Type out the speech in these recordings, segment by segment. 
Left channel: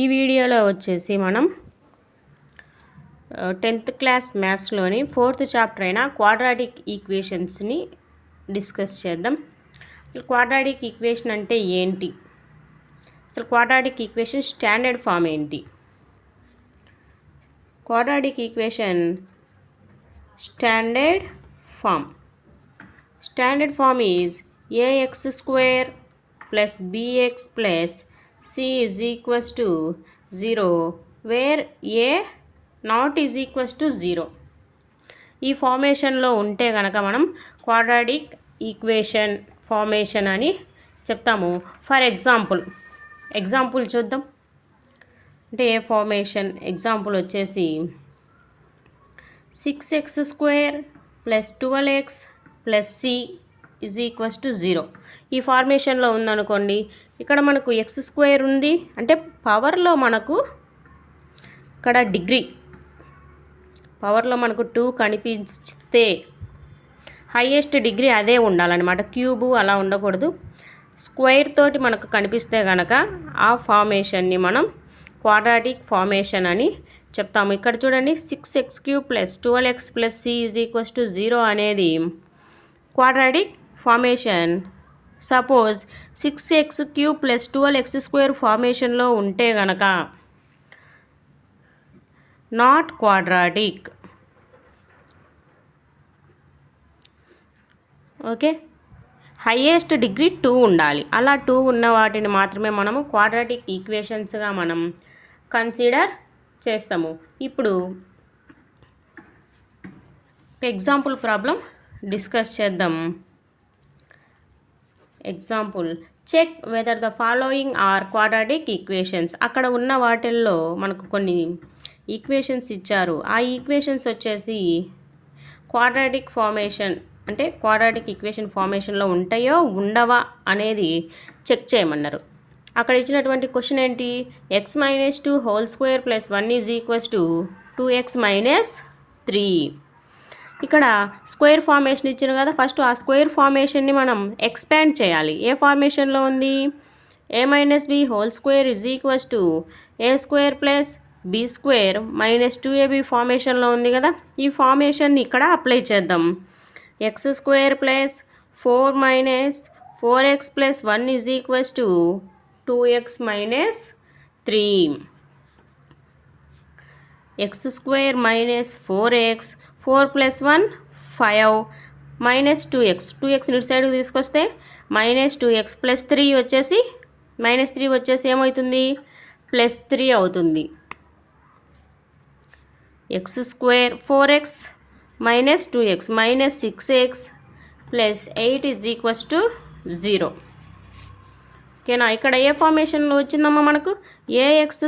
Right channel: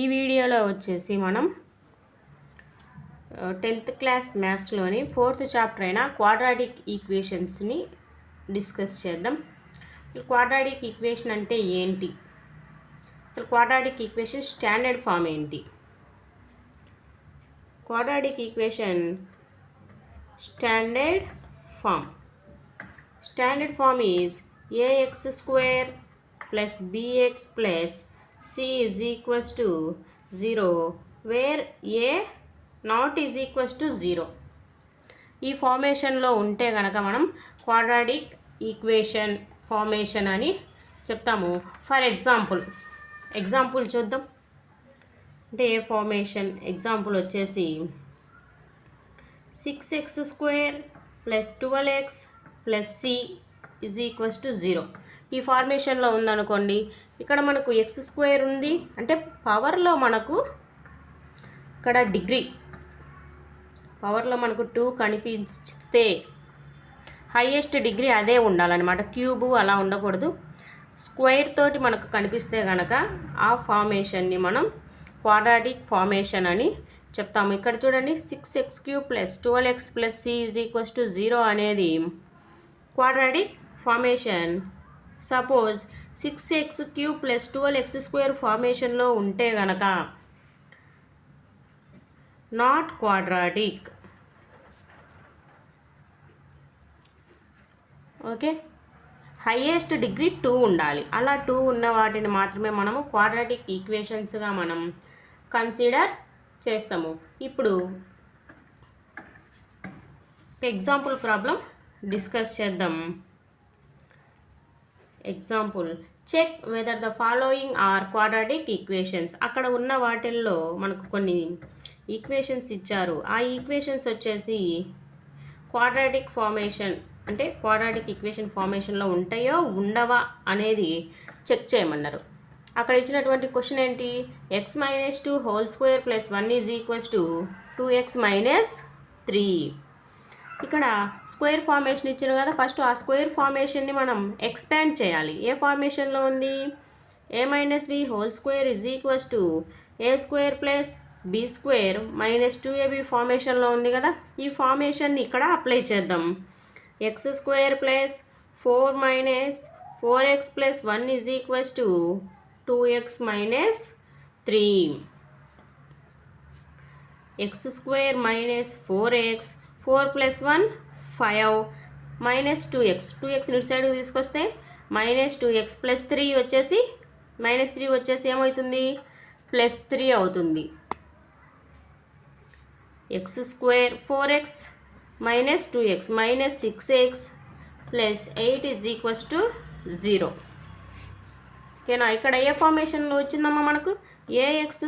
ఈ వీడియోలో వచ్చేసి మనం 10th క్లాస్ మ్యాథ్స్లోని 4th చాప్టర్ అయిన క్వాడ్రాటిక్ ఈక్వేషన్స్ని డిస్కస్ చేద్దాం. అసలు క్వాడ్రాటిక్ ఈక్వేషన్ అంటే ఏంటి, అసలు క్వాడ్రాటిక్ ఈక్వేషన్ స్టాండర్డ్ ఫామ్ ఏంటి? Quadratic equation standard form is ax square plus bx plus c is equals to 0 where a not is equals to 0. ఈ ఫార్మేషన్లో ఉంటే కనుక మనం క్వాడ్రాటిక్ ఈక్వేషన్ ఫార్మేషన్ అని చెప్తాము. ఫర్ ఎగ్జాంపుల్ చూద్దాం. అంటే ఏ ఫార్మేషన్ ఎగ్జాంపుల్ వచ్చేసి 6x square plus 12x plus c is equals to 0. ఈ ఫార్మేషన్లో ఉందనుకోండి, ఇక్కడ మనకు ఎక్స్ స్క్వేర్ ఉంది అంటే పవర్లో మనకు ఇక్కడ పవర్లో మనకు 2 కనిపిస్తే హైయెస్ట్ డిగ్రీ అదే ఉండాలన్నమాట, క్యూబు అలా ఉండకూడదు. స్క్వేర్ తోటి మనకు కనిపిస్తే కనుక ఆ ఫార్మేషన్ని మనం క్వాడ్రాటిక్ ఫార్మేషన్ అని చెప్తాము. ఇక్కడ చూడండి, 6x³ + 12x + c = 0 అనేది quadratic formation. Suppose 6x³ + 12x² ఫార్మేషన్లో ఉంటే గనక not quadratic. Okay, highest degree 2 ఉండాలి. అలా 2 ఉన్న వాటిని మాత్రమే మనము క్వాడ్రాటిక్ ఈక్వేషన్స్గా మనం కన్సిడర్ చేస్తాము. ఇప్పుడు ఎగ్జాంపుల్ ప్రాబ్లం డిస్కస్ చేద్దాం. Example, check whether the following are quadratic equations. అక్కడ ఉన్న వాటిల్లో మనకు కొన్ని ఈక్వేషన్స్ ఇచ్చారు. ఆ ఈక్వేషన్స్ వచ్చేసి క్వాడ్రాటిక్ ఫార్మేషన్ అంటే క్వాడ్రాటిక్ ఈక్వేషన్ ఫార్మేషన్లో ఉంటాయో ఉండవా అనేది చెక్ చేయమన్నారు. అక్కడ ఇచ్చినటువంటి క్వశ్చన్ ఏంటి, x - 2 2 + 1 = 2x - 3. ఇక్కడ స్క్వేర్ ఫార్మేషన్ ఇచ్చారు కదా, ఫస్ట్ ఆ స్క్వేర్ ఫార్మేషన్ని మనం ఎక్స్పాండ్ చేయాలి. ఏ ఫార్మేషన్లో ఉంది, a - b (2) = a² + b² - 2ab ఫార్మేషన్లో ఉంది కదా. ఈ ఫార్మేషన్ని ఇక్కడ అప్లై చేద్దాం. x² + 4 - 4x + 1 = 2x - 3. x² - 4x 4 + 1 5 -2x 2x ఇటు సైడ్కి తీసుకొస్తే -2x + 3 వచ్చేసి -3 వచ్చేసి ఏమవుతుంది, +3 అవుతుంది. x² 4x - 2x -6x + 8 = 0. ఓకేనా. ఇక్కడ ఏ ఫార్మేషన్లో వచ్చిందమ్మా మనకు, ax²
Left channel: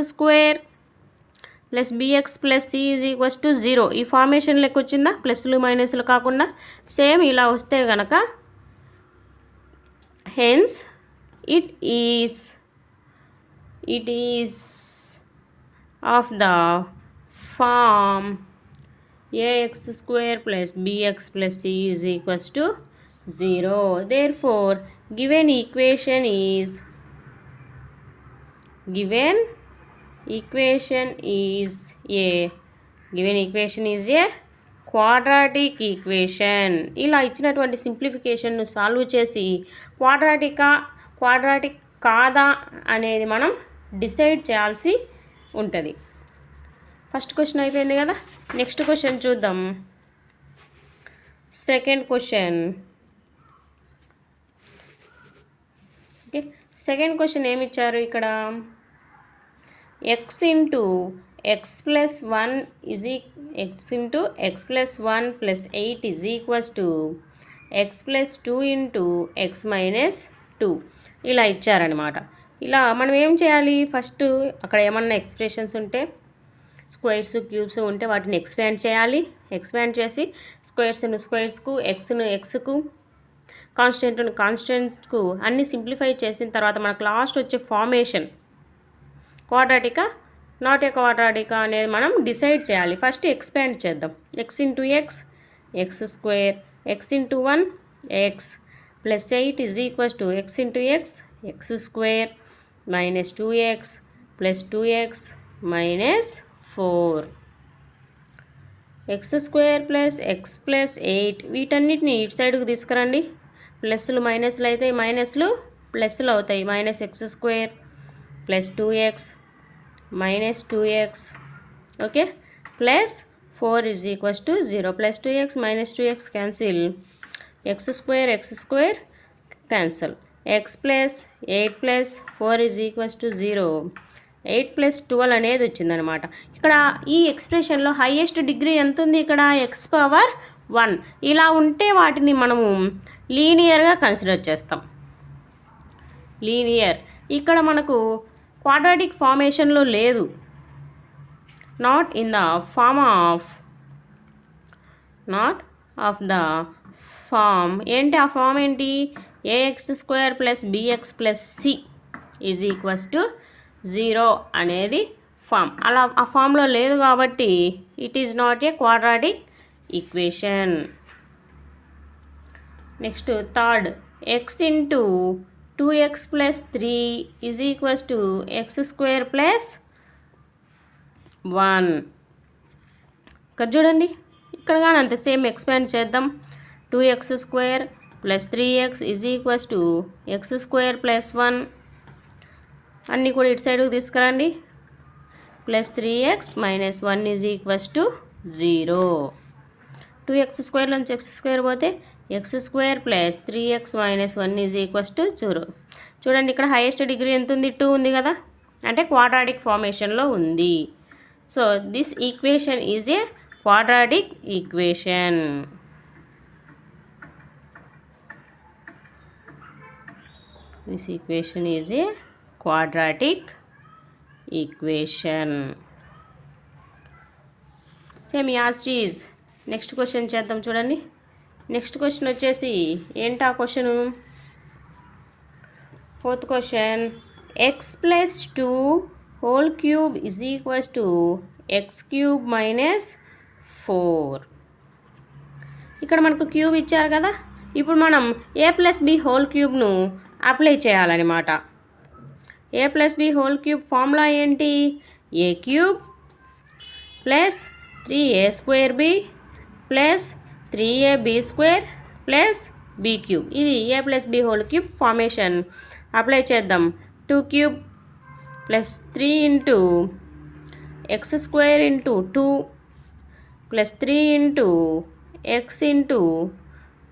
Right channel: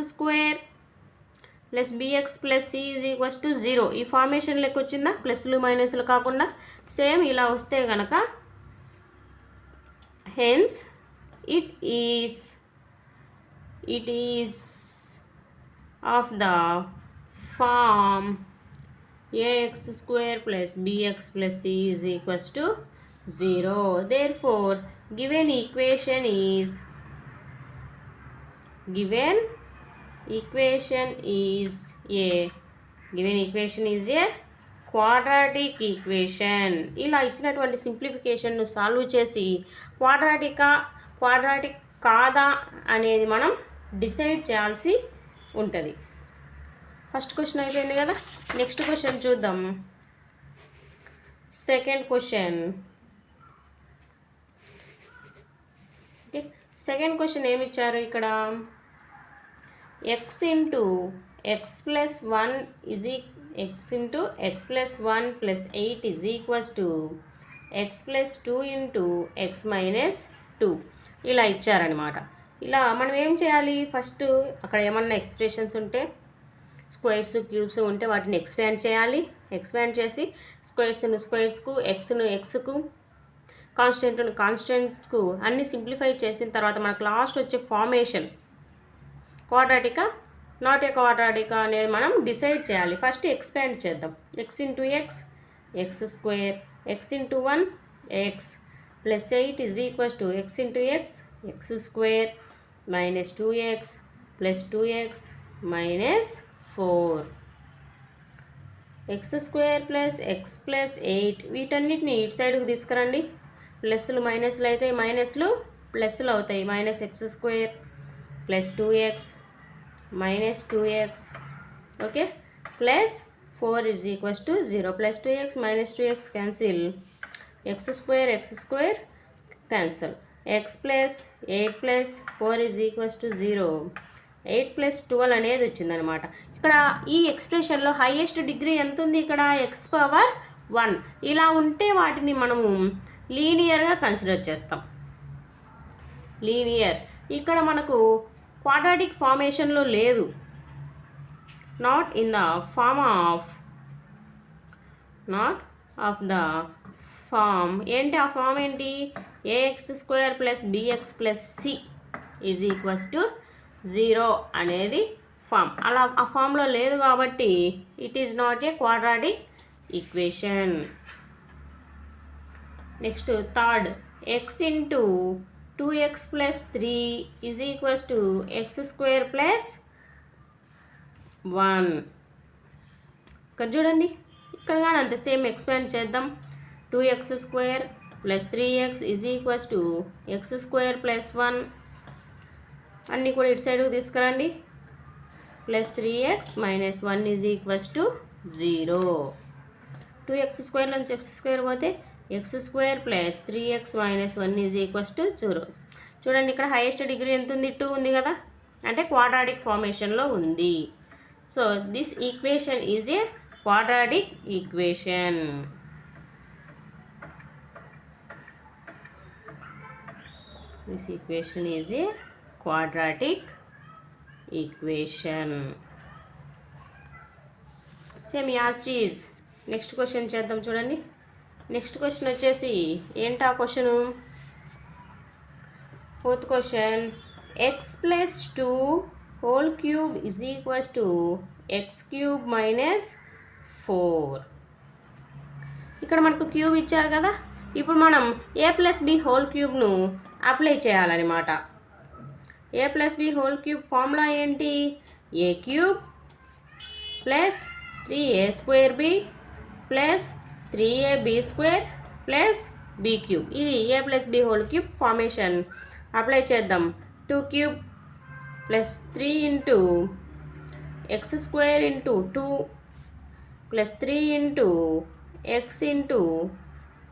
+ bx + c = 0. ఈ ఫార్మేషన్ లెక్క వచ్చిందా, ప్లస్లు మైనస్లు కాకుండా. సేమ్ ఇలా వస్తే కనుక hence it is of the form ax² + bx + c = 0. Therefore, given equation is a quadratic equation. ఇలా ఇచ్చినటువంటి సింప్లిఫికేషన్ను సాల్వ్ చేసి క్వాడ్రాటిక్ కాదా అనేది మనం డిసైడ్ చేయాల్సి ఉంటుంది. ఫస్ట్ క్వశ్చన్ అయిపోయింది కదా, నెక్స్ట్ క్వశ్చన్ చూద్దాం. Second question. Okay, second question ఏమి ఇచ్చారు ఇక్కడ, x + x + 1 + 8 x + 2 × x - 2 ఇలా ఇచ్చారనమాట. ఇలా మనం ఏం చేయాలి, ఫస్ట్ అక్కడ ఏమన్నా ఎక్స్ప్రెషన్స్ ఉంటే స్క్వేర్స్ క్యూబ్స్ ఉంటే వాటిని ఎక్స్పాండ్ చేయాలి. ఎక్స్పాండ్ చేసి స్క్వేర్స్కు ఎక్స్కు కాన్స్టెంట్కు అన్ని సింప్లిఫై చేసిన తర్వాత మనకు లాస్ట్ వచ్చే ఫార్మేషన్ క్వాడ్రాటికా నాట్ ఏ క్వాడ్రాటికా అనేది మనం డిసైడ్ చేయాలి. ఫస్ట్ ఎక్స్పాండ్ చేద్దాం. x × x x² x × 1 x + 8 = x × x x² - 2x plus 2x minus 4 X square plus X plus 8 వీటన్నిటిని ఇటు సైడ్కి తీసుకురండి. ప్లస్లు మైనస్లు అయితే మైనస్లు ప్లస్లు అవుతాయి. Minus x square plus 2x minus 2x okay plus 4 is equals to 0. Plus 2x minus 2x cancel. X square cancel. X plus 8 plus 4 is equals to 0. 8 plus 12 అనేది వచ్చిందనమాట. ఇక్కడ ఈ ఎక్స్ప్రెషన్లో హైయెస్ట్ డిగ్రీ ఎంత ఉంది? ఇక్కడ ఎక్స్ పవర్ 1. ఇలా ఉంటే వాటిని మనము లీనియర్గా కన్సిడర్ చేస్తాం. లీనియర్ ఇక్కడ మనకు క్వాడ్రాటిక్ ఫార్మేషన్లో లేదు. నాట్ ఆఫ్ ద ఫామ్ ఏంటి? ఆ ఫామ్ ఏంటి? A x square plus b x plus c is equals to 0 అనేది ఫామ్. అలా ఆ ఫామ్లో లేదు కాబట్టి it is not a quadratic equation. Next third, x into 2x plus 3 is equals to x square plus 1. ఇక్కడ చూడండి, ఇక్కడ కానీ అంతే సేమ్ ఎక్స్పాండ్ చేద్దాం. 2x square plus 3x is equals to x square plus 1. అన్నీ కూడా ఇటు సైడ్కి తీసుకురండి. Plus 3x minus 1 is equals to 0. 2x square నుంచి ఎక్స్ స్క్వేర్ పోతే x square plus 3x minus 1 is equals to 0. చూడండి, ఇక్కడ హైయెస్ట్ డిగ్రీ ఎంత ఉంది? 2 ఉంది కదా, అంటే క్వాడ్రాటిక్ ఫార్మేషన్లో ఉంది. So this equation is a quadratic equation. This equation is a quadratic equation. Same as it is. Next question చేద్దాం. చూడండి, నెక్స్ట్ క్వశ్చన్ వచ్చేసి ఏంటా question? 4th question, x plus 2 whole cube is equals to x cube minus 4. ఇక్కడ మనకు cube ఇచ్చారు కదా, ఇప్పుడు మనం ఏ ప్లస్ బి హోల్ క్యూబ్ను అప్లై చేయాలన్నమాట. A plus b whole cube formula ఏంటి? A cube plus 3a square B plus 3ab square plus b cube. ఇది a plus b whole cube formation. Apply చేద్దాం. 2 cube plus 3 into x square into 2 plus 3 into x into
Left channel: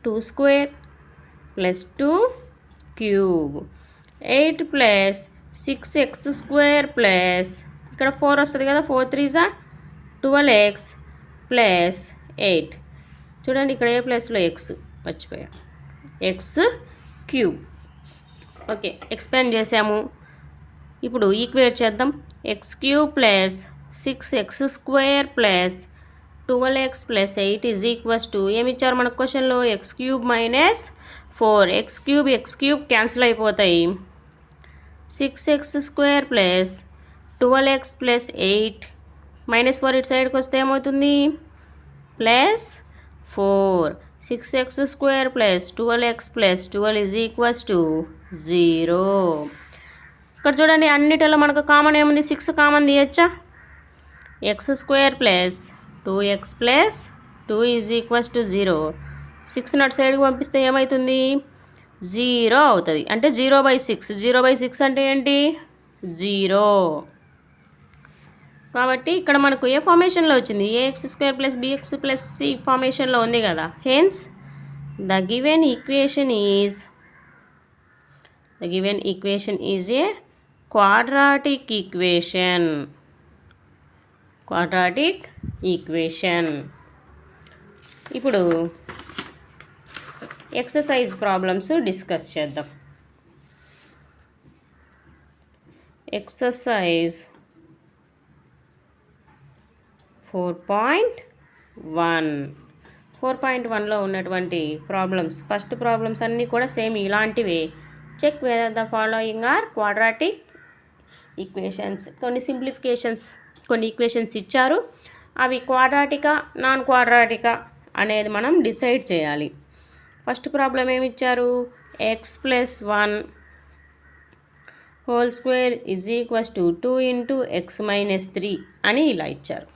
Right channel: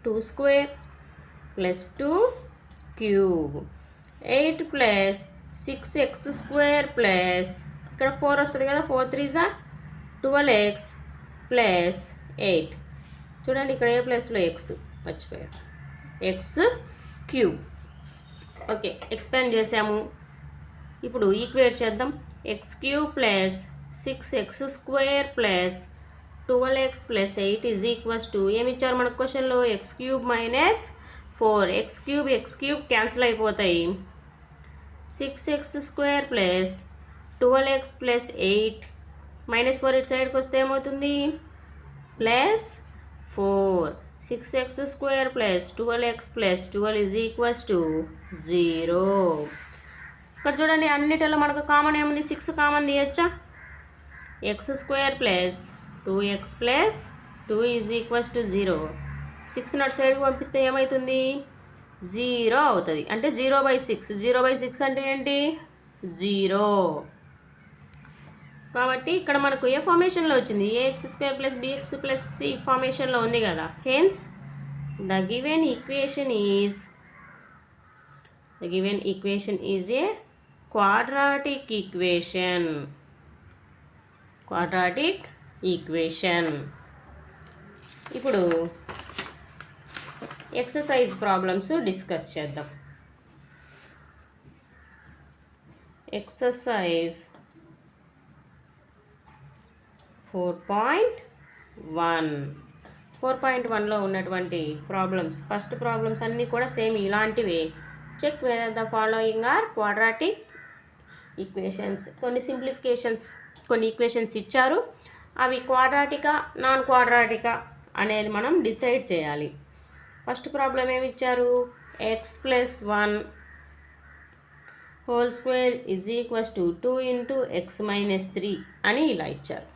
2 square plus 2 cube. 8 plus 6x square plus ఇక్కడ 4 వస్తుంది కదా, 4 3s 12x plus 8. చూడండి, ఇక్కడ ఏ ప్లస్లో X మర్చిపోయా, X cube. Okay, expand చేసాము. ఇప్పుడు ఈక్వేట్ చేద్దాం. X cube plus 6x square plus 12x plus 8 is equals to ఏమి ఇచ్చారు మనకు క్వశ్చన్లో? X cube minus 4. X cube cancel అయిపోతాయి. 6x square plus 12x plus 8 minus 4 ఇటు సైడ్కి వస్తే ఏమవుతుంది? Plus 4. 6x square plus 12x plus 12 is equals to 0. ఇక్కడ చూడండి, అన్నిటిలో మనకు కామన్ ఏముంది? 6 కామన్ తీయచ్చా? X square plus 2x plus 2 is equals to 0. 6 not సైడ్కి పంపిస్తే ఏమవుతుంది? 0 అవుతుంది. అంటే 0/6. 0/6 అంటే ఏంటి? 0. కాబట్టి ఇక్కడ మనకు ఏ ఫార్మేషన్లో వచ్చింది? A x square plus b x plus c ఫార్మేషన్లో ఉంది కదా. Hence the given equation is a quadratic equation. ఇప్పుడు ఎక్సర్సైజ్ ప్రాబ్లమ్స్ డిస్కస్ చేద్దాం. ఎక్సర్సైజ్ 4.1లో ఉన్నటువంటి ప్రాబ్లమ్స్, ఫస్ట్ ప్రాబ్లమ్స్ అన్నీ కూడా సేమ్ ఇలాంటివే. Check whether the following are quadratic equations. కొన్ని సింప్లిఫికేషన్స్, కొన్ని ఈక్వేషన్స్ ఇచ్చారు, అవి క్వాడ్రాటికా నాన్ క్వాడ్రాటికా అనేది మనం డిసైడ్ చేయాలి. ఫస్ట్ ప్రాబ్లం ఏమి ఇచ్చారు? X plus 1 whole square is equals to 2 into X minus 3 అని ఇలా ఇచ్చారు.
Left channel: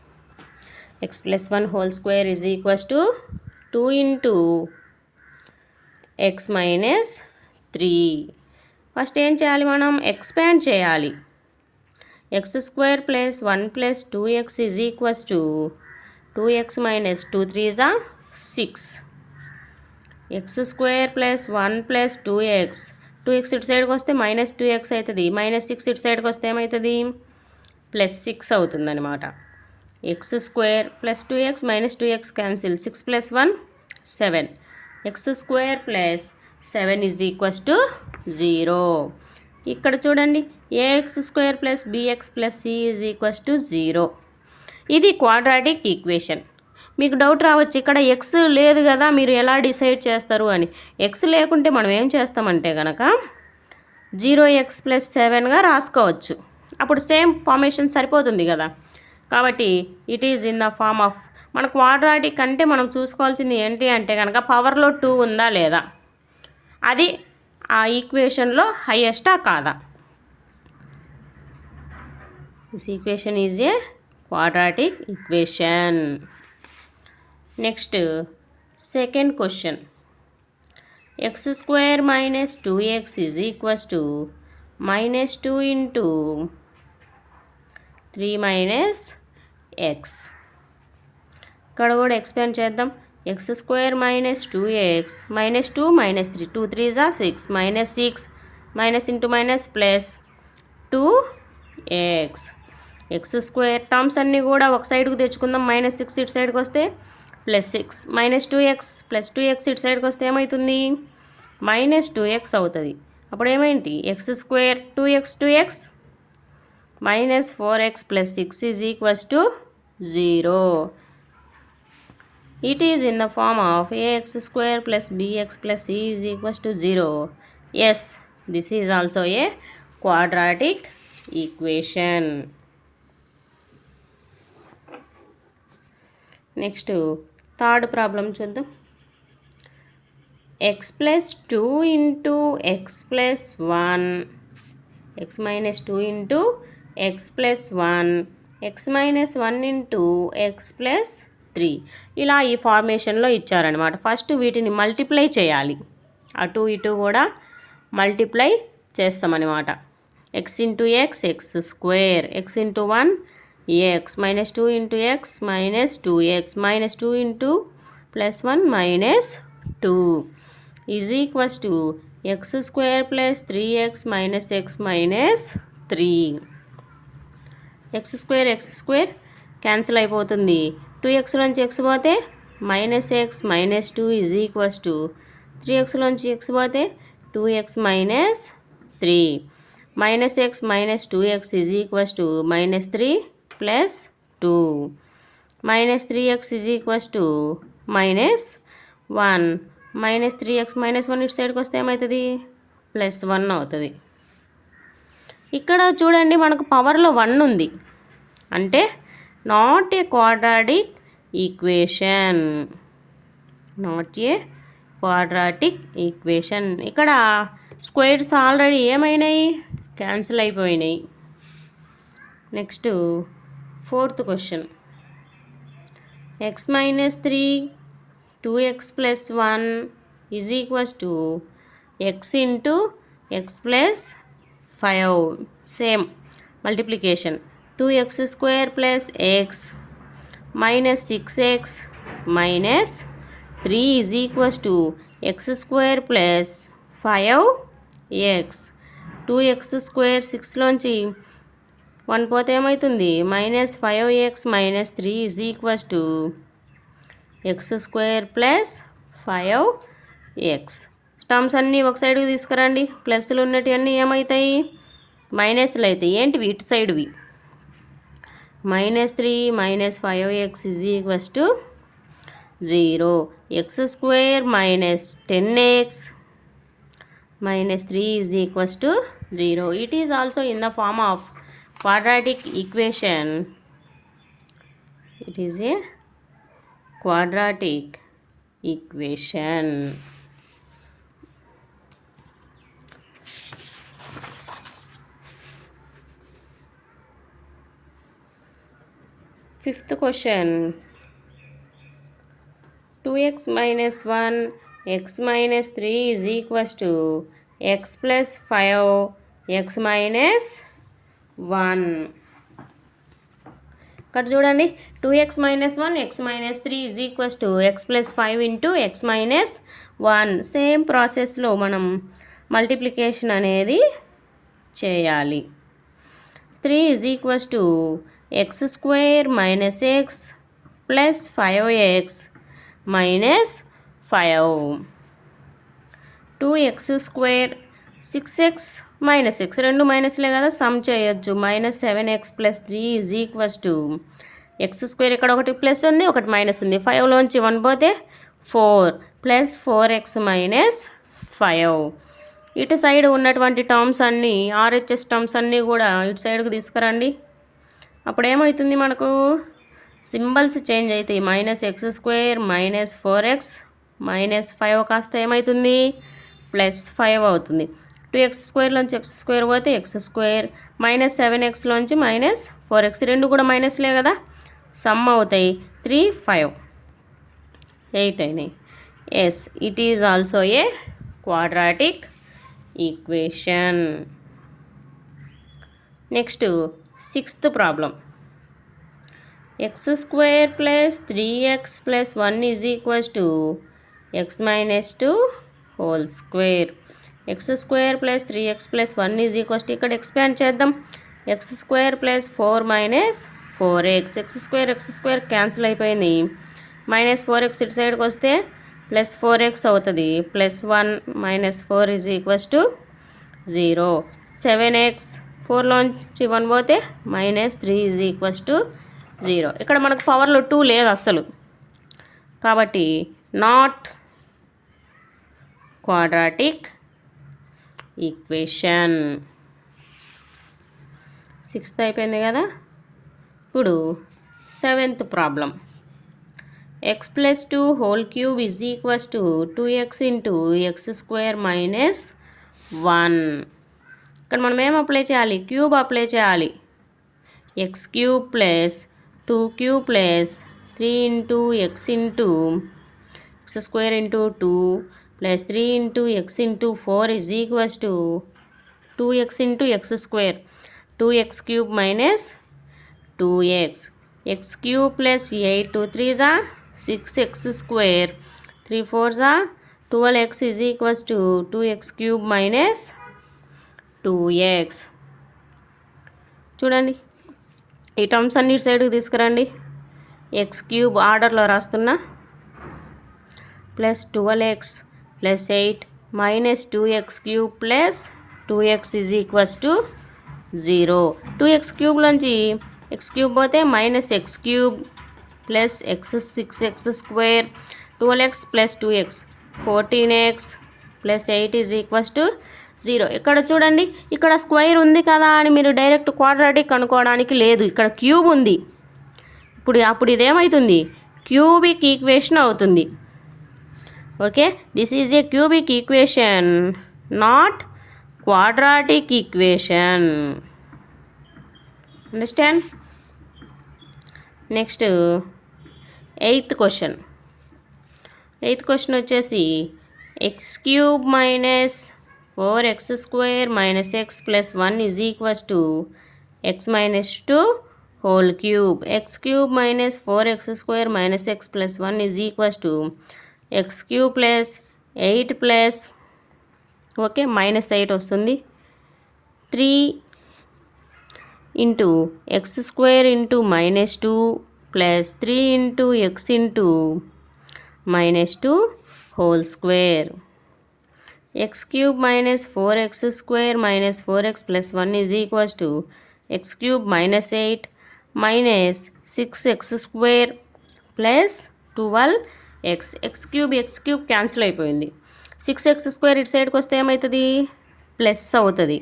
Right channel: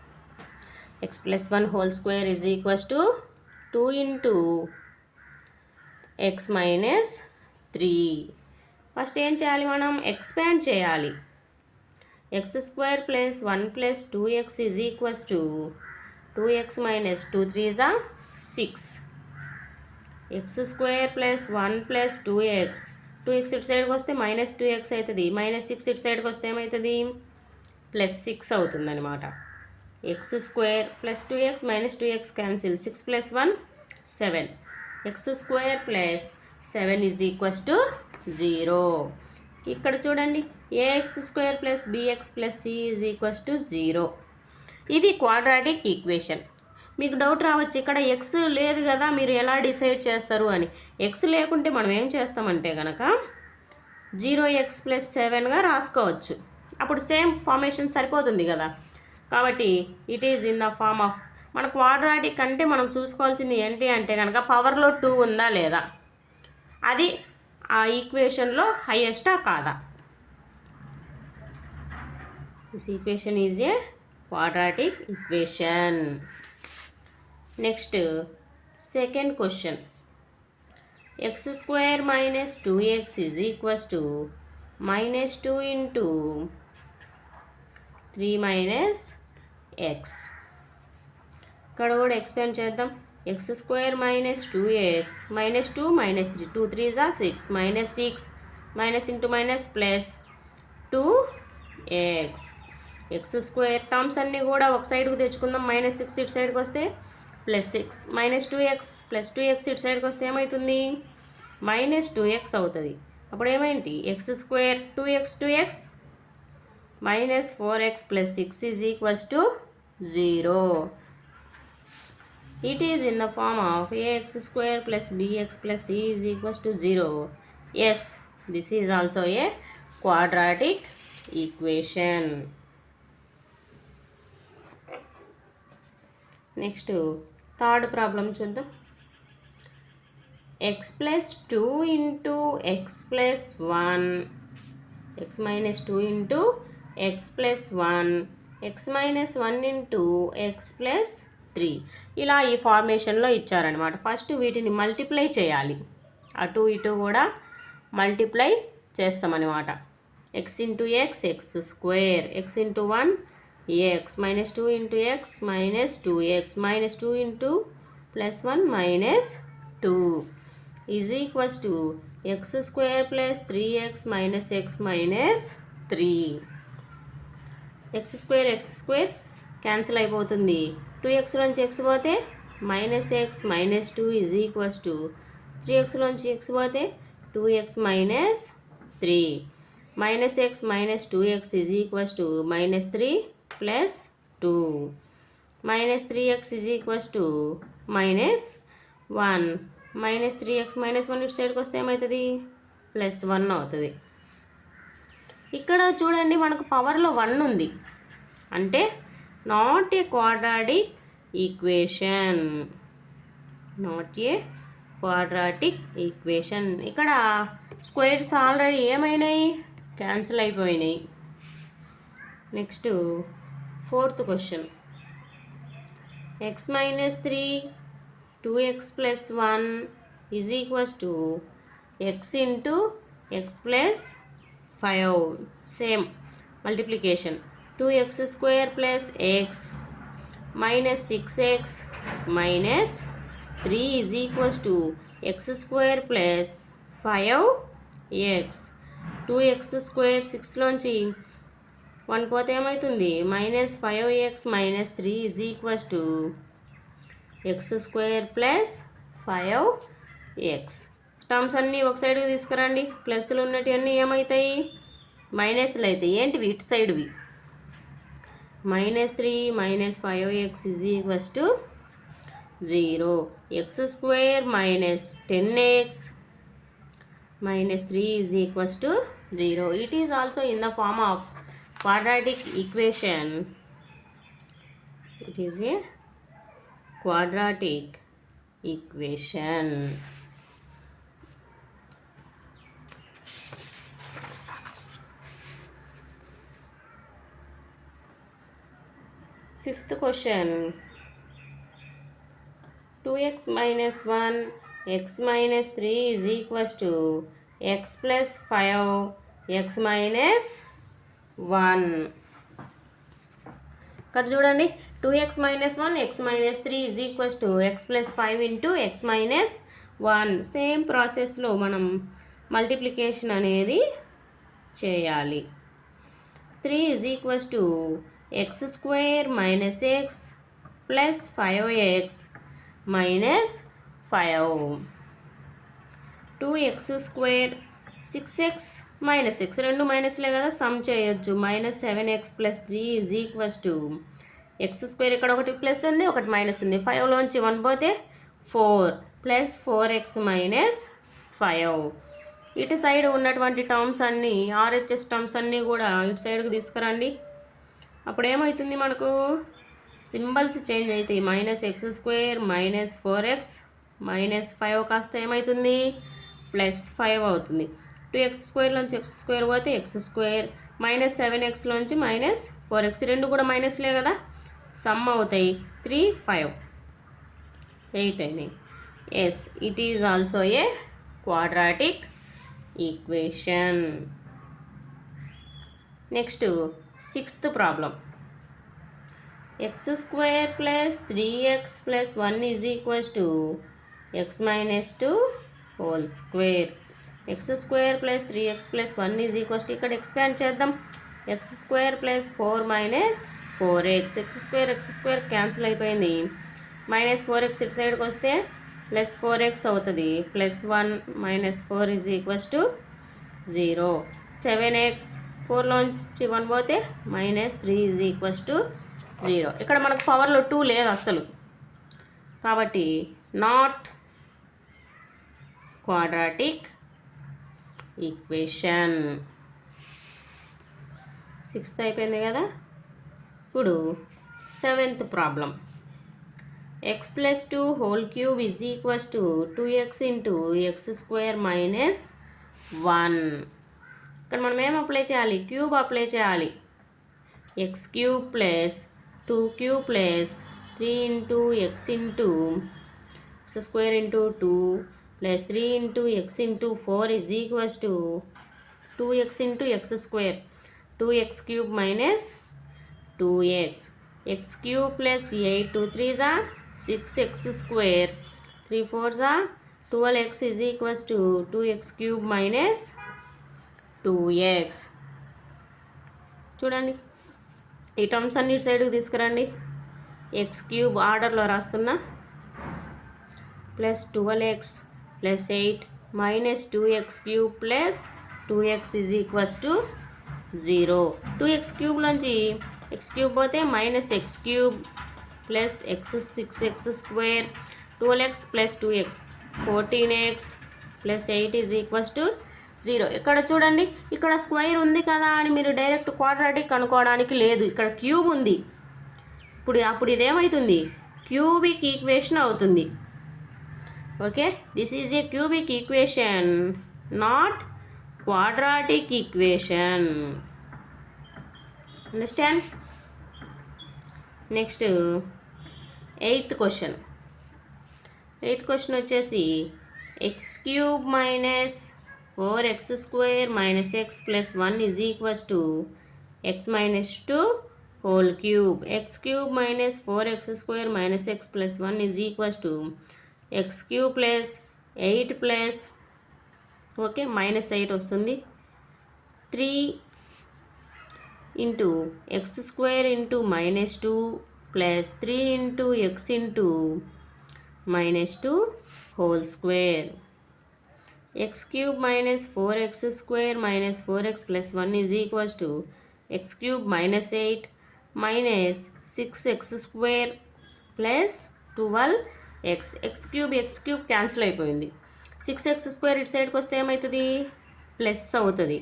X plus 1 whole square is equals to 2 into X minus 3. First ఏం చేయాలి, మనం ఎక్స్పాండ్ చేయాలి. X square plus 1 plus 2x is equals to 2x minus 2 3 6. X square plus 1 plus 2x ఇటు సైడ్కి వస్తే మైనస్ 2x అవుతుంది, మైనస్ 6 ఇటు సైడ్కి వస్తే ఏమవుతుంది, ప్లస్ 6 అవుతుంది అనమాట. X square plus 2x minus 2x cancel, 6 plus 1 7. X square plus 7 is equals to 0. ఇక్కడ చూడండి, a x square plus b x plus c is equals to 0. ఇది క్వాడ్రాటిక్ ఈక్వేషన్. మీకు డౌట్ రావచ్చు, ఇక్కడ ఎక్స్ లేదు కదా, మీరు ఎలా డిసైడ్ చేస్తారు అని. ఎక్స్ లేకుంటే మనం ఏం చేస్తామంటే కనుక 0x ప్లస్ 7గా రాసుకోవచ్చు. అప్పుడు సేమ్ ఫార్మేషన్ సరిపోతుంది కదా. కాబట్టి it is in the form of, మన క్వాడ్రాటిక్ అంటే మనం చూసుకోవాల్సింది ఏంటి అంటే కనుక పవర్లో 2 ఉందా లేదా, అది ఆ ఈక్వేషన్లో హైయెస్టా కాదా. This equation is a quadratic equation. Next second question, X square minus 2x is equals to minus 2 into 3 minus X. ఇక్కడ కూడా ఎక్స్పాండ్ చేద్దాం. X square minus 2x minus 2 minus 3 2 3 6 minus 6 minus into minus plus 2x. X square terms అన్నీ కూడా ఒక సైడ్కి తెచ్చుకుందాం. Minus 6 ఇటు సైడ్కి వస్తే plus 6 minus 2x plus 2x ఇటు సైడ్కి వస్తే ఏమవుతుంది, మైనస్ 2x అవుతుంది. అప్పుడు ఏమైంది, x square 2x minus 4x plus 6 is equals to 0. It is in the form of ax square plus bx plus c is equals to 0. Yes, this is also a quadratic equation. Next third problem చూద్దాం. X plus 2 into x plus 1 x minus 2 into x plus 1 x minus 1 into x plus 3 ఇలా ఈ ఫార్మేషన్లో ఇచ్చారనమాట. First వీటిని multiply చేయాలి, అటు ఇటు కూడా multiply చేస్తామన్నమాట. X into X X square, X into 1 x minus 2 into x minus 2x minus 2 into plus 1 minus 2 is equals to x square plus 3x minus x minus 3. x square cancel అయిపోతుంది. 2x నుంచి x పోతే minus x minus 2 is equals to 3x నుంచి x పోతే 2x minus 3. minus x minus 2x is equals to minus 3 plus 2. minus 3x is equals to minus 1. minus 3x minus 1 ఇటు సైడ్కి వస్తే ఏమవుతుంది, plus 1 అవుతుంది. ఇక్కడ చూడండి, మనకు పవర్లో 1 ఉంది అంటే not a quadratic equation, not a quadratic equation. ఇక్కడ స్క్వేర్స్ ఆల్రెడీ ఏమైనాయి, క్యాన్సిల్ అయిపోయినాయి. Next fourth question, x minus 3 2x plus 1 is equals to x into x plus 5. Same multiplication. 2x square plus x minus 6x minus 3 is equals to x square plus 5x. 2x square 6లోంచి 1 పోతే ఏమవుతుంది, minus 5x minus 3 is equals to x square plus 5x. Terms అన్నీ ఒక సైడ్కి తీసుకురండి. ప్లస్లు ఉన్నటివన్నీ ఏమవుతాయి, మైనస్లు అవుతాయి. ఏంటివి, ఇటు సైడ్వి. minus 3 minus 5x is equals to 0. x square minus 10x minus 3 is equals to 0. It is also in the form of quadratic equation. It is a quadratic equation. Fifth question 2x minus 1 x minus 3 is equals to x plus 5 x minus 1. ఇక్కడ చూడండి 2x minus 1 x minus 3 is equals to x plus 5 into x minus 1. Same ప్రాసెస్లో మనం multiplication అనేది చేయాలి. 3 is equals to x square minus x plus 5x minus 5. 2x square 6x minus x రెండు మైనస్లే కదా some చేయొచ్చు. Minus 7x plus 3 is equals to x square ఇక్కడ ఒకటి plus ఉంది ఒకటి మైనస్ ఉంది 5లోంచి 1 పోతే 4 ప్లస్ 4x మైనస్ 5. ఇటు సైడ్ ఉన్నటువంటి టర్మ్స్ అన్నీ ఆర్హెచ్ఎస్ టర్మ్స్ అన్నీ కూడా ఇటు సైడ్కి తీసుకురండి. అప్పుడు ఏమవుతుంది మనకు సింబల్స్ చేంజ్ అవుతాయి. Minus x square minus 4x minus 5 కాస్త ఏమవుతుంది ప్లస్ 5 అవుతుంది. 2x స్క్వేర్లోంచి ఎక్స్ స్క్వేర్ పోతే ఎక్స్ స్క్వేర్ మైనస్ 7xలోంచి మైనస్ 4x రెండు కూడా మైనస్లే కదా సమ్ అవుతాయి 3 5 8 అయినాయి. Yes it is also a quadratic equation. Next sixth problem x square plus 3x plus 1 is equals to x minus 2 whole square. X square plus 3x plus 1 is equals to ఇక్కడ expand చేద్దాం. X square plus 4 minus 4x x square cancel అయిపోయింది. Minus 4x ఇటు సైడ్కి వస్తే plus 4x అవుతుంది. Plus 1 minus 4 is equals to 0. 7x 4లోంచి 1 పోతే minus 3 is equals to 0. ఇక్కడ మనకు పవర్లో 2 లేదు అస్సలు కాబట్టి నాట్ క్వాడ్రాటిక్ ఈక్వేషన్. సిక్స్త్ అయిపోయింది కదా. ఇప్పుడు seventh problem X plus 2 whole cube is equals to 2x into x square minus 1. ఇక్కడ మనం ఏం అప్లై చేయాలి క్యూబ్ అప్లై చేయాలి. X cube plus 2q plus 3 into x into x square into 2 plus 3 into x into 4 is equals to 2x into x square 2x cube minus 2x X cube plus 8 2 3 6x square 3 4 12x is equals to 2x cube minus 2x. చూడండి ఈ terms అన్ని సైడ్కి తీసుకురండి. X cube ఆర్డర్లో రాస్తున్నా plus 12x plus 8 minus 2x cube plus 2x is equals to 0. 2x క్యూబ్లోంచి x cube పోతే minus x cube plus x 6x square 12x plus 2x 14x plus 8 is equals to 0. ఇక్కడ చూడండి ఇక్కడ square ఉంది కదా అని మీరు డైరెక్ట్ క్వాడ్రాటిక్ అనుకోవడానికి లేదు. ఇక్కడ క్యూబ్ ఉంది. అప్పుడు ఇదేమవుతుంది క్యూబిక్ ఈక్వేషన్ అవుతుంది. Okay this is a cubic equation not quadratic equation. Understand. Next eighth question వచ్చేసి x cube minus 4x square minus x plus 1 is equals to x minus 2 whole cube. X cube minus 4x square minus x plus 1 is equals to x cube plus 8 plus okay minus 8 వస్తుంది 3 into x square into minus 2 plus 3 into x into minus 2 whole square. X cube minus 4x square minus 4x plus 1 is equals to x cube minus 8 minus 6x square plus 12x X cube cancel అయిపోయింది. 6x square ఇటు సైడ్కి వస్తే ఏమవుతుంది plus అవుతుంది.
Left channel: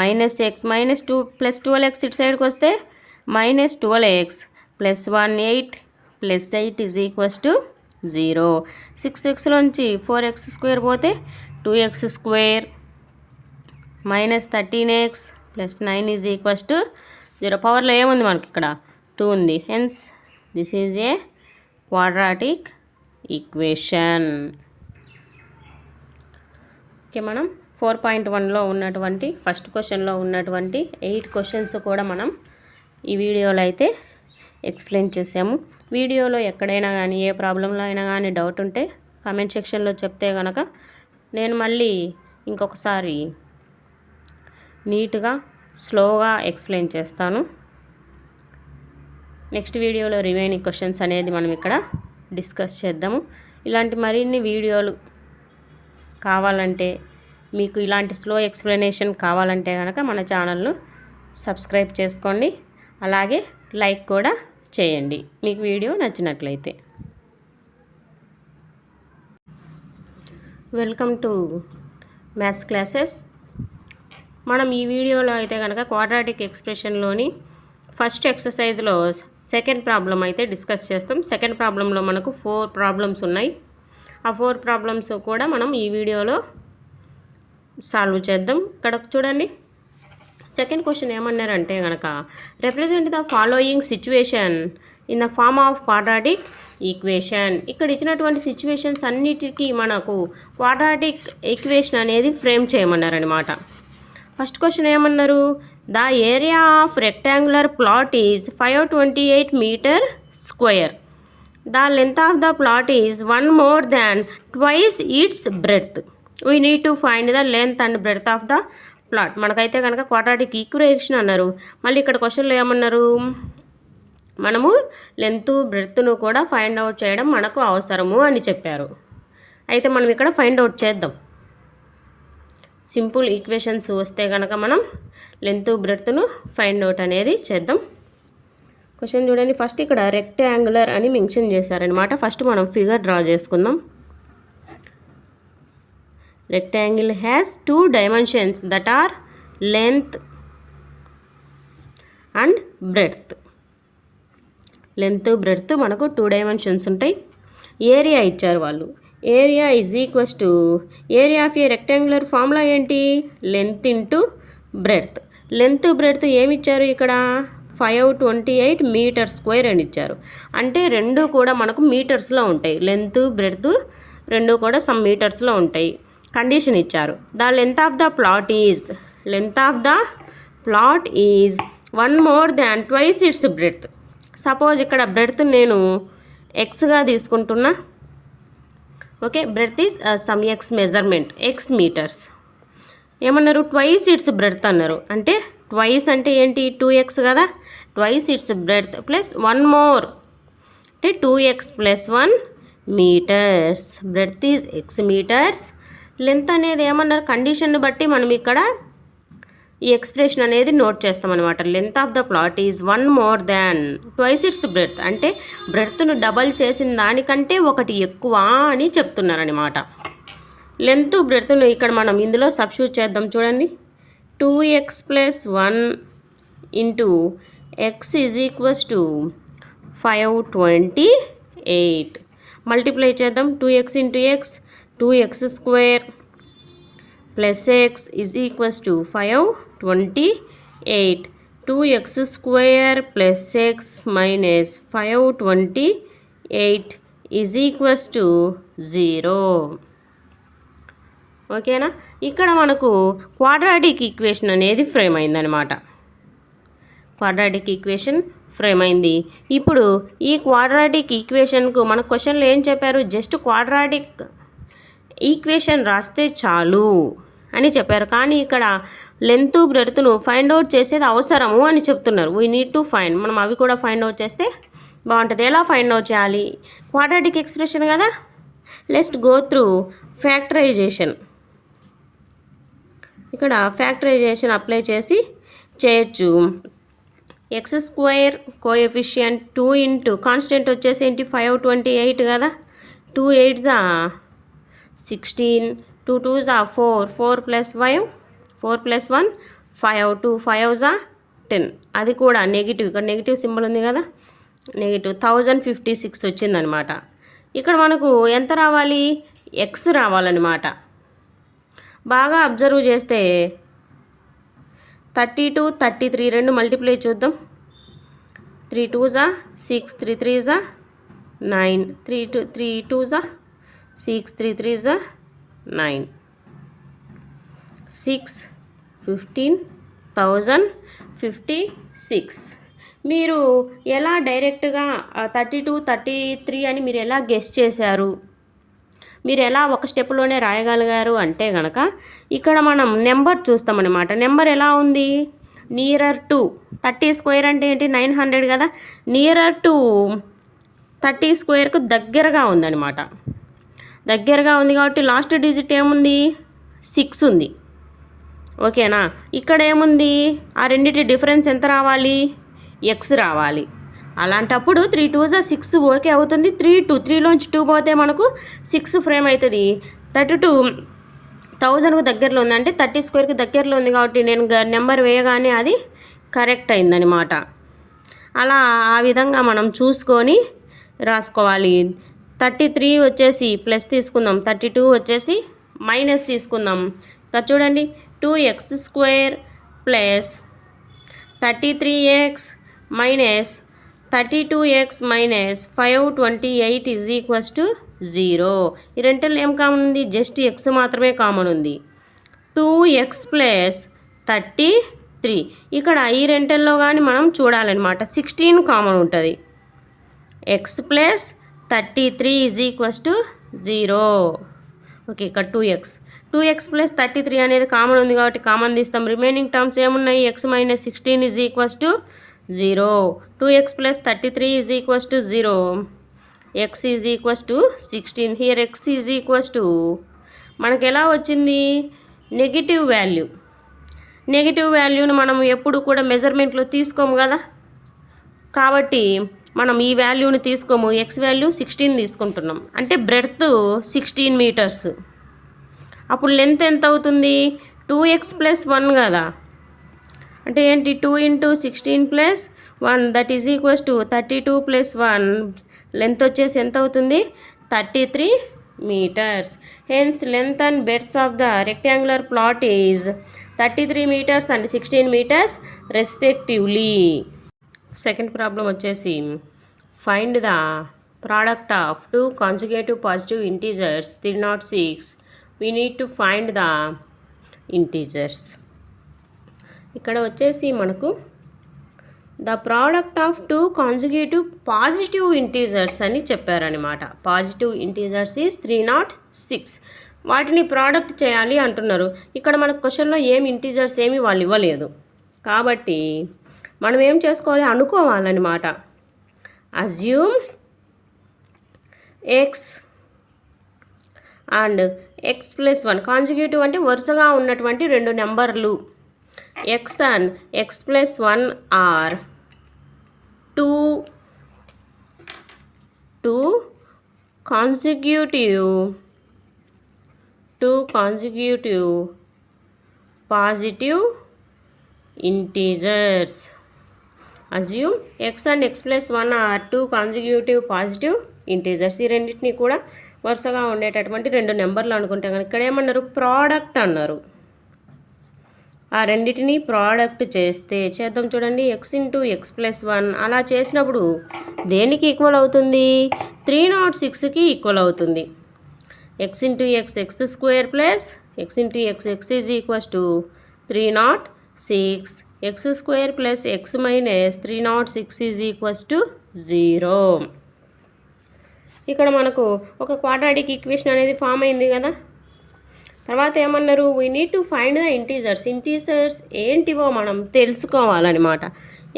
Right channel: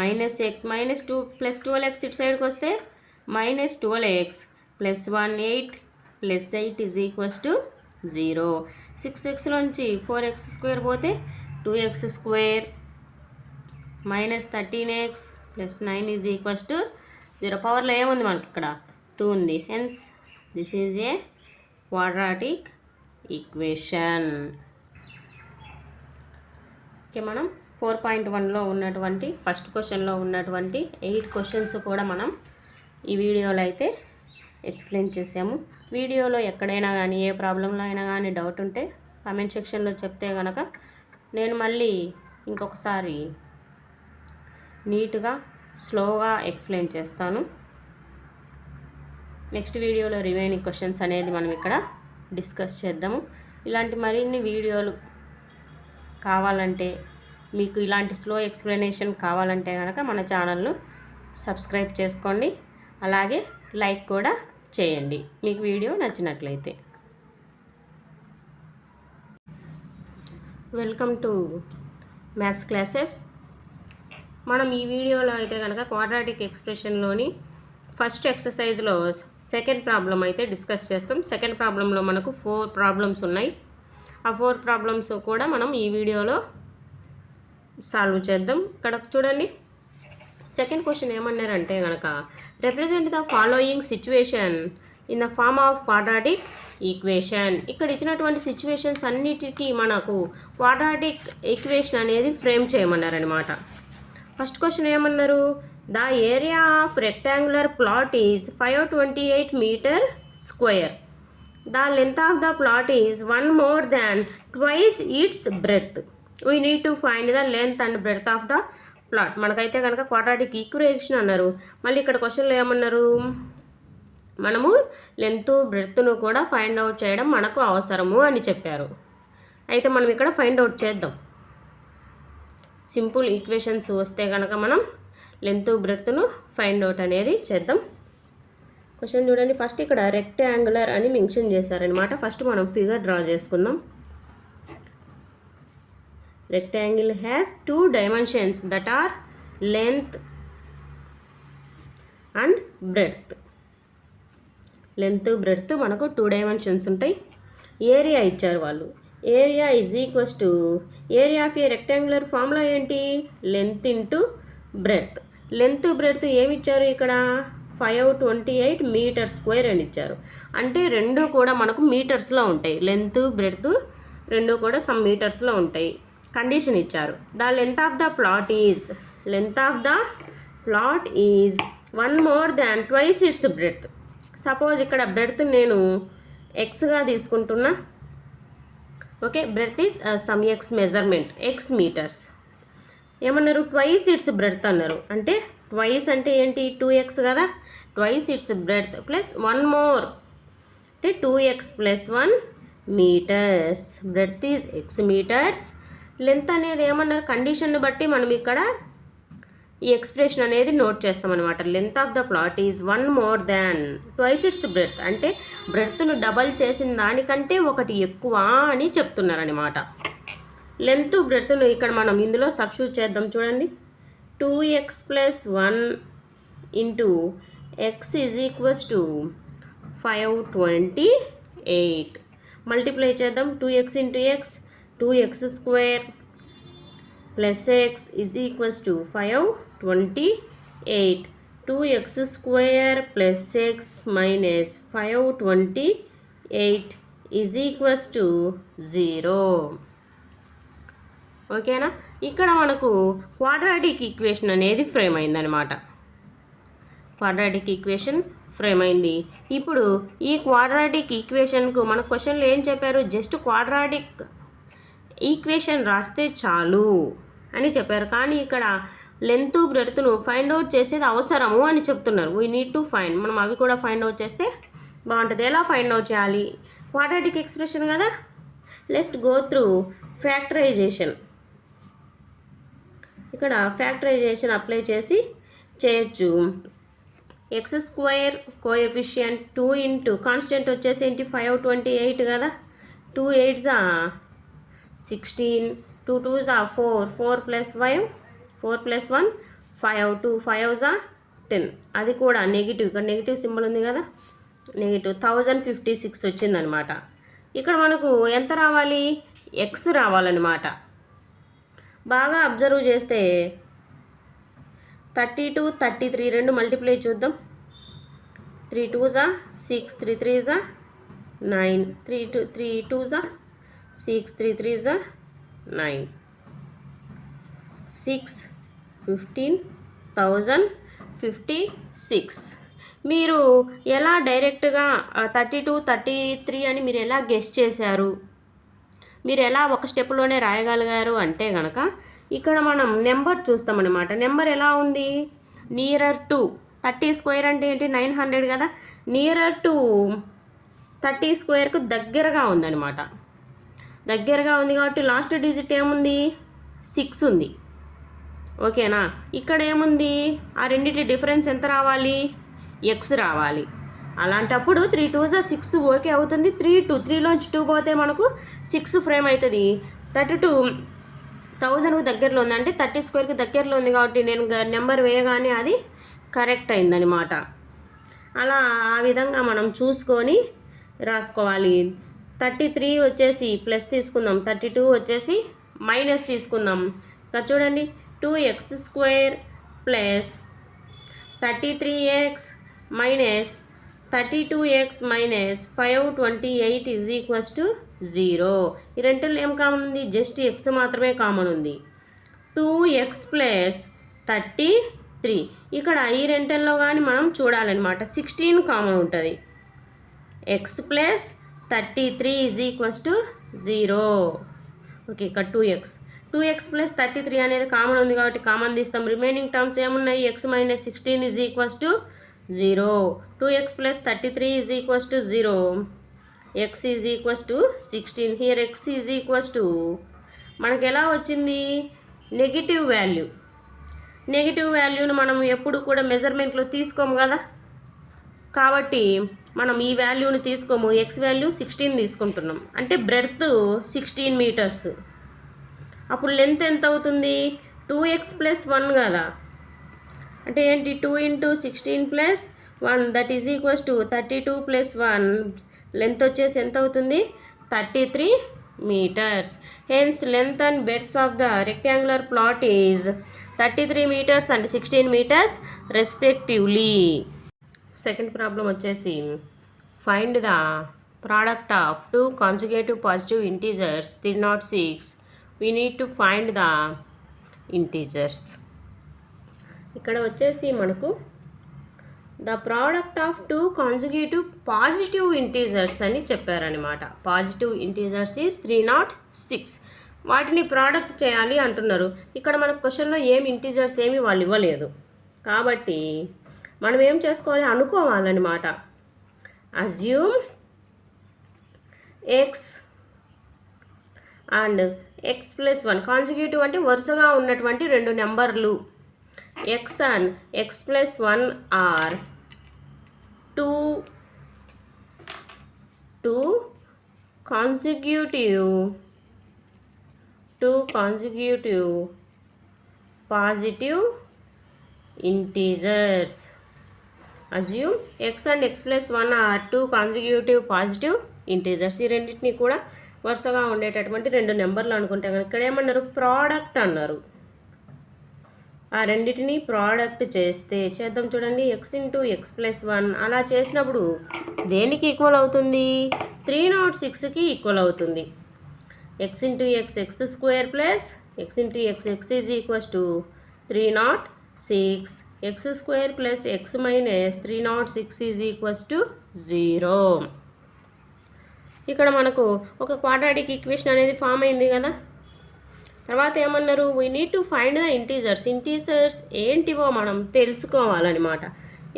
Minus X minus 2 plus 12x ఇటు సైడ్కి వస్తే minus 12x plus 1 8 plus 8 is equals to 0. 6xలోంచి 4x square పోతే 2x square minus 13x plus 9 is equals to 0. పవర్లో ఏముంది మనకి ఇక్కడ 2 ఉంది. Hence this is a quadratic equation. Okay, మనం 4.1లో ఉన్నటువంటి ఫస్ట్ క్వశ్చన్లో ఉన్నటువంటి 8 క్వశ్చన్స్ కూడా మనం ఈ వీడియోలో అయితే ఎక్స్ప్లెయిన్ చేసాము. వీడియోలో ఎక్కడైనా కానీ ఏ ప్రాబ్లంలో అయినా కానీ డౌట్ ఉంటే కామెంట్ సెక్షన్లో చెప్తే కనుక నేను మళ్ళీ ఇంకొకసారి నీట్గా స్లోగా ఎక్స్ప్లెయిన్ చేస్తాను. నెక్స్ట్ వీడియోలో రిమైనింగ్ క్వశ్చన్స్ అనేది మనం ఇక్కడ డిస్కస్ చేద్దాము. ఇలాంటి మరిన్ని వీడియోలు కావాలంటే, మీకు ఇలాంటి స్లో ఎక్స్ప్లెనేషన్ కావాలంటే కనుక మన ఛానల్ను సబ్స్క్రైబ్ చేసుకోండి. అలాగే లైక్ కూడా చేయండి మీకు వీడియో నచ్చినట్లయితే. Welcome to maths classes. మనం ఈ వీడియోలో అయితే కనుక క్వాడ్రాటిక్ ఎక్స్ప్రెషన్లోని ఫస్ట్ ఎక్సర్సైజ్లో సెకండ్ ప్రాబ్లం అయితే డిస్కస్ చేస్తాం. సెకండ్ ప్రాబ్లంలో మనకు 4 ప్రాబ్లమ్స్ ఉన్నాయి. ఆ 4 ప్రాబ్లమ్స్ కూడా మనం ఈ వీడియోలో సాల్వ్ చేద్దాం. ఇక్కడ చూడండి, సెకండ్ క్వశ్చన్ ఏమన్నారంటే కనుక represent the following situation in the form of quadratic equation. ఇక్కడ ఇచ్చినటువంటి సిచ్యువేషన్స్ అన్నిటికీ మనకు క్వాడ్రాటిక్ ఈక్వేషన్ అనేది ఫ్రేమ్ చేయమన్నారనమాట. ఫస్ట్ క్వశ్చన్ ఏమన్నారు, the area of rectangular plot is 528 metre square. The length of the plot is 1 more than twice its breadth. We need to find the length and breadth of the plot. మనకైతే కనుక quadratic equation అన్నారు. మళ్ళీ ఇక్కడ క్వశ్చన్లో ఏమన్నారు, మనము length బ్రెడ్త్ను కూడా find out చేయడం మనకు అవసరము అని చెప్పారు. అయితే మనం ఇక్కడ ఫైండ్ అవుట్ చేద్దాం. సింపుల్ ఈక్వేషన్స్ వస్తే కనుక మనం లెంత్ బ్రెడ్త్ను ఫైండ్ అవుట్ అనేది చేద్దాం. క్వశ్చన్ చూడండి, ఫస్ట్ ఇక్కడ రెక్టాంగులర్ అని మెన్షన్ చేశారనమాట. ఫస్ట్ మనం ఫిగర్ డ్రా చేసుకుందాం. Rectangle has 2 dimensions that are length and breadth. Length breadth మనకు 2 dimensions ఉంటాయి. ఏరియా ఇచ్చారు వాళ్ళు. Area is equals to area of a rectangular formula ఏంటి, length into breadth. Length breadth ఏమి ఇచ్చారు ఇక్కడ, 528 మీటర్ స్క్వేర్ అని ఇచ్చారు. అంటే రెండు కూడా మనకు మీటర్స్లో ఉంటాయి. లెంత్ బ్రెడ్త్ రెండు కూడా సమ్ మీటర్స్లో ఉంటాయి. కండిషన్ ఇచ్చారు, the length of the plot is 1 more than twice its breadth. Suppose ఇక్కడ బ్రెడ్త్ నేను ఎక్స్గా తీసుకుంటున్నా. Okay, breadth is some x measurement, x metres. ఏమన్నారు, ట్వైస్ ఇట్స్ బ్రెడ్త్ అన్నారు. అంటే ట్వైస్ అంటే ఏంటి, 2x కదా. Twice its breadth plus 1 more అంటే 2x + 1 metres. Breadth is x metres. Length అనేది ఏమన్నారు, కండిషన్ బట్టి మనం ఇక్కడ ఈ ఎక్స్ప్రెషన్ అనేది నోట్ చేస్తామన్నమాట. Length of the plot is 1 more than twice its breadth. అంటే బ్రెడ్త్ను డబల్ చేసిన దానికంటే ఒకటి ఎక్కువ అని చెప్తున్నారనమాట. లెంత్ బ్రెడ్త్ను ఇక్కడ మనం ఇందులో సబ్స్టిట్యూట్ చేద్దాం. చూడండి, 2x + 1 into x is equals to 528. Multiply చేద్దాం. 2x into x 2x square plus x is equals to 528. 2x square plus x minus 528 is equals to 0. ఓకేనా, ఇక్కడ మనకు క్వాడ్రాటిక్ ఈక్వేషన్ అనేది ఫ్రేమ్ అయిందనమాట. క్వాడ్రాటిక్ ఈక్వేషన్ ఫ్రేమ్ అయింది. ఇప్పుడు ఈ quadratic ఈక్వేషన్కు మన క్వశ్చన్లో ఏం చెప్పారు, జస్ట్ క్వాడ్రాటిక్ ఈక్వేషన్ రాస్తే చాలు అని చెప్పారు. కానీ ఇక్కడ లెంత్ బ్రెడ్త్ను ఫైండ్ అవుట్ చేసేది అవసరము అని చెప్తున్నారు. We need to find. మనం అవి కూడా ఫైండ్ అవుట్ చేస్తే బాగుంటుంది. ఎలా ఫైండ్ అవుట్ చేయాలి, క్వాడ్రాటిక్ ఎక్స్ప్రెషన్ కదా. Let's go through factorisation. ఇక్కడ ఫ్యాక్టరైజేషన్ అప్లై చేసి చేయొచ్చు. X square coefficient 2 into constant వచ్చేసి ఏంటి 528 కదా. 2 8s 16, 2 2s 4, 4 + 5, 4 + 1 5, 2 5s 10. అది కూడా నెగిటివ్, ఇక్కడ నెగిటివ్ సింబల్ ఉంది కదా, నెగిటివ్ 1056 వచ్చిందనమాట. ఇక్కడ మనకు ఎంత రావాలి, ఎక్స్ రావాలన్నమాట. బాగా అబ్జర్వ్ చేస్తే 32 33 రెండు మల్టిప్లై చూద్దాం. 3 2s are 6, 3 3s are 9, 3 2s are 6, 3 3s are 9, 6 15,056. మీరు ఎలా డైరెక్ట్గా 32 33 అని మీరు ఎలా గెస్ చేశారు, మీరు ఎలా ఒక స్టెప్లోనే రాయగలిగారు అంటే కనుక ఇక్కడ మనం నెంబర్ చూస్తామన్నమాట. నెంబర్ ఎలా ఉంది, నియరర్ టు 30 స్క్వేర్ అంటే ఏంటి 900 కదా, నియరర్ టు 30 స్క్వేర్కు దగ్గరగా ఉందన్నమాట. దగ్గరగా ఉంది కాబట్టి లాస్ట్ డిజిట్ ఏముంది 6 ఉంది. ఓకేనా, ఇక్కడ ఏముంది ఆ రెండింటి డిఫరెన్స్ ఎంత రావాలి, ఎక్స్ రావాలి. అలాంటప్పుడు 3 2s are 6 ఓకే అవుతుంది. 3లోంచి 2 పోతే మనకు 6 ఫ్రేమ్ అవుతుంది. 32,000కు దగ్గరలో ఉంది అంటే 30 స్క్వేర్కి దగ్గరలో ఉంది కాబట్టి నేను నెంబర్ వేయగానే అది కరెక్ట్ అయిందనమాట. అలా ఆ విధంగా మనం చూసుకొని రాసుకోవాలి. 33 వచ్చేసి ప్లస్ తీసుకుందాం, 32 వచ్చేసి మైనస్ తీసుకుందాం. ఇక్కడ చూడండి 2x² plus 33x minus 32x minus 528 is equals to 0. ఈ రెంటిలో ఏం కామన్ ఉంది, జస్ట్ x మాత్రమే కామన్ ఉంది. 2x ప్లస్ 33, ఇక్కడ ఈ రెంటిల్లో కానీ మనం చూడాలన్నమాట. 16 కామన్ ఉంటుంది. x plus 33 is equals to 0. Okay, ఇక్కడ 2x ప్లస్ 33 అనేది కామన్ ఉంది కాబట్టి కామన్ తీస్తాం. రిమైనింగ్ టర్మ్స్ ఏమున్నాయి, x minus 16 is equals to 0. 2x plus 33 is equals to 0. x is equals to 16. Here x is equals to మనకు ఎలా వచ్చింది, negative value. Negative వాల్యూని మనం ఎప్పుడు కూడా మెజర్మెంట్లో తీసుకోము కదా, కాబట్టి మనం ఈ వాల్యూని తీసుకోము. x వాల్యూ 16 తీసుకుంటున్నాం అంటే బ్రెడ్త్ 16 మీటర్స్. అప్పుడు లెంత్ ఎంత అవుతుంది, 2x ప్లస్ 1 కదా, అంటే ఏంటి 2 × 16 plus 1 that is equals to 32 plus 1. Length వచ్చేసి ఎంత అవుతుంది, 33 meters. Hence length and breadth of the rectangular plot is 33 meters and 16 meters respectively. Second problem వచ్చేసి find the product of 2 consecutive positive integers 306. we need to find the integers. ఇక్కడ వచ్చేసి మనకు the product of 2 consecutive positive integers అని చెప్పారనమాట. Positive integers is 306. వాటిని product చేయాలి అంటున్నారు. ఇక్కడ మనకు క్వశ్చన్లో ఏమి ఇంటీజర్స్ ఏమి వాళ్ళు ఇవ్వలేదు కాబట్టి మనం ఏం చేసుకోవాలి, అనుకోవాలన్నమాట. Assume x and x plus 1 consecutive అంటే వరుసగా ఉన్నటువంటి రెండు నెంబర్లు. X and x plus 1 are two consecutive positive integers. Assume x and x plus 1 are 2 consecutive positive integers. ఈ రెండింటిని కూడా వరుసగా ఉండేటటువంటి రెండు నెంబర్లు అనుకుంటే కనుక ఇక్కడ ఏమన్నారు, ప్రోడక్ట్ అన్నారు. ఆ రెండింటిని ప్రోడక్ట్ చేద్దాం చూడండి. ఎక్స్ ఇంటూ ఎక్స్ ప్లస్ 1 అలా చేసినప్పుడు దేనికి ఈక్వల్ అవుతుంది, 306కి ఈక్వల్ అవుతుంది. X into X X square plus X into X X is equals to 306. X square plus x minus 306 is equals to 0. ఇక్కడ మనకు ఒక క్వాడ్రాటిక్ ఈక్వేషన్ అనేది ఫామ్ అయింది కదా. తర్వాత ఏమన్నారు, we need to find the integers. Integers ఏంటివో మనం తెలుసుకోవాలన్నమాట.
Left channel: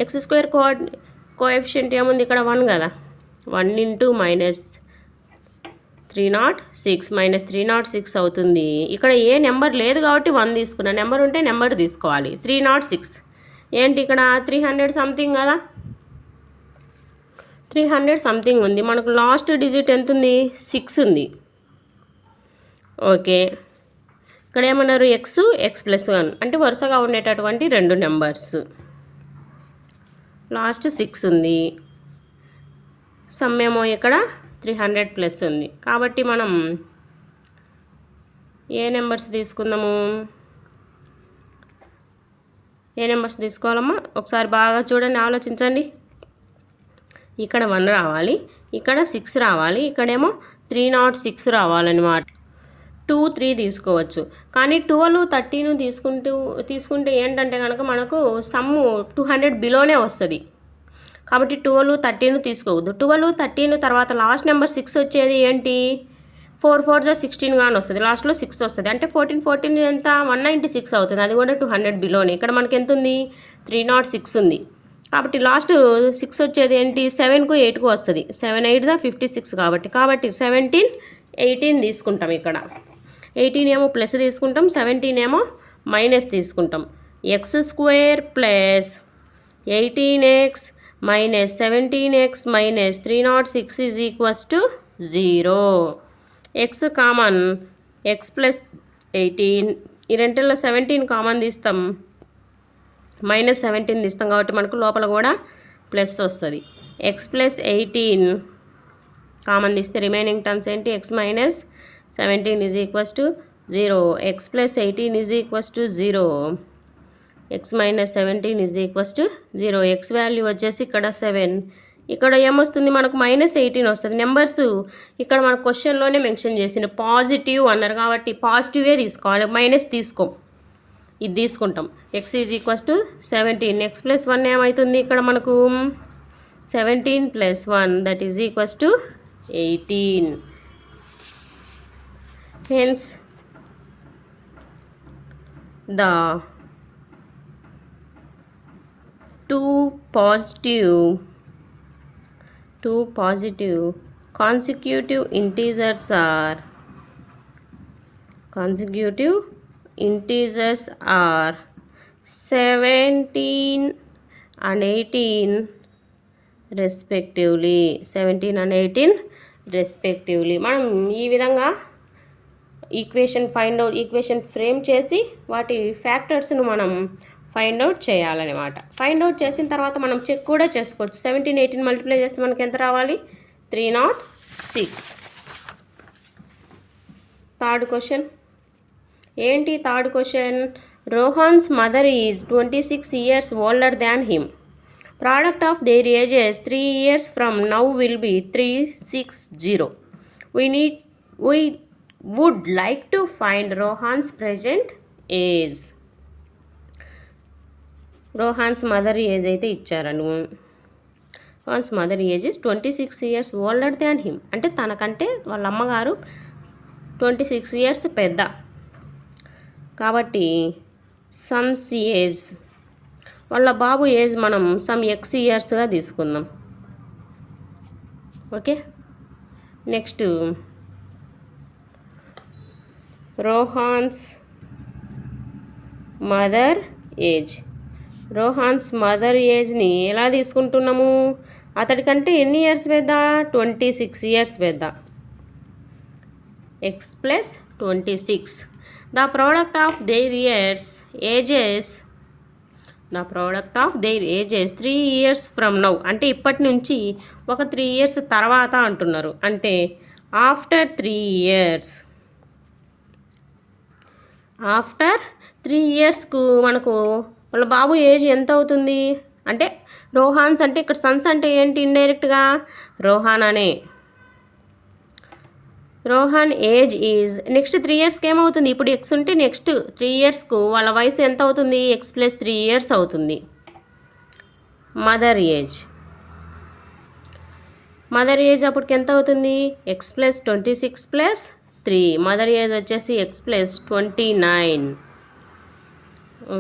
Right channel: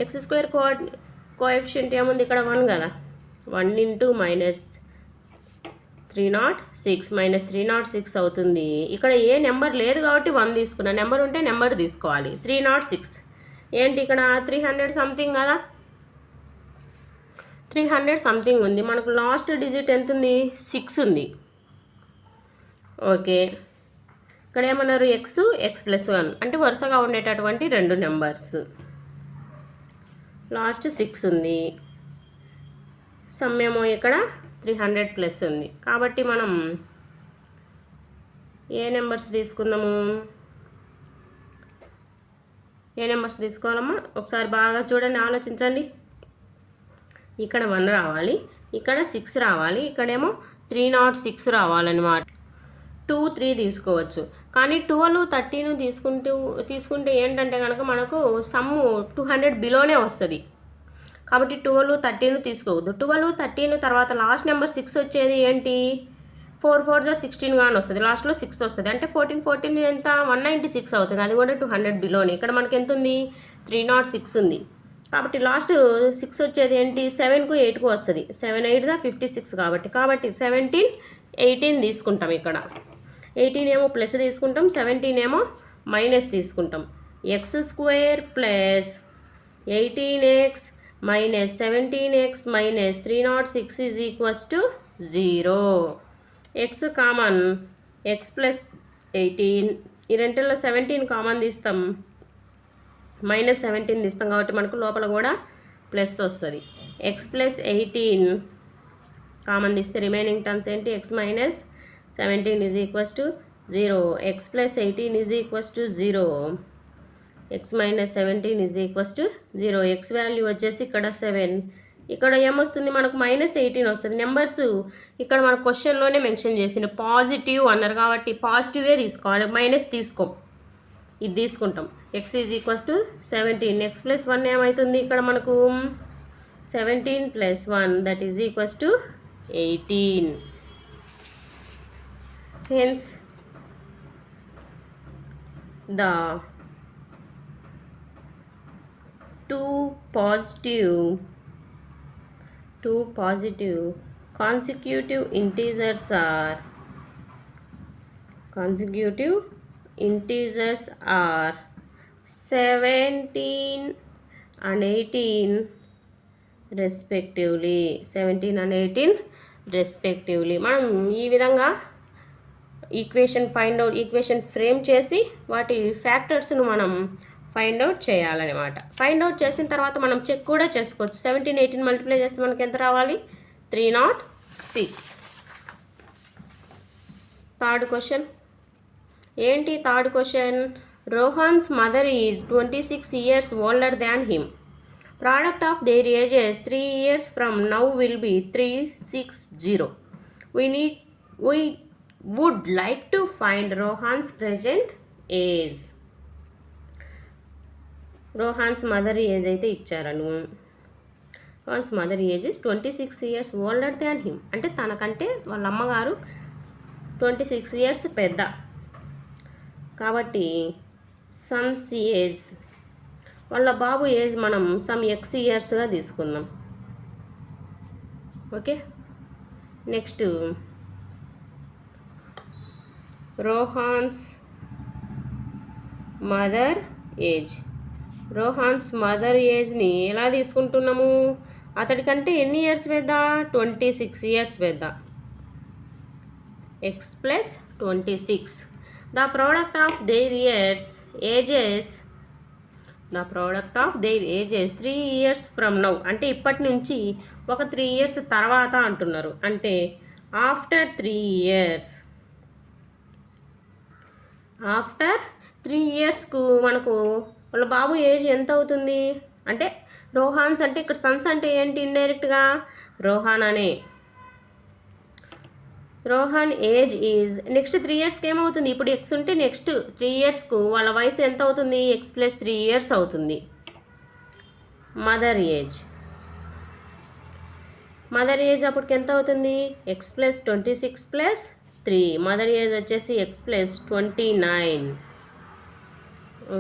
ఎక్స్ స్క్వేర్ కోఎఫిషియంట్ ఏముంది ఇక్కడ 1 కదా, 1 ఇంటూ మైనస్ 306 మైనస్ 306 అవుతుంది. ఇక్కడ ఏ నెంబర్ లేదు కాబట్టి 1 తీసుకున్నా, నెంబర్ ఉంటే నెంబర్ తీసుకోవాలి. 306 ఏంటి ఇక్కడ 300 సంథింగ్ కదా, 300 సంథింగ్ ఉంది. మనకు లాస్ట్ డిజిట్ ఎంత ఉంది, 6 ఉంది. ఓకే, ఇక్కడ ఏమన్నారు, ఎక్స్ ప్లస్ 1 అంటే వరుసగా ఉండేటటువంటి రెండు నెంబర్స్. లాస్ట్ 6 ఉంది, సమ్ ఏమో ఇక్కడ 300 ప్లస్ ఉంది. కాబట్టి మనం ఏ నెంబర్స్ తీసుకోవాలమ్మా, ఒకసారి బాగా చూడండి, ఆలోచించండి. ఇక్కడ 1 రావాలి, ఇక్కడ 6 రావాలి, ఇక్కడేమో 306 రావాలన్నమాట. 2, 3 తీసుకోవచ్చు. కానీ 12, 13 తీసుకుంటే ఏంటంటే కనుక మనకు సమ్ము 200 బిలోనే వస్తుంది. కాబట్టి 12, 13 తీసుకోవద్దు. 12, 13 తర్వాత లాస్ట్ నెంబర్ 6 వచ్చేది ఏంటి? 4 4 16 కానీ వస్తుంది, లాస్ట్లో 6 వస్తుంది. అంటే 14 14 ఎంత? 196 అవుతుంది. అది కూడా 200 బిలోనే. ఇక్కడ మనకి ఎంత ఉంది? 306 ఉంది. కాబట్టి లాస్ట్ 6 వచ్చేది ఏంటి? 7కు 8కు వస్తుంది. 7 8 56 కాబట్టి 17 18 తీసుకుంటాం. ఇక్కడ 18 ఏమో ప్లస్ తీసుకుంటాం, 17 ఏమో మైనస్ తీసుకుంటాం. x² plus 18x minus 17x minus 306 is equals to 0. x common, x plus 18, ఈ రెంటిల్లో 17 కామన్ తీస్తాం, మైనస్ 17 తీస్తాం కాబట్టి మనకు లోపల కూడా ప్లస్ వస్తుంది. x ప్లస్ 18 కామన్ తీస్తే రిమైనింగ్ టర్మ్స్ ఏంటి? x minus 17 is equals to 0. x plus 18 is equals to 0. x minus 17 is equals to 0. x value వచ్చేసి ఇక్కడ 7. ఇక్కడ ఏమొస్తుంది మనకు? -18 వస్తుంది. నెంబర్స్ ఇక్కడ మన క్వశ్చన్లోనే మెన్షన్ చేసిన పాజిటివ్ అన్నారు కాబట్టి పాజిటివే తీసుకోవాలి, మైనస్ తీసుకోం. ఇది తీసుకుంటాం. x is equals to 17. x plus 1 ఏమవుతుంది? ఇక్కడ మనకు 17 plus 1 that is equals to 18. Hence the two positive consecutive integers are 17 and 18 respectively. 17 and 18 respectively. మనం ఈ విధంగా ఈక్వేషన్ ఫ్రేమ్ చేసి వాటి ఫ్యాక్టర్స్ను మనం ఫైండ్ అవుట్ చేయాలన్నమాట. ఫైండ్ అవుట్ చేసిన తర్వాత మనం చెక్ కూడా చేసుకోవచ్చు. 17 18 మల్టిప్లై చేస్తే మనకి ఎంత రావాలి? 306. థర్డ్ క్వశ్చన్ ఏంటి? Third question, Rohan's mother is 26 years older than him. Product of their ages 3 years from now will be 360. We would like to find Rohan's present age. Rohan's mother age అయితే ఇచ్చారను. Rohan's mother age is 26 years older than him. అంటే తనకంటే వాళ్ళ అమ్మగారు 26 years పెద్ద. కాబట్టి son's age, వాళ్ళ బాబు ఏజ్ మనం సమ్ x yearsగా తీసుకుందాం. Okay, next Rohan's mother age. Rohan's mother ఏజ్ని ఎలా తీసుకుంటున్నాము? అతడికంటే ఎన్ని ఇయర్స్ పెద్ద? 26 years పెద్ద. x plus 26. The product of their ages 3 years from now. అంటే ఇప్పటి నుంచి ఒక 3 years తర్వాత అంటున్నారు. అంటే ఆఫ్టర్ 3 years. ఆఫ్టర్ 3 yearsకు మనకు వాళ్ళ బాబు ఏజ్ ఎంత అవుతుంది? అంటే రోహాన్స్ అంటే ఇక్కడ సన్స్ అంటే ఏంటి? ఇండైరెక్ట్గా రోహాన్ అనే. రోహాన్ ఏజ్ ఈజ్ నెక్స్ట్ 3 yearsకి ఏమవుతుంది? ఇప్పుడు x ఉంటే నెక్స్ట్ 3 yearsకు వాళ్ళ వయసు ఎంత అవుతుంది? x ప్లస్ 3 years అవుతుంది. మదర్ ఏజ్ అప్పటికి ఎంత అవుతుంది? x plus 26 plus 3. Mother age వచ్చేసి x plus 29.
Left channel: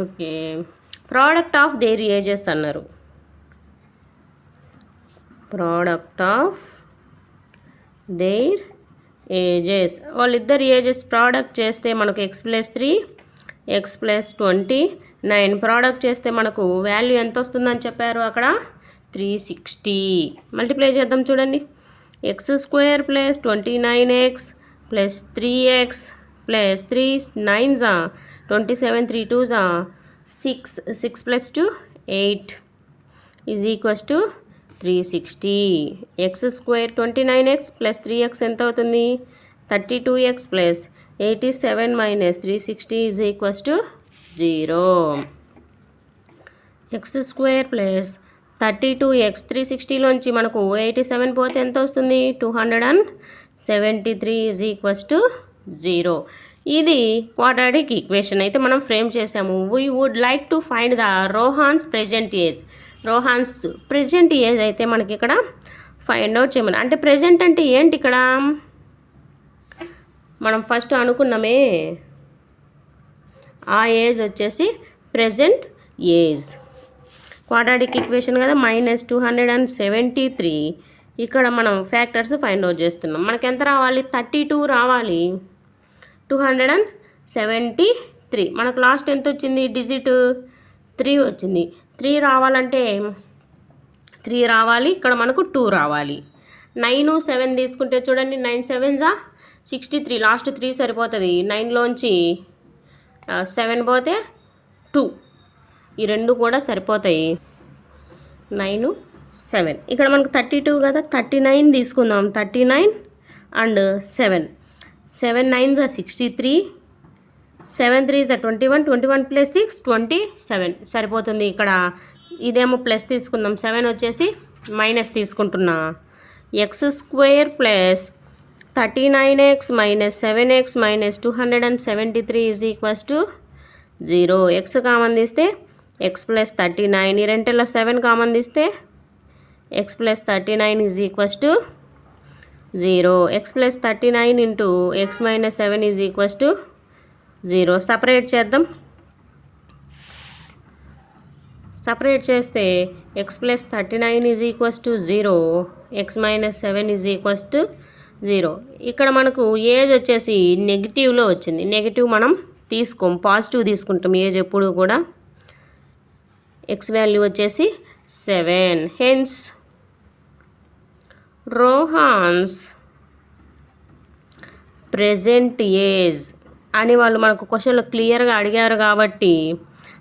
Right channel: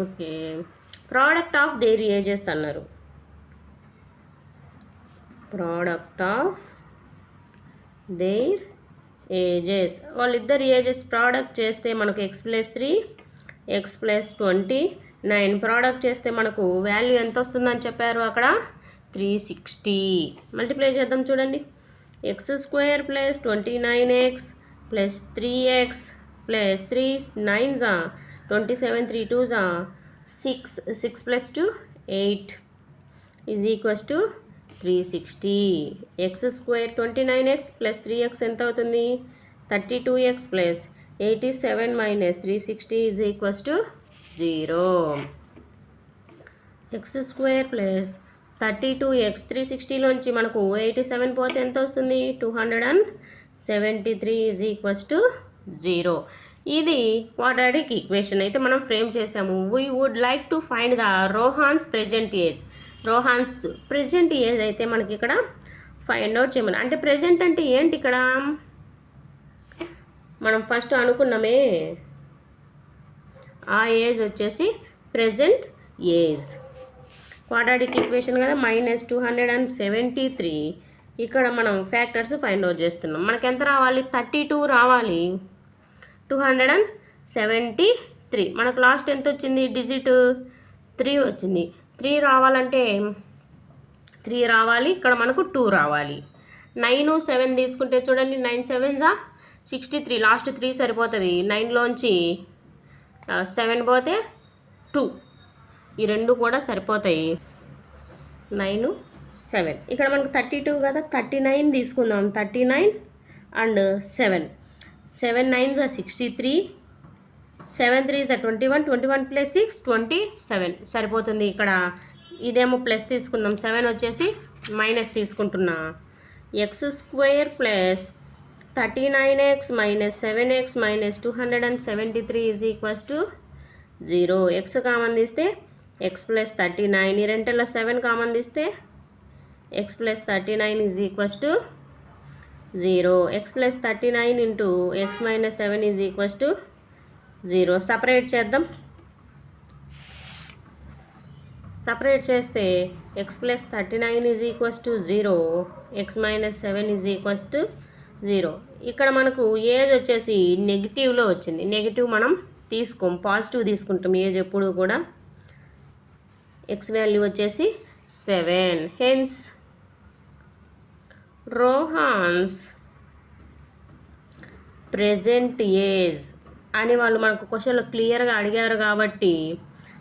Okay, product of their ages అన్నారు. ప్రోడక్ట్ ఆఫ్ దేర్ ఏజెస్, వాళ్ళిద్దరు ఏజెస్ ప్రోడక్ట్ చేస్తే మనకు x plus 3, x plus 29. Product చేస్తే మనకు వాల్యూ ఎంత వస్తుందని చెప్పారు అక్కడ? 360. మల్టిప్లై చేద్దాం చూడండి. x² plus 29x plus 3x plus 3 9s 27 3 2s 6 plus 2 8 is equals to 360. x² 29x plus 3x ఎంత అవుతుంది? 32x plus 87 minus 360 is equals to 0. x² plus 32x 360లోంచి మనకు 87 పోతే ఎంత వస్తుంది? 273 ఈజ్ ఈక్వల్స్ టు 0. ఇది క్వాడ్రాటిక్ ఈక్వేషన్ అయితే మనం ఫ్రేమ్ చేసాము. We would like to find the Rohan's present age. Rohan's present age అయితే మనకి ఇక్కడ ఫైండ్ అవుట్ చేయమని. అంటే ప్రెజెంట్ అంటే ఏంటి ఇక్కడ? మనం ఫస్ట్ అనుకున్నామే ఆ ఏజ్ వచ్చేసి ప్రెజెంట్ ఏజ్. క్వాడ్రాటిక్ ఈక్వేషన్ కదా, -273. ఇక్కడ మనం ఫ్యాక్టర్స్ ఫైండ్ అవుట్ చేస్తున్నాం. మనకి ఎంత రావాలి? 32 రావాలి. 273 మనకు లాస్ట్ ఎంత వచ్చింది? డిజిట్ 3 వచ్చింది. 3 రావాలంటే 3 రావాలి, ఇక్కడ మనకు 2 రావాలి. 9 7 తీసుకుంటే చూడండి, 9 7 63, లాస్ట్ 3 సరిపోతుంది. 9లోంచి 7 పోతే 2, ఈ రెండు కూడా సరిపోతాయి. 9 7 ఇక్కడ మనకు 32 కదా, 39 తీసుకుందాం. 39 అండ్ 7 9 63, 7 3 21, 21 + 6 27 సరిపోతుంది. ఇక్కడ ఇదేమో ప్లస్ తీసుకుందాం, 7 వచ్చేసి మైనస్ తీసుకుంటున్నా. x² + 39x - 7x - 273 is equals to 0. x common తీస్తే x + 39, ఈ రెంటిలో 7 కామన్ తీస్తే x + 39 is equals to 0. x + 39 into x - 7 is equals to 0. Separate చేద్దాం. సపరేట్ చేస్తే x + 39 is equals to 0, x - 7 is equals to 0. ఇక్కడ మనకు age వచ్చేసి నెగిటివ్లో వచ్చింది. Negative మనం తీసుకోం, పాజిటివ్ తీసుకుంటాం ఏజ్ ఎప్పుడు కూడా. x వాల్యూ వచ్చేసి 7. హెన్స్ రోహాన్స్ ప్రెజెంట్ ఏజ్ అని వాళ్ళు మనకు క్వశ్చన్లో క్లియర్గా అడిగారు కాబట్టి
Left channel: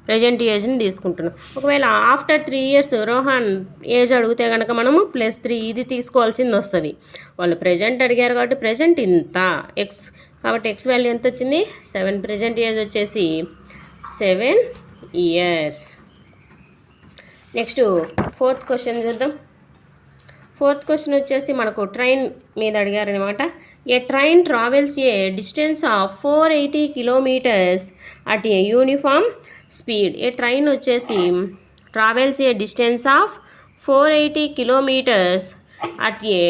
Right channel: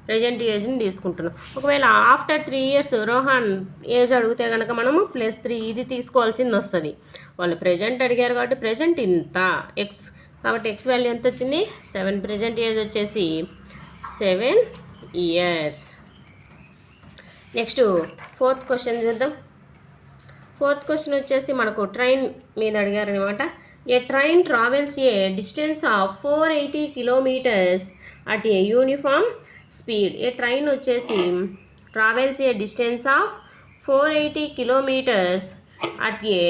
ప్రెజెంట్ ఏజ్ని తీసుకుంటున్నాం. ఒకవేళ ఆఫ్టర్ 3 years రోహన్ ఏజ్ అడిగితే కనుక మనము +3 ఇది తీసుకోవాల్సింది వస్తుంది. వాళ్ళు ప్రెజెంట్ అడిగారు కాబట్టి ప్రెజెంట్ ఇంత ఎక్స్, కాబట్టి ఎక్స్ వాల్యూ ఎంత వచ్చింది? 7. ప్రెజెంట్ ఏజ్ వచ్చేసి 7 years. నెక్స్ట్ 4th క్వశ్చన్ చూద్దాం. 4th క్వశ్చన్ వచ్చేసి మనకు ట్రైన్ మీద అడిగారనమాట. A train travels a distance of 480 kilometers at a uniform speed. A train వచ్చేసి travels a distance of 480 kilometers at a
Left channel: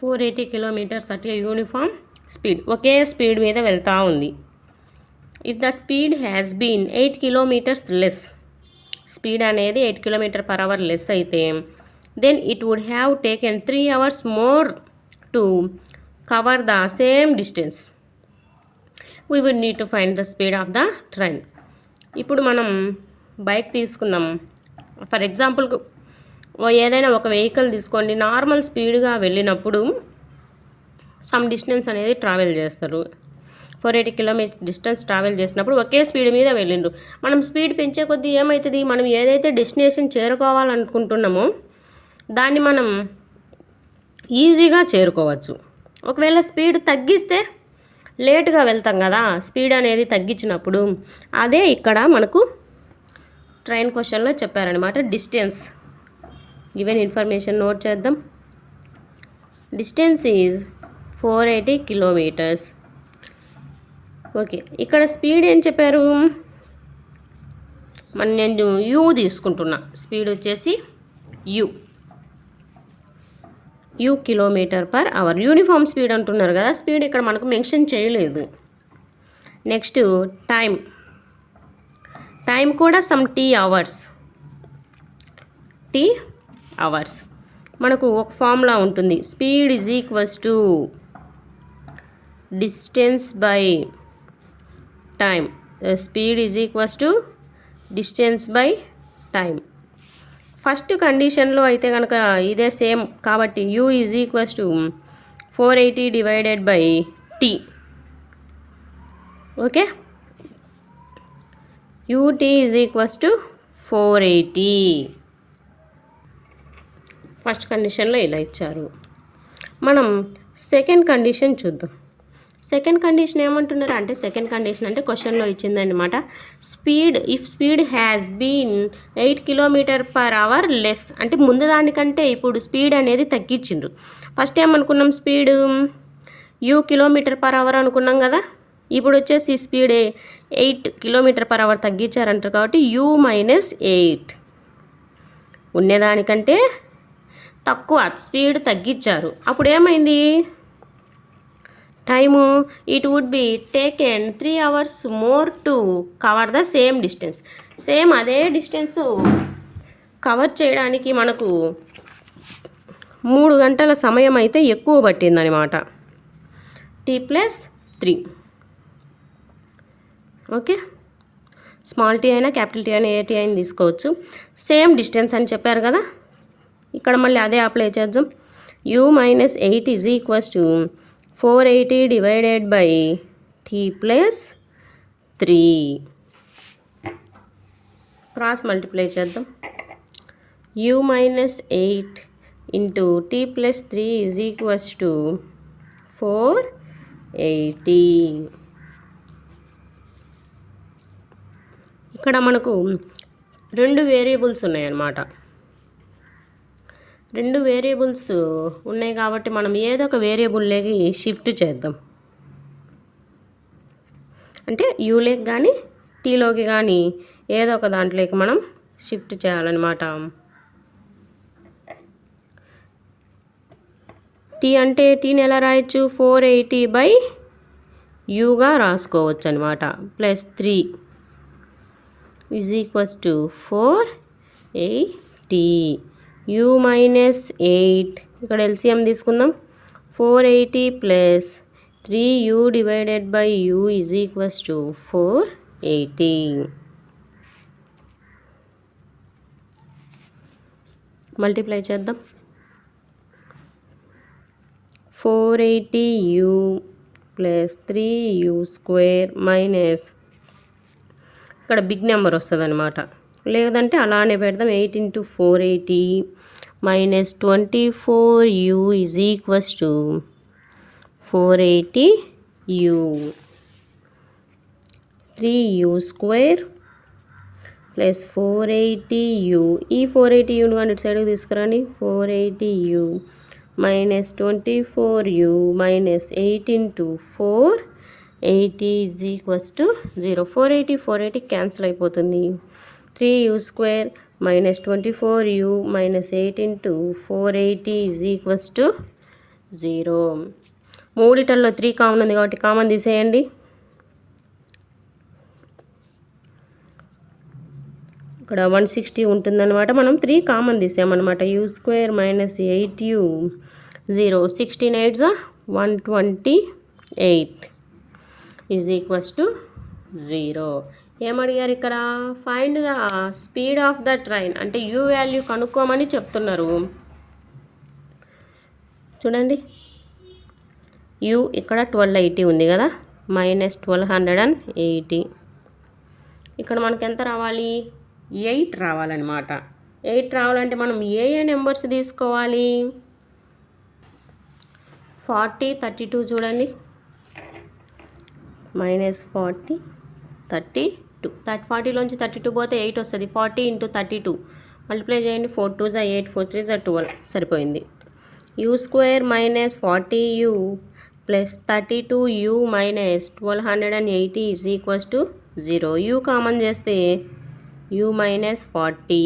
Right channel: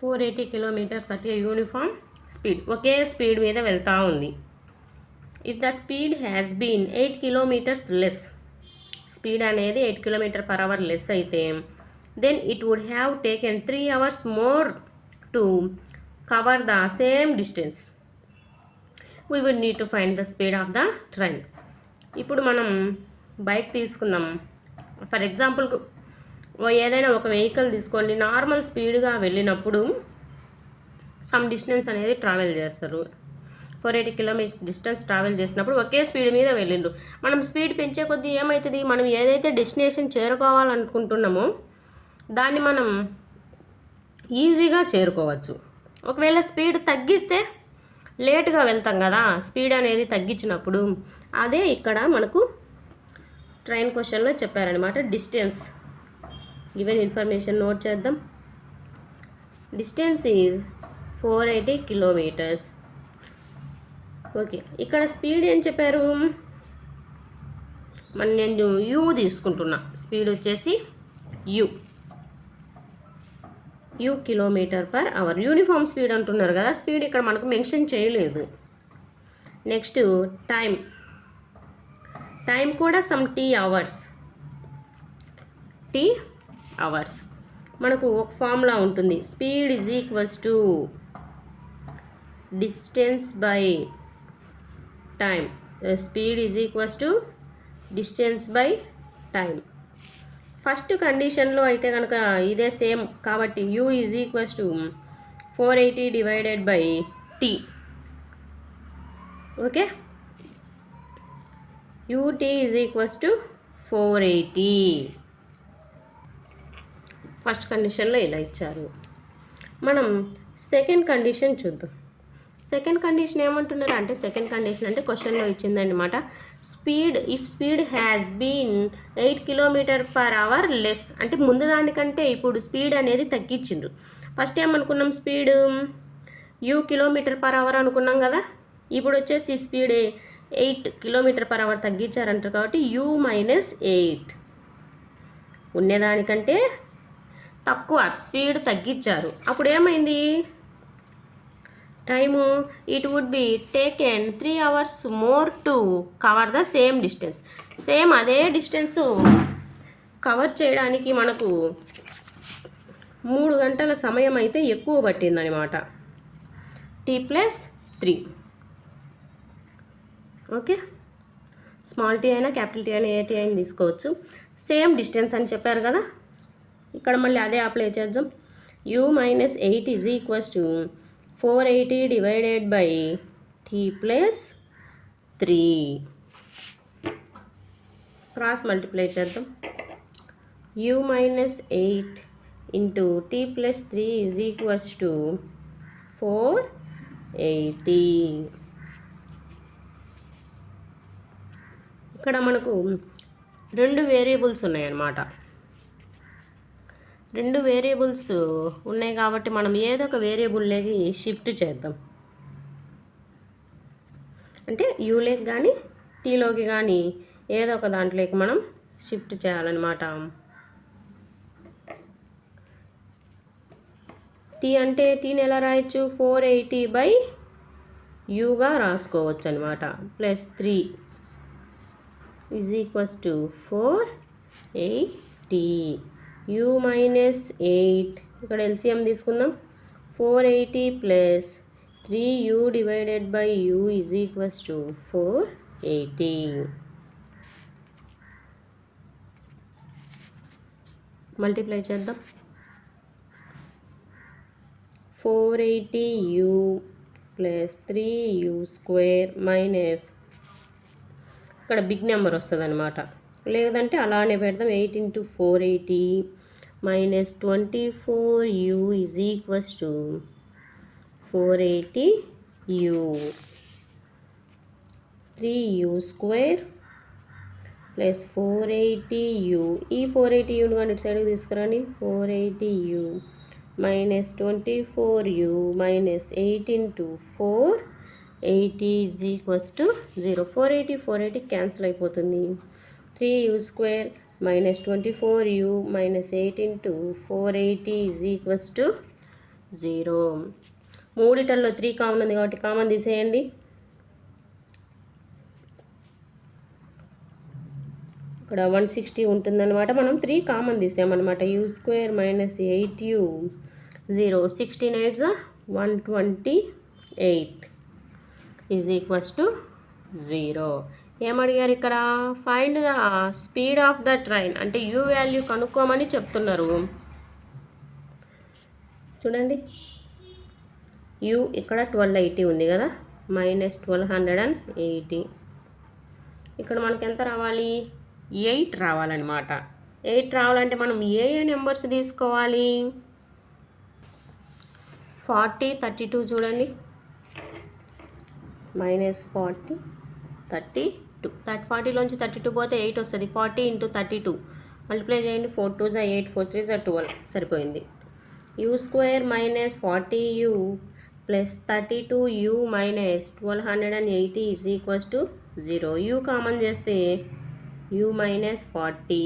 480 kilometers at a uniform speed. ఒకే speed మీద వెళ్తూ ఉంది. If the speed has been 8 kilometers less, speed అనేది 8 km/h less అయితే then it would have taken 3 hours more to cover the same distance. We would need to find the speed of the train. ఇప్పుడు మనం bike తీసుకుందాం. For example ఏదైనా ఒక vehicle తీసుకోండి, normal స్పీడ్గా వెళ్ళినప్పుడు సమ్ డిస్టెన్స్ అనేది ట్రావెల్ చేస్తారు. 480 kilometers డిస్టెన్స్ ట్రావెల్ చేసినప్పుడు ఒకే స్పీడ్ మీద వెళ్ళిండ్రు. మనం స్పీడ్ పెంచే కొద్దీ ఏమవుతుంది? మనం ఏదైతే డెస్టినేషన్ చేరుకోవాలనుకుంటున్నామో దాన్ని మనం ఈజీగా చేరుకోవచ్చు. ఒకవేళ స్పీడ్ తగ్గిస్తే లేటుగా వెళ్తాం కదా, స్పీడ్ అనేది తగ్గించినప్పుడు. అదే ఇక్కడ మనకు ట్రైన్ క్వశ్చన్లో చెప్పారనమాట. డిస్టెన్స్ గివెన్ ఇన్ఫర్మేషన్ నోట్ చేద్దాం. Distance is 480 kilometers. ఓకే, ఇక్కడ స్పీడ్ ఏం చెప్పారు? నేను యూ తీసుకుంటున్నా. స్పీడ్ వచ్చేసి యూ km/h. యూనిఫామ్ స్పీడ్ అంటున్నారు కదా, స్పీడ్ ఇక్కడ మనకు మెన్షన్ చేయలేదు. నెక్స్ట్ టైం కూడా సమ్ టీ అవర్స్. మనకు ఒక ఫార్ములా ఉంటుంది. Speed is equals to distance by time. Speed is equals to distance by time. First కండిషన్లో అయితే కనుక ఇదే సేమ్ కాబట్టి u is equals to 480 divided by t. Okay, u t is equals to 480. First కండిషన్లో ఇలా ఇచ్చారు. మనం సెకండ్ కండిషన్ చూద్దాం. సెకండ్ కండిషన్ ఏమంటున్నారు అంటే, సెకండ్ కండిషన్ అంటే క్వశ్చన్లో ఇచ్చిందనమాట. If speed has been 8 km/h less, అంటే ముందు దానికంటే ఇప్పుడు స్పీడ్ అనేది తగ్గించిండ్రు. ఫస్ట్ ఏమనుకున్నాం, స్పీడ్ km/h అనుకున్నాం కదా. ఇప్పుడు వచ్చేసి స్పీడ్ 8 km/h తగ్గించారంటారు కాబట్టి u-8 ఉండేదానికంటే తక్కువ స్పీడ్ తగ్గించారు. అప్పుడు ఏమైంది, time it would be taken 3 hours more to cover the same distance. Same అదే డిస్టెన్స్ కవర్ చేయడానికి మనకు 3 గంటల సమయం అయితే ఎక్కువ పట్టిందనమాట. t+3. ఓకే, స్మాల్ టీ అయినా క్యాపిటల్ టీ అయినా ఏ టీ అయినా తీసుకోవచ్చు. సేమ్ డిస్టెన్స్ అని చెప్పారు కదా, ఇక్కడ మళ్ళీ అదే అప్లై చేద్దాం. u-8 is equals to 480 divided by t+3. Cross multiply చేద్దాం. u-8 into t+3 is equals to 480. ఇక్కడ మనకు 2 వేరియబుల్స్ ఉన్నాయన్నమాట. 2 వేరియబుల్స్ ఉన్నాయి కాబట్టి మనం ఏదో ఒక వేరియబుల్లోకి షిఫ్ట్ చేద్దాం. అంటే యూలోకి కానీ టీలోకి కానీ ఏదో ఒక దాంట్లోకి మనం షిఫ్ట్ చేయాలన్నమాట. టీ అంటే టీని ఎలా రాయొచ్చు, 480/uగా రాసుకోవచ్చు అనమాట. +3 ఈజ్ ఈక్వల్స్ టు 480. u-8 ఇక్కడ ఎల్సిఎం తీసుకుందాం. 480 + 3u divided by u is equals to 480. Multiply చేద్దాం. 480u + 3u² మైనస్ ఇక్కడ బిగ్ నెంబర్ వస్తుంది అనమాట, లేదంటే అలానే పెడదాం. 8 × 480 minus 24u is equals to 480u. 3u² plus 480u. ఈ 480uని కానీ ఇటు సైడ్కి తీసుకురండి. 480u minus 24u minus 8 × 480 is equals to 0. 480 cancel అయిపోతుంది. 3u² minus 24u minus 8 × 480 is equals to 0. మూడిటల్లో 3 కామన్ ఉంది కాబట్టి కామన్ తీసేయండి. ఇక్కడ 160 ఉంటుందన్నమాట. మనం 3 కామన్ తీసామన్నమాట. u² minus 8u 0. 16 8 128 is equals to 0. ఏమడిగారు ఇక్కడ, find the speed of the train, అంటే యూ వాల్యూ కనుక్కోమని చెప్తున్నారు. చూడండి, యూ ఇక్కడ 1280 ఉంది కదా, మైనస్ 1280. ఇక్కడ మనకి ఎంత రావాలి, 8 రావాలన్నమాట. 8 రావాలంటే మనం ఏ నెంబర్స్ తీసుకోవాలి, 40 32 చూడండి, మైనస్ 40 32. 40లోంచి 32 పోతే 8 వస్తుంది. 40 × 32 మల్టిప్లై చేయండి. 4 2 8 4 3 12 సరిపోయింది. u² minus 40u plus 32u minus 1280 is equals to 0. u common చేస్తే u మైనస్ 40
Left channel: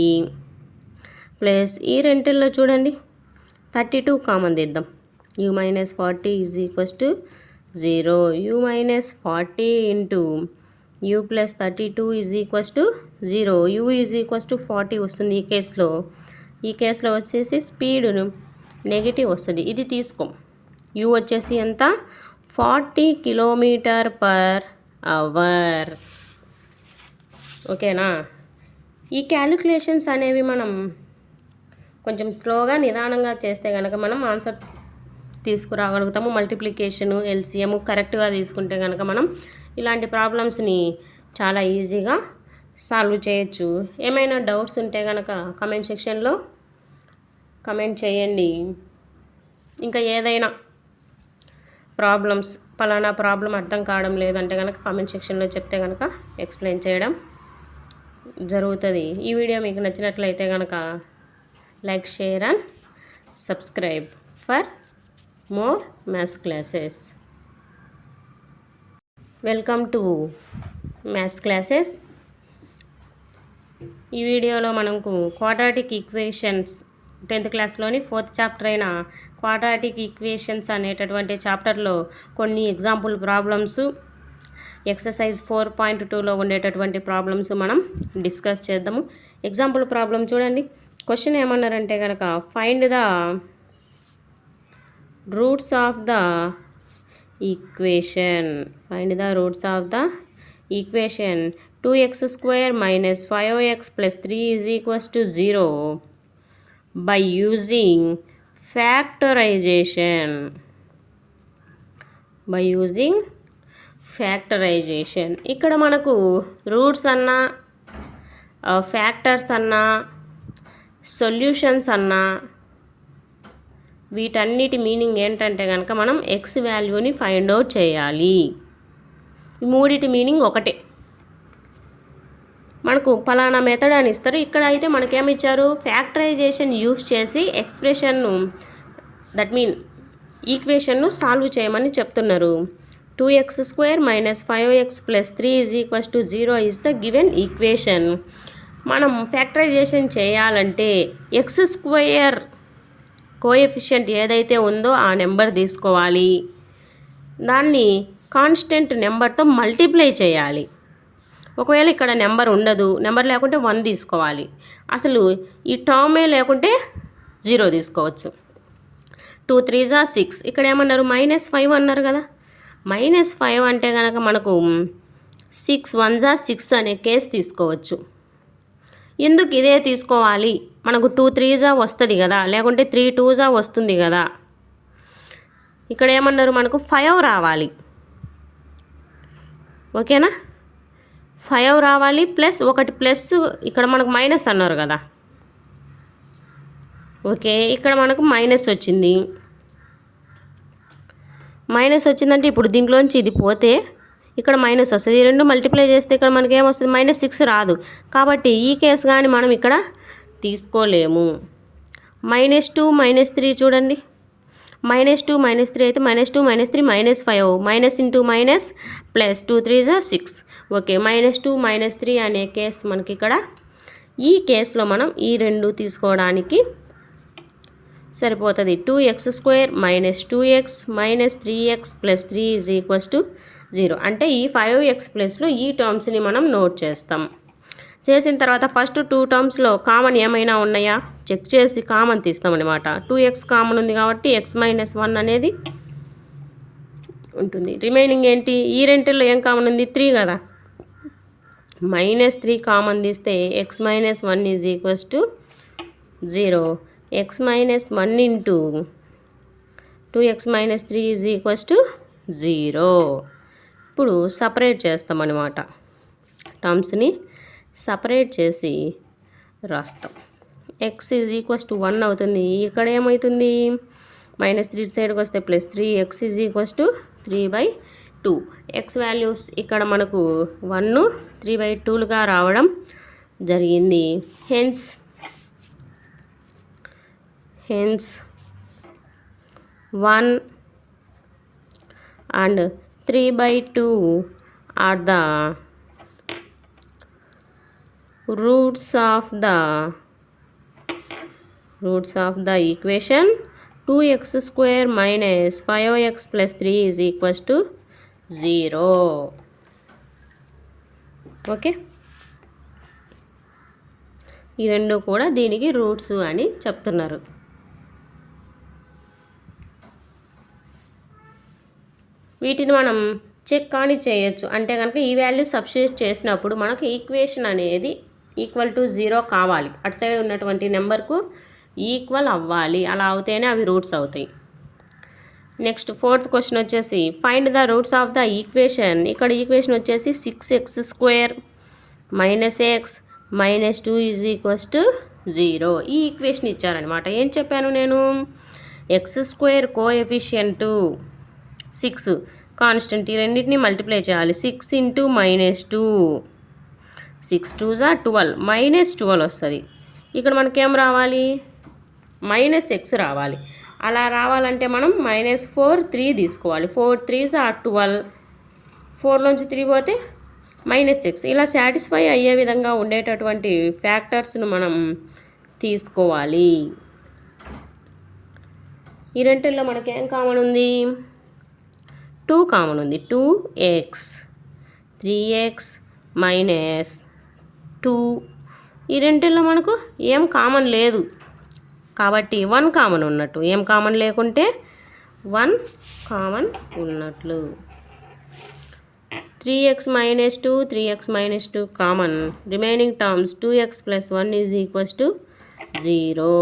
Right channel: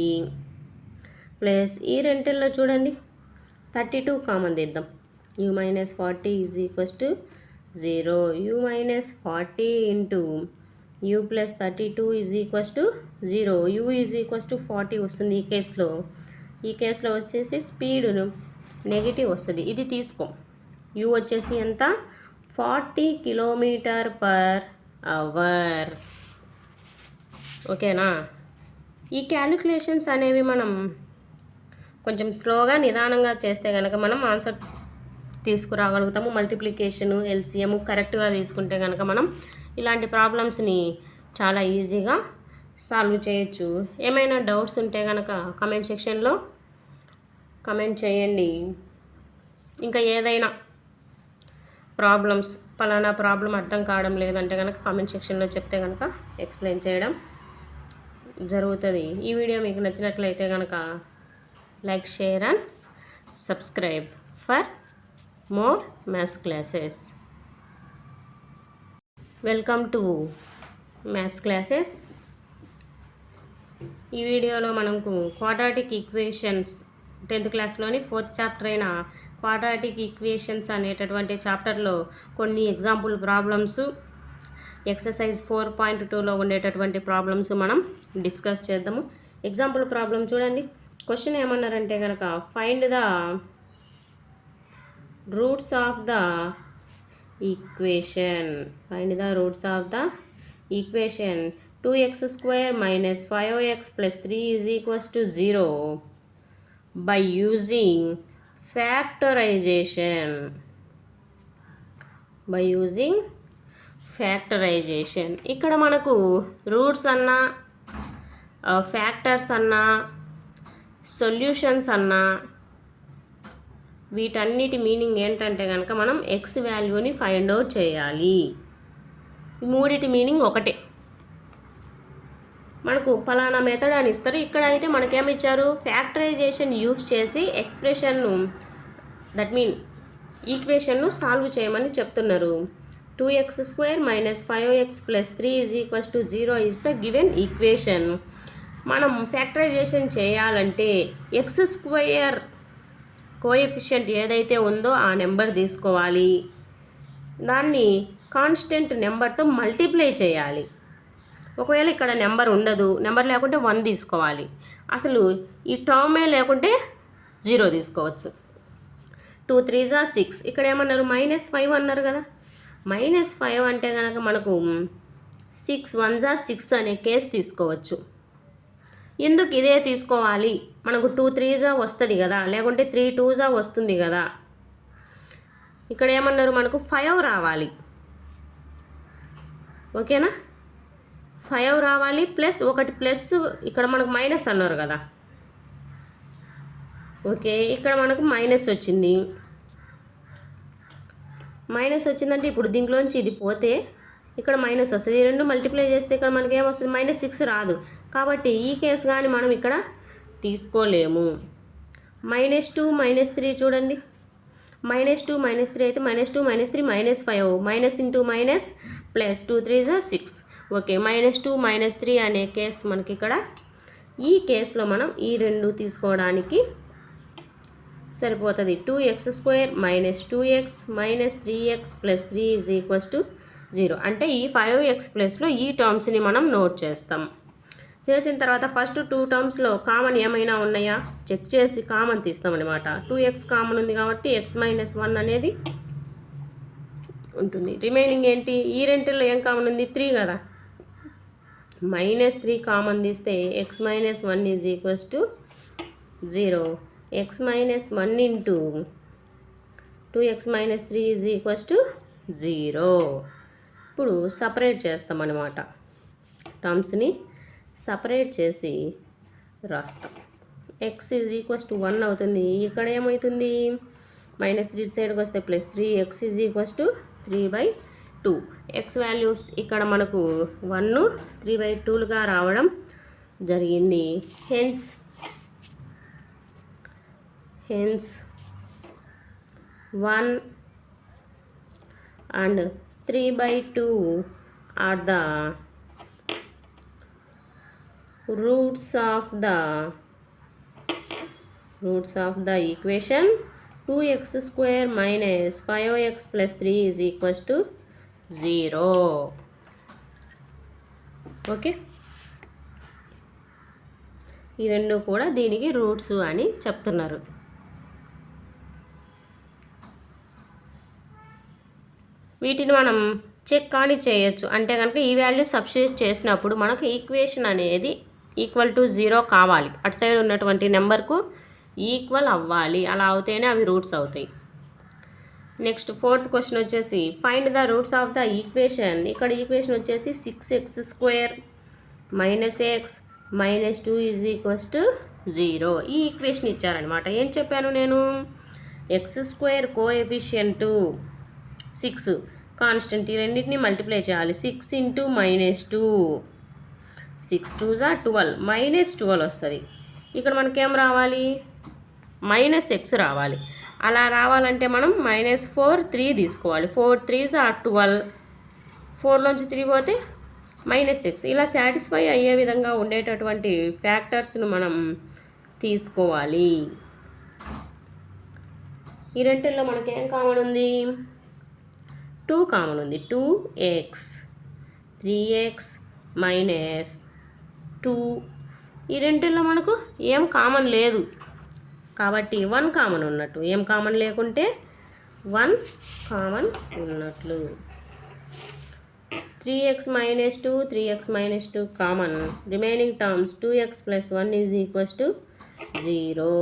ప్లస్ ఈ రెంటిల్లో చూడండి 32 కామన్ తీద్దాం. u minus 40 is equals to 0. u minus 40 into u plus 32 is equals to 0. u is equals to 40 వస్తుంది ఈ కేసులో వచ్చేసి స్పీడును negative వస్తుంది. ఇది తీసుకో. u వచ్చేసి ఎంత, 40 km/h. ఓకేనా. ఈ క్యాలిక్యులేషన్స్ అనేవి మనం కొంచెం స్లోగా నిదానంగా చేస్తే కనుక మనం ఆన్సర్ తీసుకురాగలుగుతాము. మల్టిప్లికేషను ఎల్సిఎం కరెక్ట్గా తీసుకుంటే కనుక మనం ఇలాంటి ప్రాబ్లమ్స్ని చాలా ఈజీగా సాల్వ్ చేయొచ్చు. ఏమైనా డౌట్స్ ఉంటే కనుక కమెంట్ సెక్షన్లో కమెంట్ చేయండి. ఇంకా ఏదైనా ప్రాబ్లమ్స్ పలానా ప్రాబ్లం అర్థం కావడం లేదంటే కనుక కామెంట్ సెక్షన్లో చెప్తే కనుక ఎక్స్ప్లెయిన్ చేయడం జరుగుతుంది. ఈ వీడియో మీకు నచ్చినట్లయితే కనుక like, share and subscribe for more maths classes. Welcome to maths classes. ఈ వీడియోలో మనకు quadratic equations 10th క్లాస్లోని 4th chapter అయిన క్వాడ్రాటిక్ ఈక్వేషన్స్ అనేటటువంటి చాప్టర్లో కొన్ని ఎగ్జాంపుల్ ప్రాబ్లమ్స్, ఎక్సర్సైజ్ 4.2లో ఉండేటటువంటి ప్రాబ్లమ్స్ మనం డిస్కస్ చేద్దాము. ఎగ్జాంపుల్ ప్రాబ్లం చూడండి. క్వశ్చన్ ఏమన్నారంటే కనుక find the roots of the equation. Find the roots of the equation 2x² minus 5x plus 3 is equals to 0 by using factorization. By using factorization. ఇక్కడ మనకు roots అన్నా, factors అన్నా, solutions అన్నా వీటన్నిటి meaning ఏంటంటే కనుక మనం ఎక్స్ వాల్యూని ఫైండ్ అవుట్ చేయాలి. ఈ మూడిటి మీనింగ్ ఒకటే. మనకు ఫలానా మెథడ్ అని ఇస్తారు. ఇక్కడ అయితే మనకేమి ఇచ్చారు, ఫ్యాక్టరైజేషన్ యూస్ చేసి ఎక్స్ప్రెషన్ను దట్ మీన్ ఈక్వేషన్ను సాల్వ్ చేయమని చెప్తున్నారు. 2x² minus 5x plus 3 is equals to 0 is the given equation. మనం ఫ్యాక్టరైజేషన్ చేయాలంటే x² కోఎఫిషియంట్ ఏదైతే ఉందో ఆ నెంబర్ తీసుకోవాలి, దాన్ని కాన్స్టెంట్ నెంబర్తో మల్టిప్లై చేయాలి. ఒకవేళ ఇక్కడ నెంబర్ ఉండదు, నెంబర్ లేకుంటే 1 తీసుకోవాలి. అసలు ఈ టర్మే లేకుంటే 0 తీసుకోవచ్చు. 2 3s are 6. ఇక్కడ ఏమన్నారు, -5 అన్నారు కదా. -5 అంటే కనుక మనకు 6 1s are 6 అనే కేసు తీసుకోవచ్చు. ఎందుకు ఇదే తీసుకోవాలి, మనకు 2 3s వస్తుంది కదా, లేకుంటే 3 2s వస్తుంది కదా. ఇక్కడ ఏమన్నారు, మనకు 5 రావాలి. ఓకేనా, 5 రావాలి ప్లస్ ఒకటి ప్లస్ ఇక్కడ మనకు మైనస్ అన్నారు కదా. ఓకే, ఇక్కడ మనకు మైనస్ వచ్చింది. మైనస్ వచ్చిందంటే ఇప్పుడు దీంట్లోంచి ఇది పోతే ఇక్కడ మైనస్ వస్తుంది. ఈ రెండు మల్టిప్లై చేస్తే ఇక్కడ మనకి ఏమొస్తుంది, -6 రాదు. కాబట్టి ఈ కేసు కానీ మనం ఇక్కడ తీసుకోలేము. -2 -3 చూడండి. -2 -3 అయితే -2 -3 -5 minus into minus plus 2 3s are 6. Okay, -2 -3 అనే కేసు మనకి ఇక్కడ. ఈ కేసులో మనం ఈ రెండు తీసుకోవడానికి సరిపోతుంది. 2x² minus 2x minus 3x plus 3 is equals to 0. అంటే ఈ 5x ప్లస్లో ఈ టర్మ్స్ని మనం నోట్ చేస్తాం. చేసిన తర్వాత ఫస్ట్ 2 టర్మ్స్లో కామన్ ఏమైనా ఉన్నాయా చెక్ చేసి కామన్ తీస్తామన్నమాట. 2x కామన్ ఉంది కాబట్టి x - 1 అనేది ఉంటుంది. రిమైనింగ్ ఏంటి, ఈ రెంటిల్లో ఏం కామన్ ఉంది, 3 కదా. -3 కామన్ తీస్తే x - 1 is equals to 0. x - 1 into 2x - 3 is equals to 0. ఇప్పుడు సపరేట్ చేస్తామన్నమాట. టర్మ్స్ని సపరేట్ చేసి రాస్తాం. x is equals to 1 అవుతుంది. ఇక్కడ ఏమవుతుంది, -3 సైడ్కి వస్తే +3, x is equals to 3/2. x values ఇక్కడ మనకు 1 3/2లుగా రావడం జరిగింది. Hence 1 and 3/2 are the roots of the equation 2x² minus 5x plus 3 is equals to 0. Okay, ఈ రెండు కూడా దీనికి రూట్స్ అని చెప్తున్నారు. వీటిని మనం చెక్ కానీ చేయొచ్చు. అంటే కనుక ఈ వాల్యూ సబ్స్టిట్యూట్ చేసినప్పుడు మనకు ఈక్వేషన్ అనేది ఈక్వల్ టు 0 కావాలి. అటు సైడ్ ఉన్నటువంటి నెంబర్కు ఈక్వల్ అవ్వాలి. అలా అవుతేనే అవి రూట్స్ అవుతాయి. నెక్స్ట్ 4th క్వశ్చన్ వచ్చేసి find the roots of the equation. ఇక్కడ ఈక్వేషన్ వచ్చేసి 6x² minus x minus 2 is equals to 0. ఈ ఈక్వేషన్ ఇచ్చారనమాట. ఏం చెప్పాను నేను, x² కోఎఫిషియంట్ 6, కాన్స్టెంట్, ఈ రెండింటిని మల్టిప్లై చేయాలి. 6 ఇంటూ -2, 6 2s are 12, -12 వస్తుంది. ఇక్కడ మనకేం రావాలి, -x రావాలి. అలా రావాలంటే మనం -4 3 తీసుకోవాలి. 4 3s are 12, 4లోంచి 3 పోతే -x. ఇలా సాటిస్ఫై అయ్యే విధంగా ఉండేటటువంటి ఫ్యాక్టర్స్ను మనం తీసుకోవాలి. ఈ రెంటిల్లో మనకేం కామన్ ఉంది, 2 కామన్ ఉంది. 2x, 3x -2, ఈ రెంటిల్లో మనకు ఏం కామన్ లేదు కాబట్టి 1 కామన్ ఉన్నట్టు. ఏం కామన్ లేకుంటే 1 కామన్ ఉన్నట్లు. 3x -2, 3x -2 common. Remaining terms 2x + 1 = 0.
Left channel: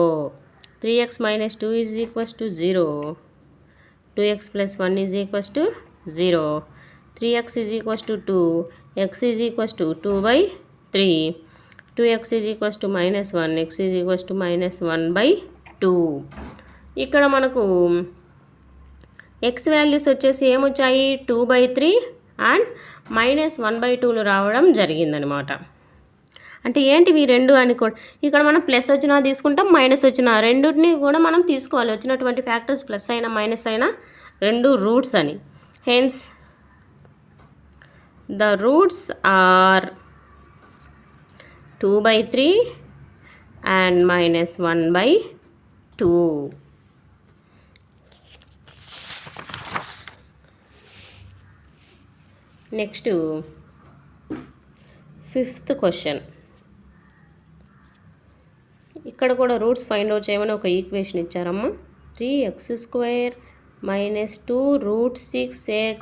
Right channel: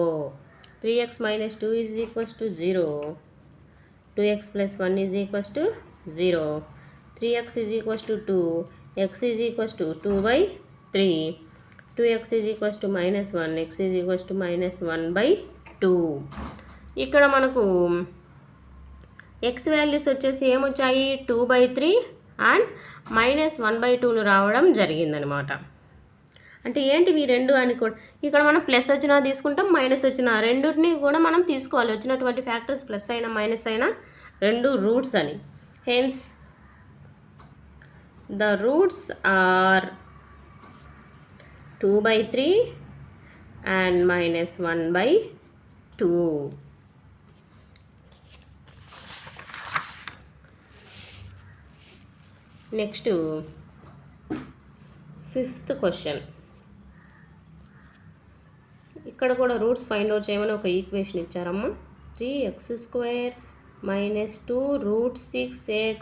3x -2 = 0. 2x + 1 = 0. 3x = 2. x = 2/3. 2x = -1. x = -1/2. ఇక్కడ మనకు x వాల్యూస్ వచ్చేసి ఏమొచ్చాయి, 2/3 అండ్ -1/2లు రావడం జరిగిందనమాట. అంటే ఏంటివి రెండు అనుకో, ఇక్కడ మనం ప్లస్ వచ్చినా తీసుకుంటాం, మైనస్ వచ్చినా, రెండుని కూడా మనం తీసుకోవాలి. వచ్చినటువంటి ఫ్యాక్టర్స్ ప్లస్ అయినా మైనస్ అయినా రెండు రూట్స్ అని. Hence the roots are 2/3 and -1/2. Next 5th question. ఇక్కడ కూడా రూట్స్ ఫైండ్ అవుట్ చేయమని ఒక ఈక్వేషన్ ఇచ్చారమ్మా. 3x² - 2 √6x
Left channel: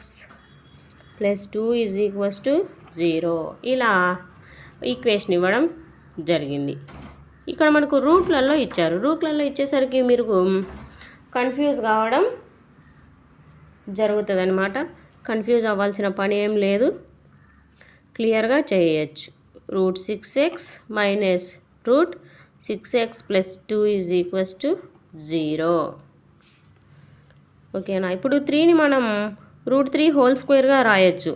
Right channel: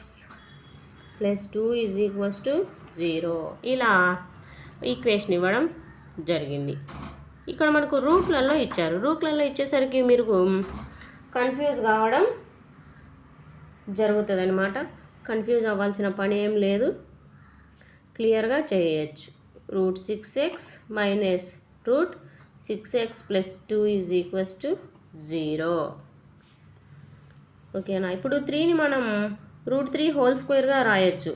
+ 2 = 0. ఇలా ఈక్వేషన్ ఇవ్వడం జరిగింది. ఇక్కడ మనకు రూట్లలో ఇచ్చారు. రూట్లలో ఇచ్చేసరికి మీరు కన్ఫ్యూజ్ కావడం జరుగుతుంది అనమాట. కన్ఫ్యూజ్ అవ్వాల్సిన పని ఏం లేదు, క్లియర్గా చేయొచ్చు. √6x - √6x + 2 = 0. ఓకేనా. ఇప్పుడు 3ని మనం √3² రాయొచ్చు.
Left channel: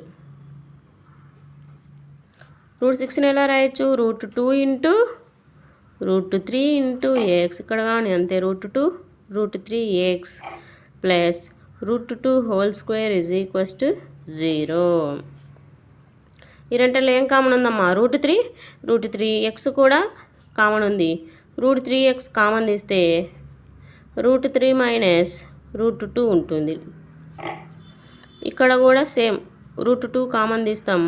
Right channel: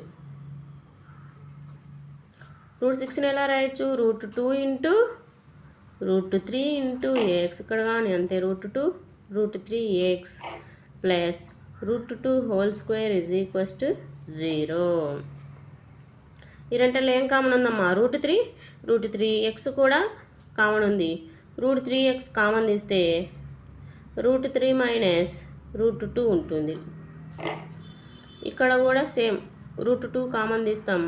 √6ని ఎలా రాయొచ్చు, √2 × √3 × x, ఇక్కడ కానీ అంతే, √2 √3x + √2² = 0. ఈ రెంటిలో ఏం కామన్ ఉందమ్మా, √3 x కూడా కామన్ ఉంది. √3x కామన్ తీస్తే √3 - √2 ఉంటుంది. ఇక్కడ కూడా సేమ్, √2 కామన్ తీస్తాం,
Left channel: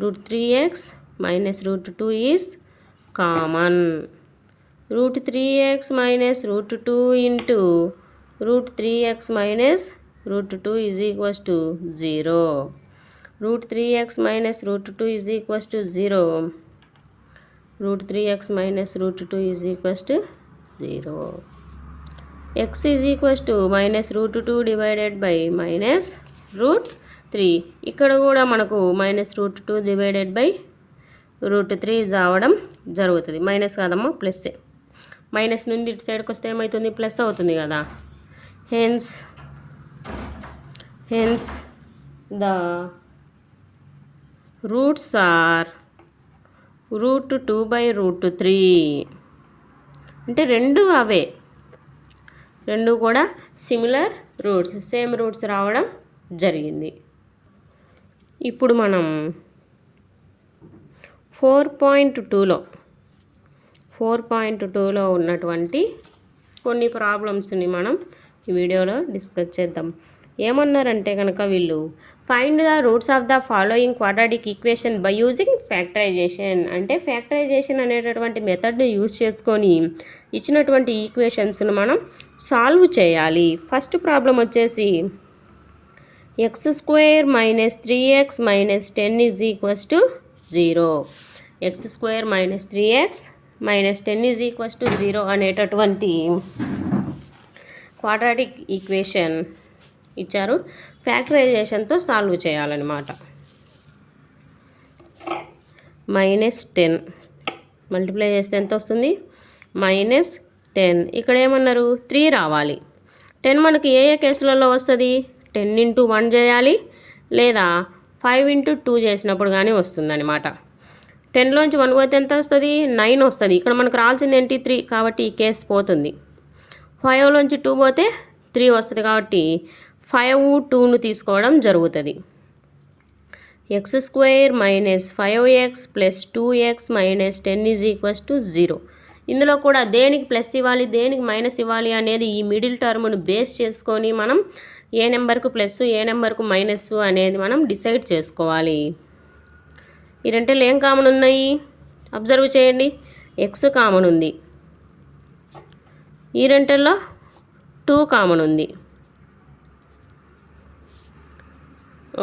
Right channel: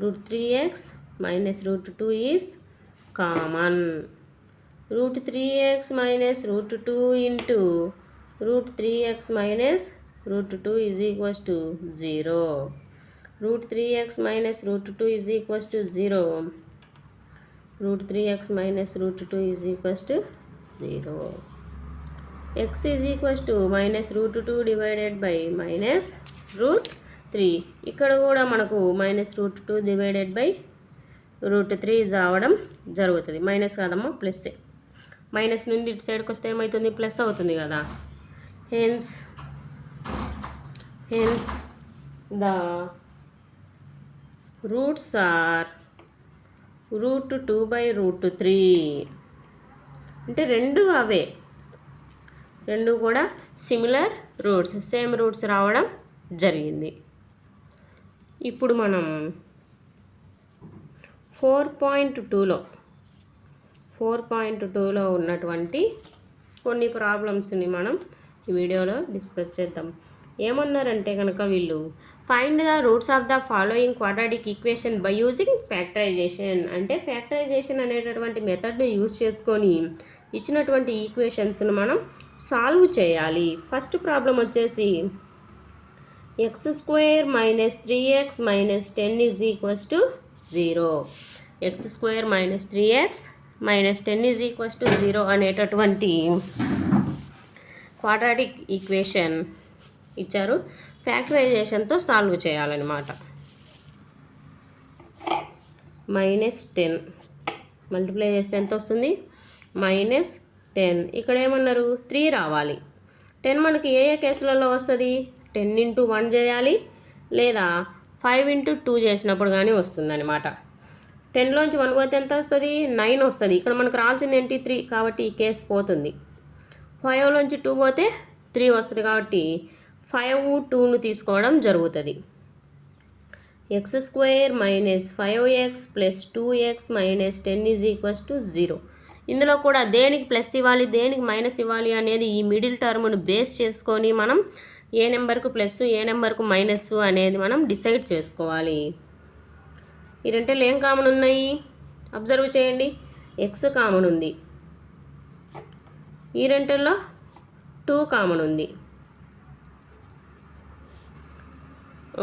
√3x - √2 is common. √3x - √2 × √3x - √2 = 0. √3x - √2 = 0. √3x - √2 = 0. x -√2 / -√3. ఇక్కడ కూడా మనకు -√2 / √3 రావడం జరుగుతుంది. మైనస్ కాదమ్మా, ప్లస్సే. మైనస్ నుండి ఇటు సైడ్కి వస్తే ఏమవుతుంది, ప్లస్ అవుతుంది కదా. Hence the roots are √2/√3. అంటే రెండు అవే, రెండు కూడా సిమిలర్ రూట్స్, సేమ్ రూట్స్ రావడం జరిగింది. ఇప్పుడు మనం 4.2లో ఉన్నటువంటి కొన్ని ప్రాబ్లమ్స్ని మనం ఈ వీడియోలో డిస్కస్ చేద్దాం. ఏమన్నారంటే కనుక వీళ్ళు, find the roots of the following quadratic equation by using factorisation. అంటే ఫ్యాక్టరైజేషన్ అనేటటువంటి మెథడ్ని యూజ్ చేసుకొని ఇచ్చినటువంటి ఈక్వేషన్స్ను మనం సాల్వ్ చేయాలి. ఫస్ట్ ప్రాబ్లం వచ్చేసి x² - 3x - 10 = 0. x² - 3x - 10 = 0 అనేటటువంటి క్వాడ్రాటిక్ ఈక్వేషన్ ఇచ్చారు. ఫ్యాక్టరైజేషన్తో సాల్వ్ చేయాలన్నమాట. -10 మల్టిప్లై చేస్తే ఎంత వస్తుంది, -10. ఇక్కడ ఏమన్నారు, 3 రావాలి. 10 మనకి ఏ ఏ కేసులలో వస్తుంది? 10 ఇంటూ 1 చేయాలి, లేదా 5 ఇంటూ 2 చేసినప్పుడు కానీ వస్తుందన్నమాట. 10లోంచి 1 పోతే ఎంత వస్తుంది? 9 వస్తుంది. ఇక్కడ మనకు రావాల్సింది ఏంటి? 3, కాబట్టి ఈ కేసు పోతుంది. 5లోంచి 2 పోతే 3 వస్తుంది, కాబట్టి 5, 2ను తీసుకోవడం జరుగుతుంది. x² minus 5x plus 2x minus 10 is equals to 0. ఇందులో కూడా దేనికి ప్లస్ ఇవ్వాలి, దేనికి మైనస్ ఇవ్వాలి అనేది ఈ మిడిల్ టర్మ్ను బేస్ చేసుకొని మనం ఏ నెంబర్కు ప్లస్, ఏ నెంబర్కు మైనస్ అనేది మనం డిసైడ్ చేసుకోవాలి. ఈ రెంటిలో ఏం కామన్ ఉన్నాయి? అబ్జర్వ్ చేయండి. x కామన్ ఉంది, ఈ రెంటిల్లో 2 కామన్ ఉంది.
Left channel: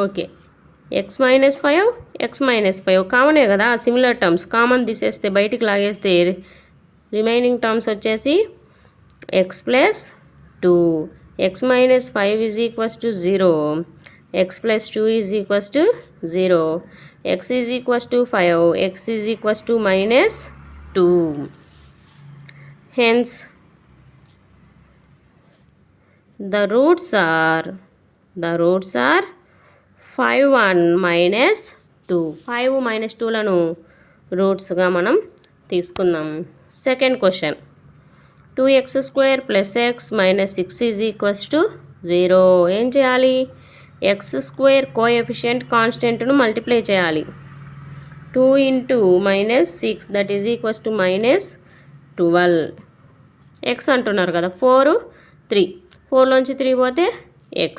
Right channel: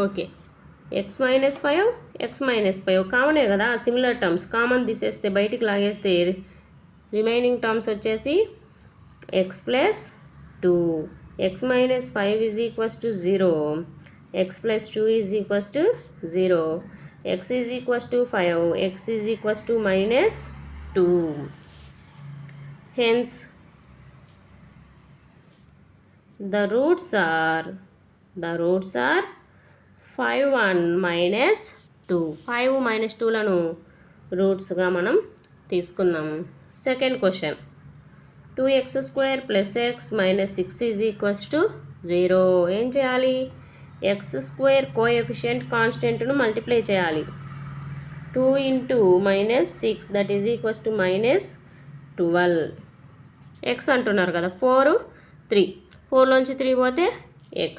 Okay, x minus 5, x minus 5 కామనే కదా. సిమిలర్ టర్మ్స్ కామన్ తీసేస్తే, బయటికి లాగేస్తే రిమైనింగ్ టర్మ్స్ వచ్చేసి x plus 2, x minus 5 is equals to 0, x plus 2 is equals to 0, x is equals to 5, x is equals to minus 2. Hence the roots are 5, 1 minus 2. 5 minus 2లను రూట్స్గా మనం తీసుకుందాం. Second question, 2x² plus x minus 6 is equals to 0. ఏం చేయాలి? x² coefficient కాన్స్టెంట్ను multiply చేయాలి. 2 into minus 6 that is equals to minus 12. x అంటున్నారు కదా, 4, 3. 4లోంచి 3 పోతే x.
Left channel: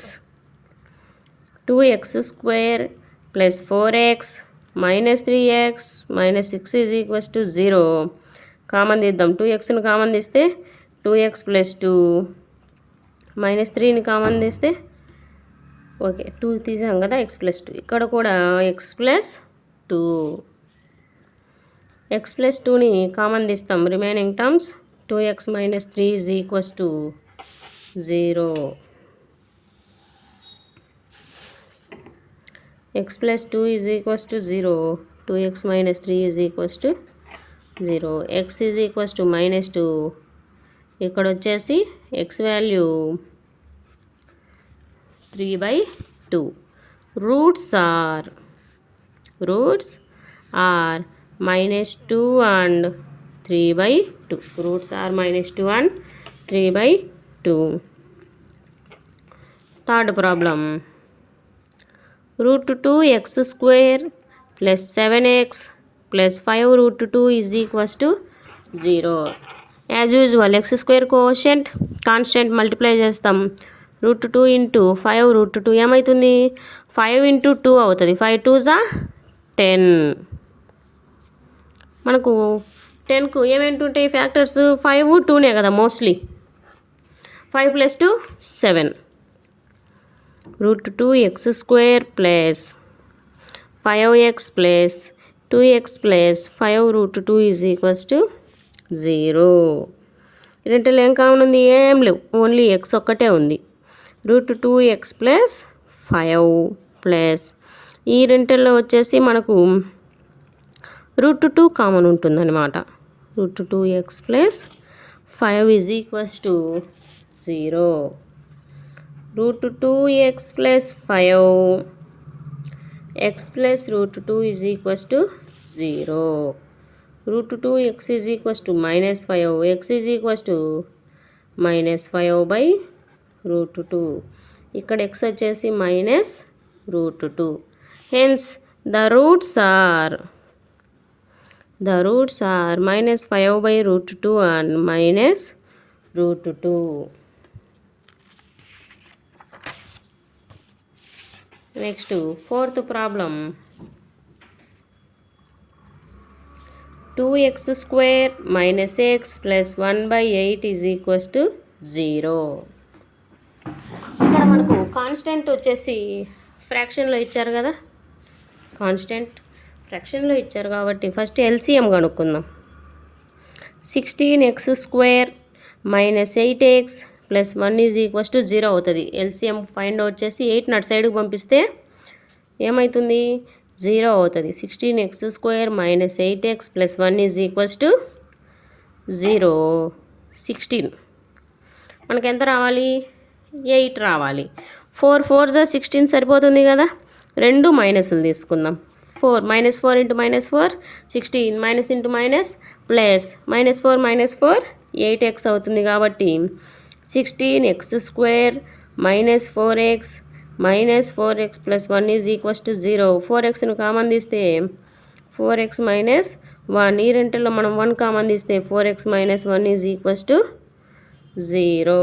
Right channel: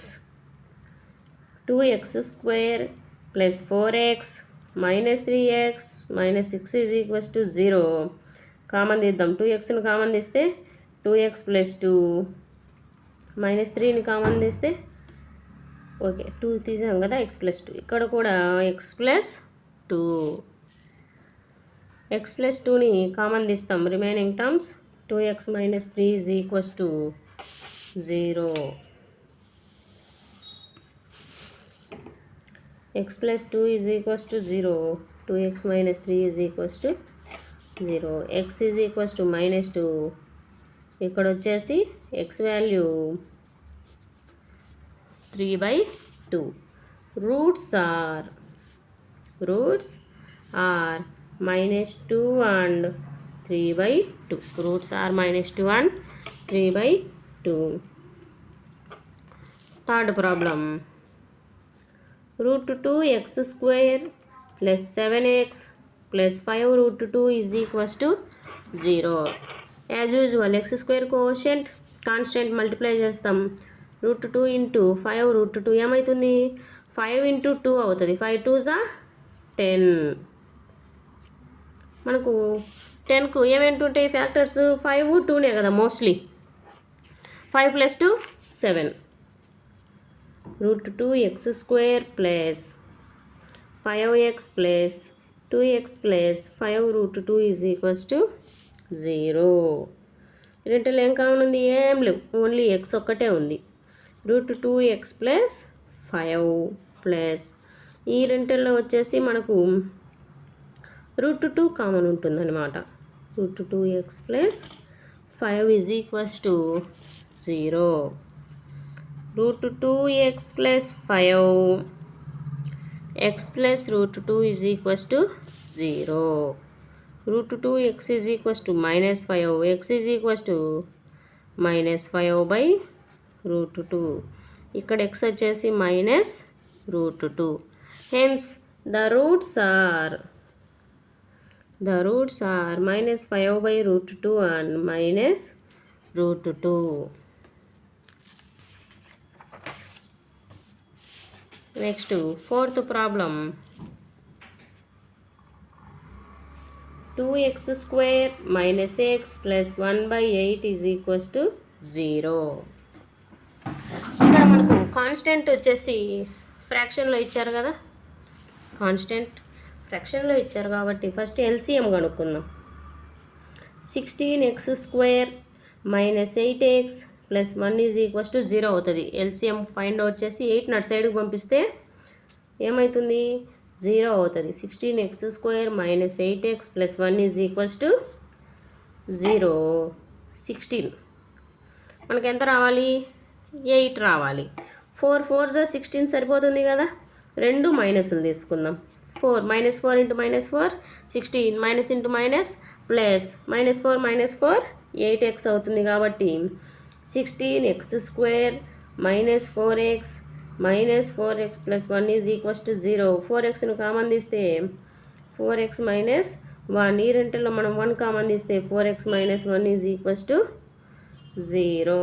2x² plus 4x minus 3x minus 6 is equals to 0. Common తీద్దాం. 2xను common తీస్తే 2x plus 2 minus 3ని common తీస్తే okay 2 తీసాం కదా, x ప్లస్ 2. ఇక్కడ కూడా x ప్లస్ 2. x ప్లస్ 2ని కామన్ తీస్తాం. Remaining terms 2x minus 3 is equals to 0. x plus 2 is equals to 0. 2x minus 3 is equals to 0. x is equals to minus 2. ఇక్కడ వచ్చేసి x value 3/2. Roots are minus 2 and 3/2. Roots are minus 2 and 3/2. Third problem, √2x² plus 7x plus 5 √2 is equals to 0. As usual, x² quotient constant multiply చేస్తాం. √2 into 5 √2 ఏమవుతుంది? 5 into 2 అవుతుంది. 5 2s 10. మనకు 10కు ఏమేంటుంటాయి factors? 5, 2నే కదా mostly. 5 plus 2 7. √2x² plus 5x plus 2x plus 5 √2 is equals to 0. రెంటిలో ఏం common ఉంది? ఏం లేవు, only x ఒక్కటే ఉంది. √2x ప్లస్ 5 ప్లస్ ఈ రెంటిల్లో వచ్చేసి మనకు √2 కామన్ ఉంటుందన్నమాట. √2x plus 5 is equals to 0. √2x plus 5 x plus √2 is equals to 0. √2x is equals to minus 5, x is equals to minus 5/√2. ఇక్కడ x వచ్చేసి minus √2. Hence the roots are minus 5/√2 and minus √2. Next, fourth problem, 2x² minus x plus 1/8 is equals to 0. ఇక్కడ మనకు constant వచ్చేసి ఫ్రాక్షన్లో ఇచ్చారు కదా, constant ఫ్రాక్షన్లో ఇచ్చారు కాబట్టి first LCM కనుక్కుందాం. 16x² minus 8x plus 1 is equals to 0 అవుతుంది. ఎల్సిఎం ఫైండ్ అవుట్ చేసి 8 నట్ సైడ్కి పంపిస్తే ఏమవుతుంది? 0 అవుతుంది. 16x² minus 8x plus 1 is equals to 0. 16 మనకు ఎంత రావాలి? 8 రావాలి. 4 4 జా 16 సరిపోతుంది కదా. రెండు మైనస్లు తీసుకుందాం. 4 -4 × -4 16 minus into minus plus -4 8x అవుతుంది కాబట్టి 16x² -4x plus 1 is equals to 0. 4xను common తీస్తే 4x minus 1, ఈ రెంటిలో మనం 1 కామన్ తీస్తే 4x minus 1 is equals to 0.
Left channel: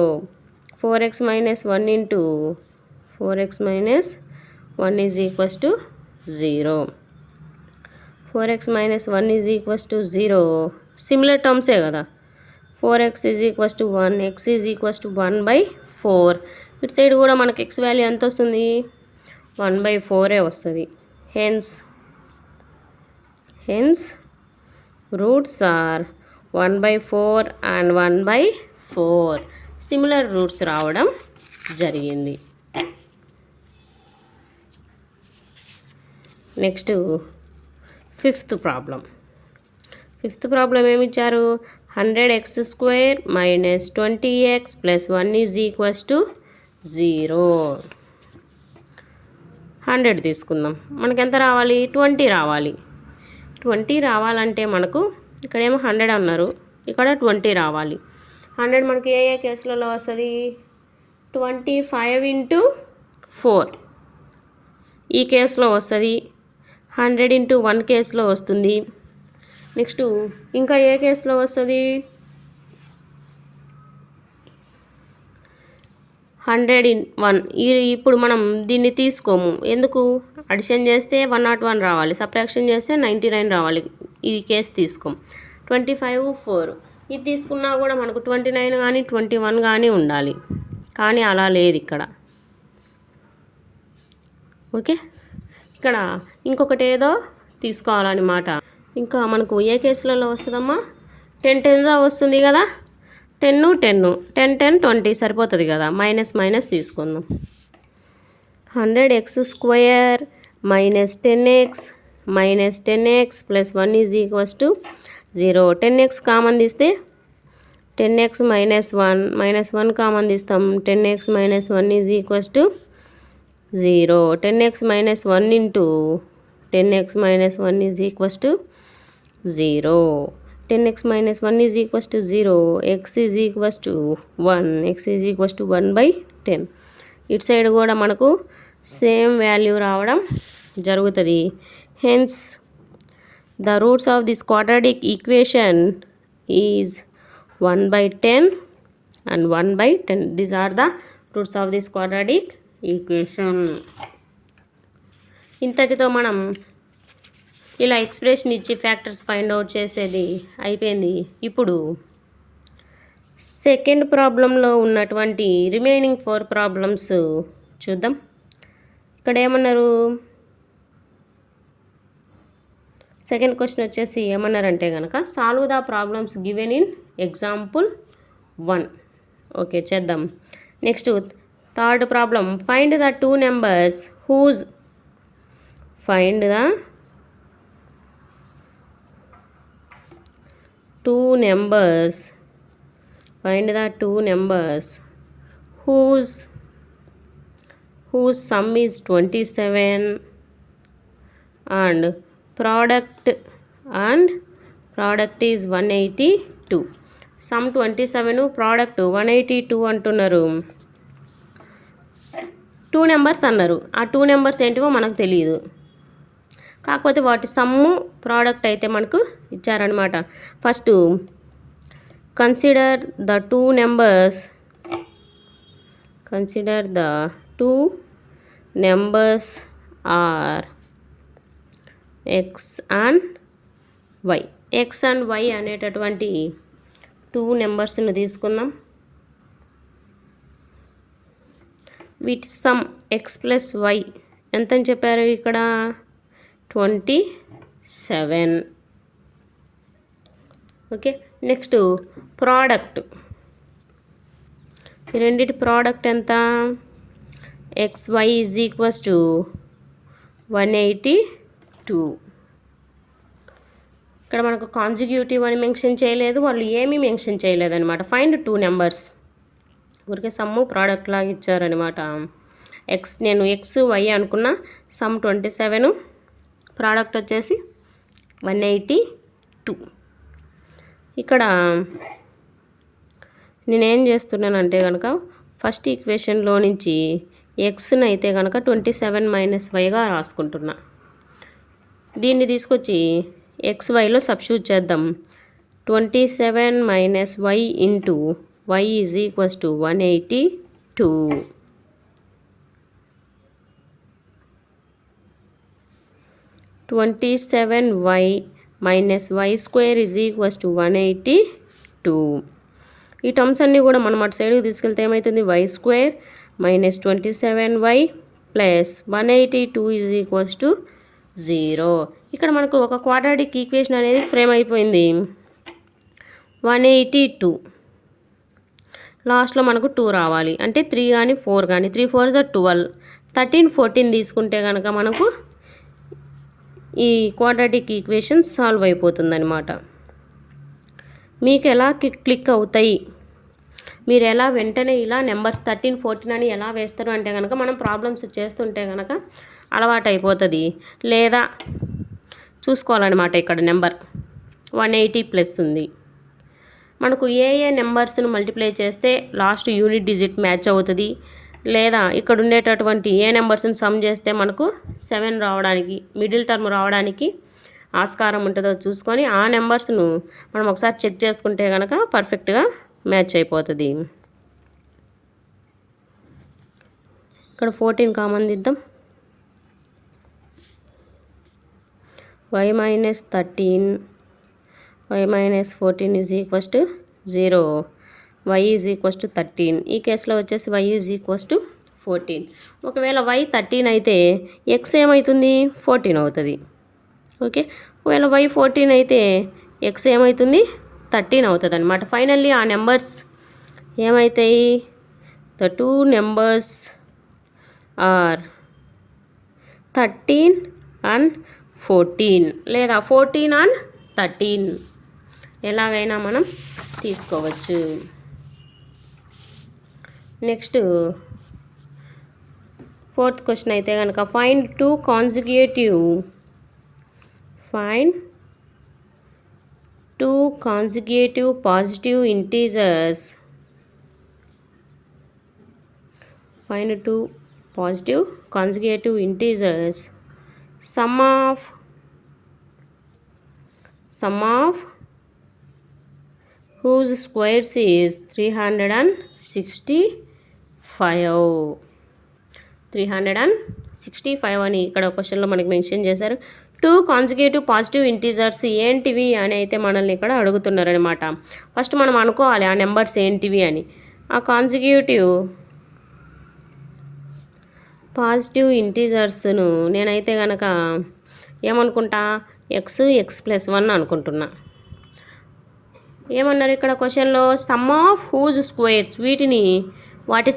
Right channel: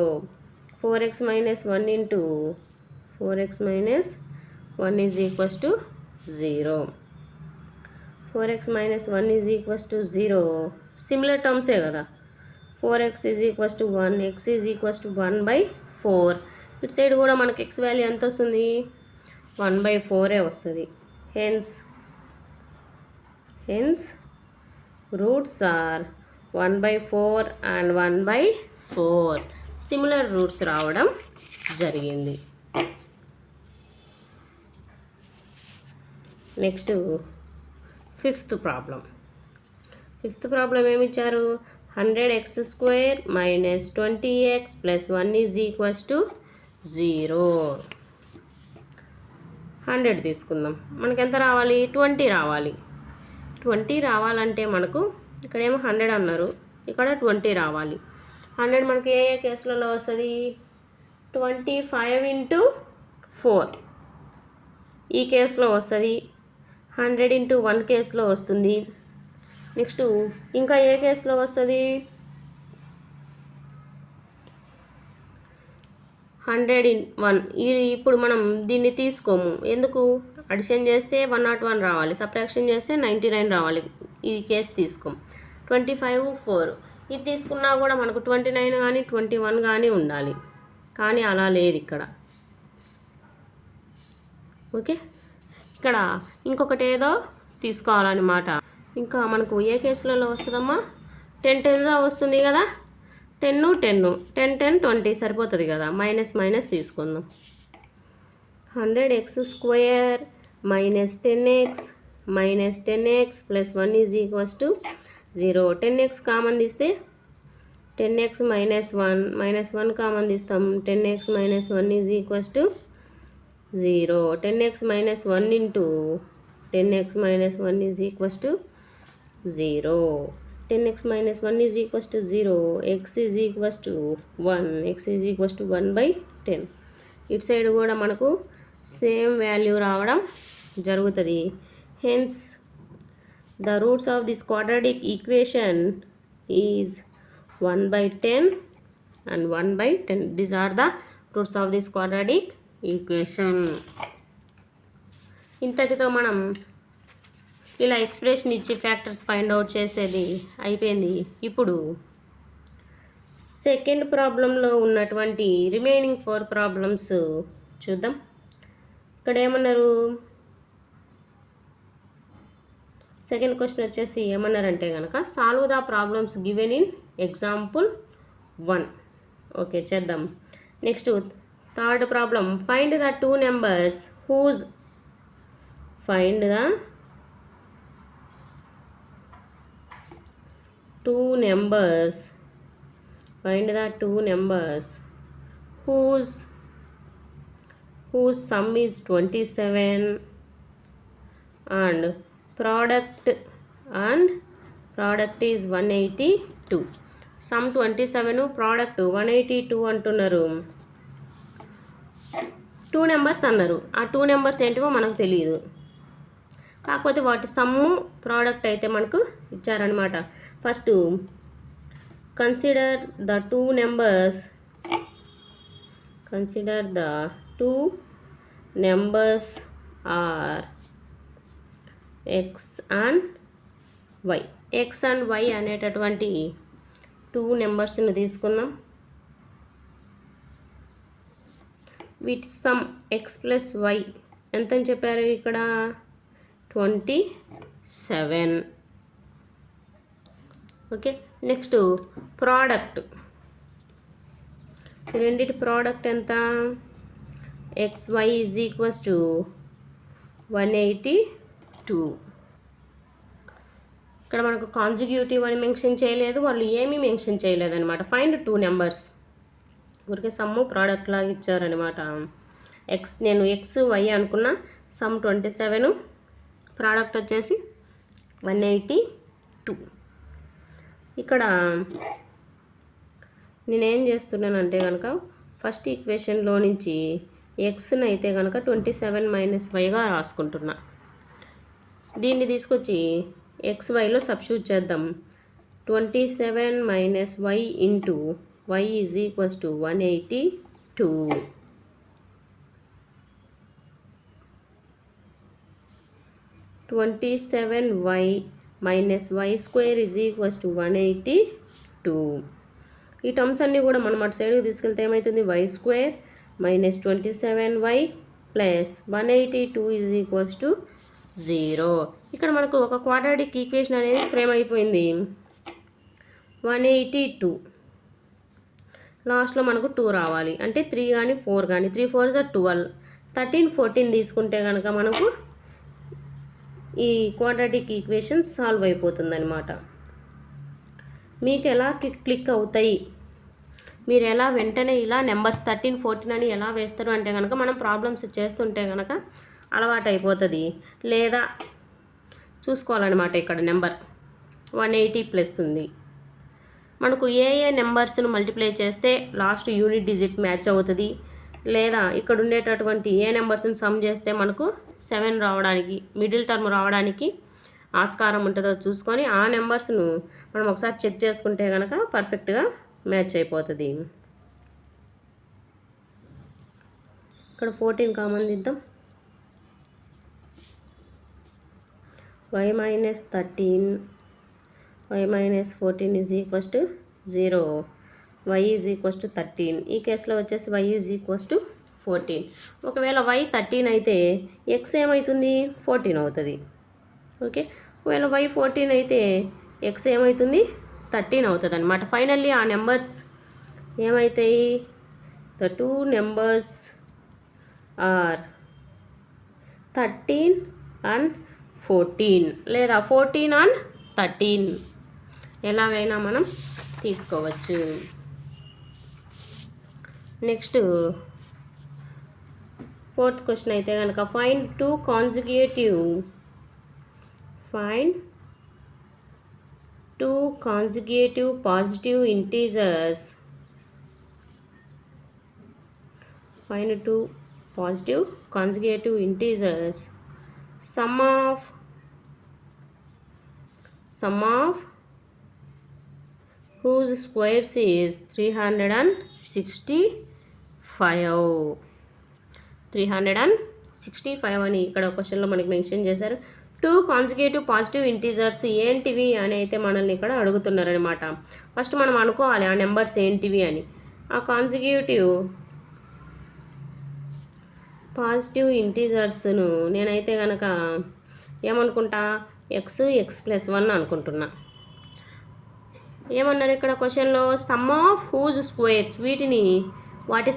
4x minus 1 into 4x minus 1 is equals to 0. 4x minus 1 is equals to 0. Similar టర్మ్సే కదా. 4x is equals to 1, x is equals to 1/4. ఇటు side కూడా మనకి x value ఎంత వస్తుంది? 1/4 వస్తుంది. Hence roots are 1/4 and 1/4. Similar roots రావడం జరిగింది. Next fifth problem ఏమిచ్చారు? 100x² - 20x + 1 is equals to 0. 100 తీసుకుందాం. మనకి ఎంత రావాలి? 20 రావాలి. 20 రావాలంటే మనకు ఇక్కడేమో 100 అన్నారు, ఇక్కడ 20 రావాలి. 100 మనకి ఏ కేసులలో వస్తుంది? 25 × 4 ఈ కేసులో వస్తుంది. 100 × 1 కేసులో వస్తుంది. నెక్స్ట్ ఇంకా ఏ కేసులో వస్తుంది? 100 × 1. ఇప్పుడు మనం దీన్ని తీసుకోము. ఎందుకు? అడిషన్ చేస్తే 101 రావాలి, సబ్ట్రాక్షన్ చేస్తే 99 రావాలి. ఈ కేసు తీసుకోం. 25 4 ఇది తీసుకున్నా కూడా మనకు 29 కానీ 21 కానీ ఉండాలి, కానీ అలా లేదు ఇక్కడ. ఓకే, ఇక్కడ ఇంకొకటి ఏదో తీసుకోవాలన్నమాట. ఇంకా మనకు ఏ కేసులలో వస్తుందమ్మా? 10 10 వస్తుంది కదా. 10 10 10 10 20 సరిపోతుంది కదా. మైనస్ తీసుకుందాం. 100x² - 10x plus 1 is equals to 0. 10x common తీస్తే 10x - 1 కామన్ తీస్తాం. 10x - 1 is equals to 0. 10x - 1 into 10x - 1 is equals to 0. 10x - 1 is equals to 0. x is equals to 1. x is equals to 1/10. ఇటు side కూడా మనకు same value రావడం జరుగుతుంది. Hence the roots of this quadratic equation is 1/10 and 1/10. These are the roots of this quadratic equation. ఇంతటితో మనం ఇలా expression ఇచ్చి factors find out చేసేది అయిపోయింది. ఇప్పుడు సెకండ్ ప్రాబ్లంలో ఉన్నటువంటి రిమైనింగ్ 4 ప్రాబ్లమ్స్ చూద్దాం. ఇక్కడ ఏమన్నారు? సెకండ్ క్వశ్చన్ వచ్చేసి ఏమన్నారంటే కనుక solve the problems given in example 1. Okay, చేద్దాం. Next third problem, find the 2 numbers whose find the 2 numbers whose sum is 27 and product is 182. Some 27, product 182 అంటున్నారు. 2 నెంబర్స్ అన్నారు. ఆ 2 నెంబర్స్ ఏంటివో మనకు తెలియదు, కాకపోతే వాటి సమ్ము ప్రోడక్ట్ అయితే మనకు ఇచ్చారనమాట. First consider the 2 numbers are x and y. x and y అనేటటువంటి 2 నెంబర్స్ని తీసుకుందాం. వీటి సమ్ x + y ఎంత అని చెప్పారు? ఇక్కడ 27. Okay, next product. ఈ రెండిటి ప్రోడక్ట్ ఎంత? xy is equals to 182. ఇక్కడ మనకు కాన్సిక్యూటివ్ అని మెన్షన్ చేయలేదు, వాళ్ళు ఏమీ మెన్షన్ చేయలేదు అనమాట. Find 2 numbers. ఊరికే సమ్ము ప్రోడక్ట్ లాగా ఇచ్చారనమాట. నేను ఎక్స్ వై అనుకున్న, సమ్ 27, ప్రోడక్ట్ వచ్చేసి 182. ఇక్కడ నేనేం చేస్తున్నానంటే కనుక ఫస్ట్ ఈక్వేషన్లో నుంచి ఎక్స్ని అయితే కనుక 27 - వైగా రాసుకుంటున్నా. దీన్ని తీసుకొచ్చి ఎక్స్ వైలో సబ్స్టిట్యూట్ చేద్దాం. 27 - y into y is equals to 182. 27y - y square is equals to 182. ఈ టర్మ్స్ అన్నీ కూడా మనం అటు సైడ్కి తీసుకెళ్తే ఏమవుతుంది, y square - 27y plus 182 is equals to 0. ఇక్కడ మనకు ఒక క్వాడ్రాటిక్ ఈక్వేషన్ అనేది ఫ్రేమ్ అయిపోయింది. 182 లాస్ట్లో మనకు 2 రావాలి, అంటే 3 కానీ 4 కానీ, 3 4s are 12, 13 14 తీసుకుంటే కనుక మనకు ఈ క్వాడ్రాటిక్ ఈక్వేషన్ సాల్వ్ అయిపోతుందన్నమాట. మీకు ఎలా క్లిక్ అవుతాయి, మీరు ఎలా వెంటనే ఇలా నెంబర్స్ 13 14 అని ఎలా వేస్తారు అంటే కనుక మనం ప్రాబ్లమ్స్ చేస్తుంటే కనుక అలవాటు అయిపోతుంది. లేదా చూసుకోవాలన్నమాట. ఇక్కడ నెంబర్ 180 ప్లస్ ఉంది. మనకు ఏ నెంబర్స్ను మల్టిప్లై చేస్తే లాస్ట్ యూనిట్ డిజిట్ మ్యాచ్ అవుతుంది, లేదా ఇక్కడ ఉండేటటువంటి ఏ నెంబర్స్ని సమ్ చేస్తే మనకు 7 రావడానికి, మిడిల్ టర్మ్ రావడానికి ఆస్కారం ఉంటుందో చూసుకొని ఆ నెంబర్స్ను మనం ఒకసారి చెక్ చేసుకుంటే కనుక పర్ఫెక్ట్గా మ్యాచ్ అయిపోతుంది. ఇక్కడ 14 కామన్ దిద్దాం. y - 13 y - 14 is equals to 0, y is equals to 13. ఈ కేసులో వచ్చేసి y ఈజ్ ఈక్వల్స్ టు 14. ఒకవేళ y 13 అయితే x ఏమవుతుంది, 14 అవుతుంది. ఓకే, ఒకవేళ y 14 అయితే x ఏమవుతుంది, 13 అవుతుంది అనమాట. ఫైనల్లీ ఆ నెంబర్స్ ఏమవుతాయి, ద 2 నెంబర్స్ ఆర్ 13 and 14, లేదా 14 and 13, ఎలాగైనా మనం తీసుకోవచ్చు. నెక్స్ట్ 4th క్వశ్చన్ అయితే కనుక find 2 consecutive positive integers. Find 2 positive consecutive integers. Sum of whose squares is 365 అని ఇక్కడ క్వశ్చన్లో మనకి మెన్షన్ చేశారు. 2 కాన్సిక్యూటివ్ పాజిటివ్ ఇంటీజర్స్ ఏంటివి అని అయితే మనల్ని ఇక్కడ అడుగుతున్నారనమాట. ఫస్ట్ మనం అనుకోవాలి ఆ నెంబర్స్ ఏంటివి అని. ఆ కాన్సిక్యూటివ్ పాజిటివ్ ఇంటీజర్స్ను నేనైతే కనుక ఏమనుకుంటా, x+1 అనుకుంటున్నా. ఏమన్నారు ఇక్కడ క్వశ్చన్లో, సమ్ ఆఫ్ హూజ్ స్క్వేర్స్, వాటి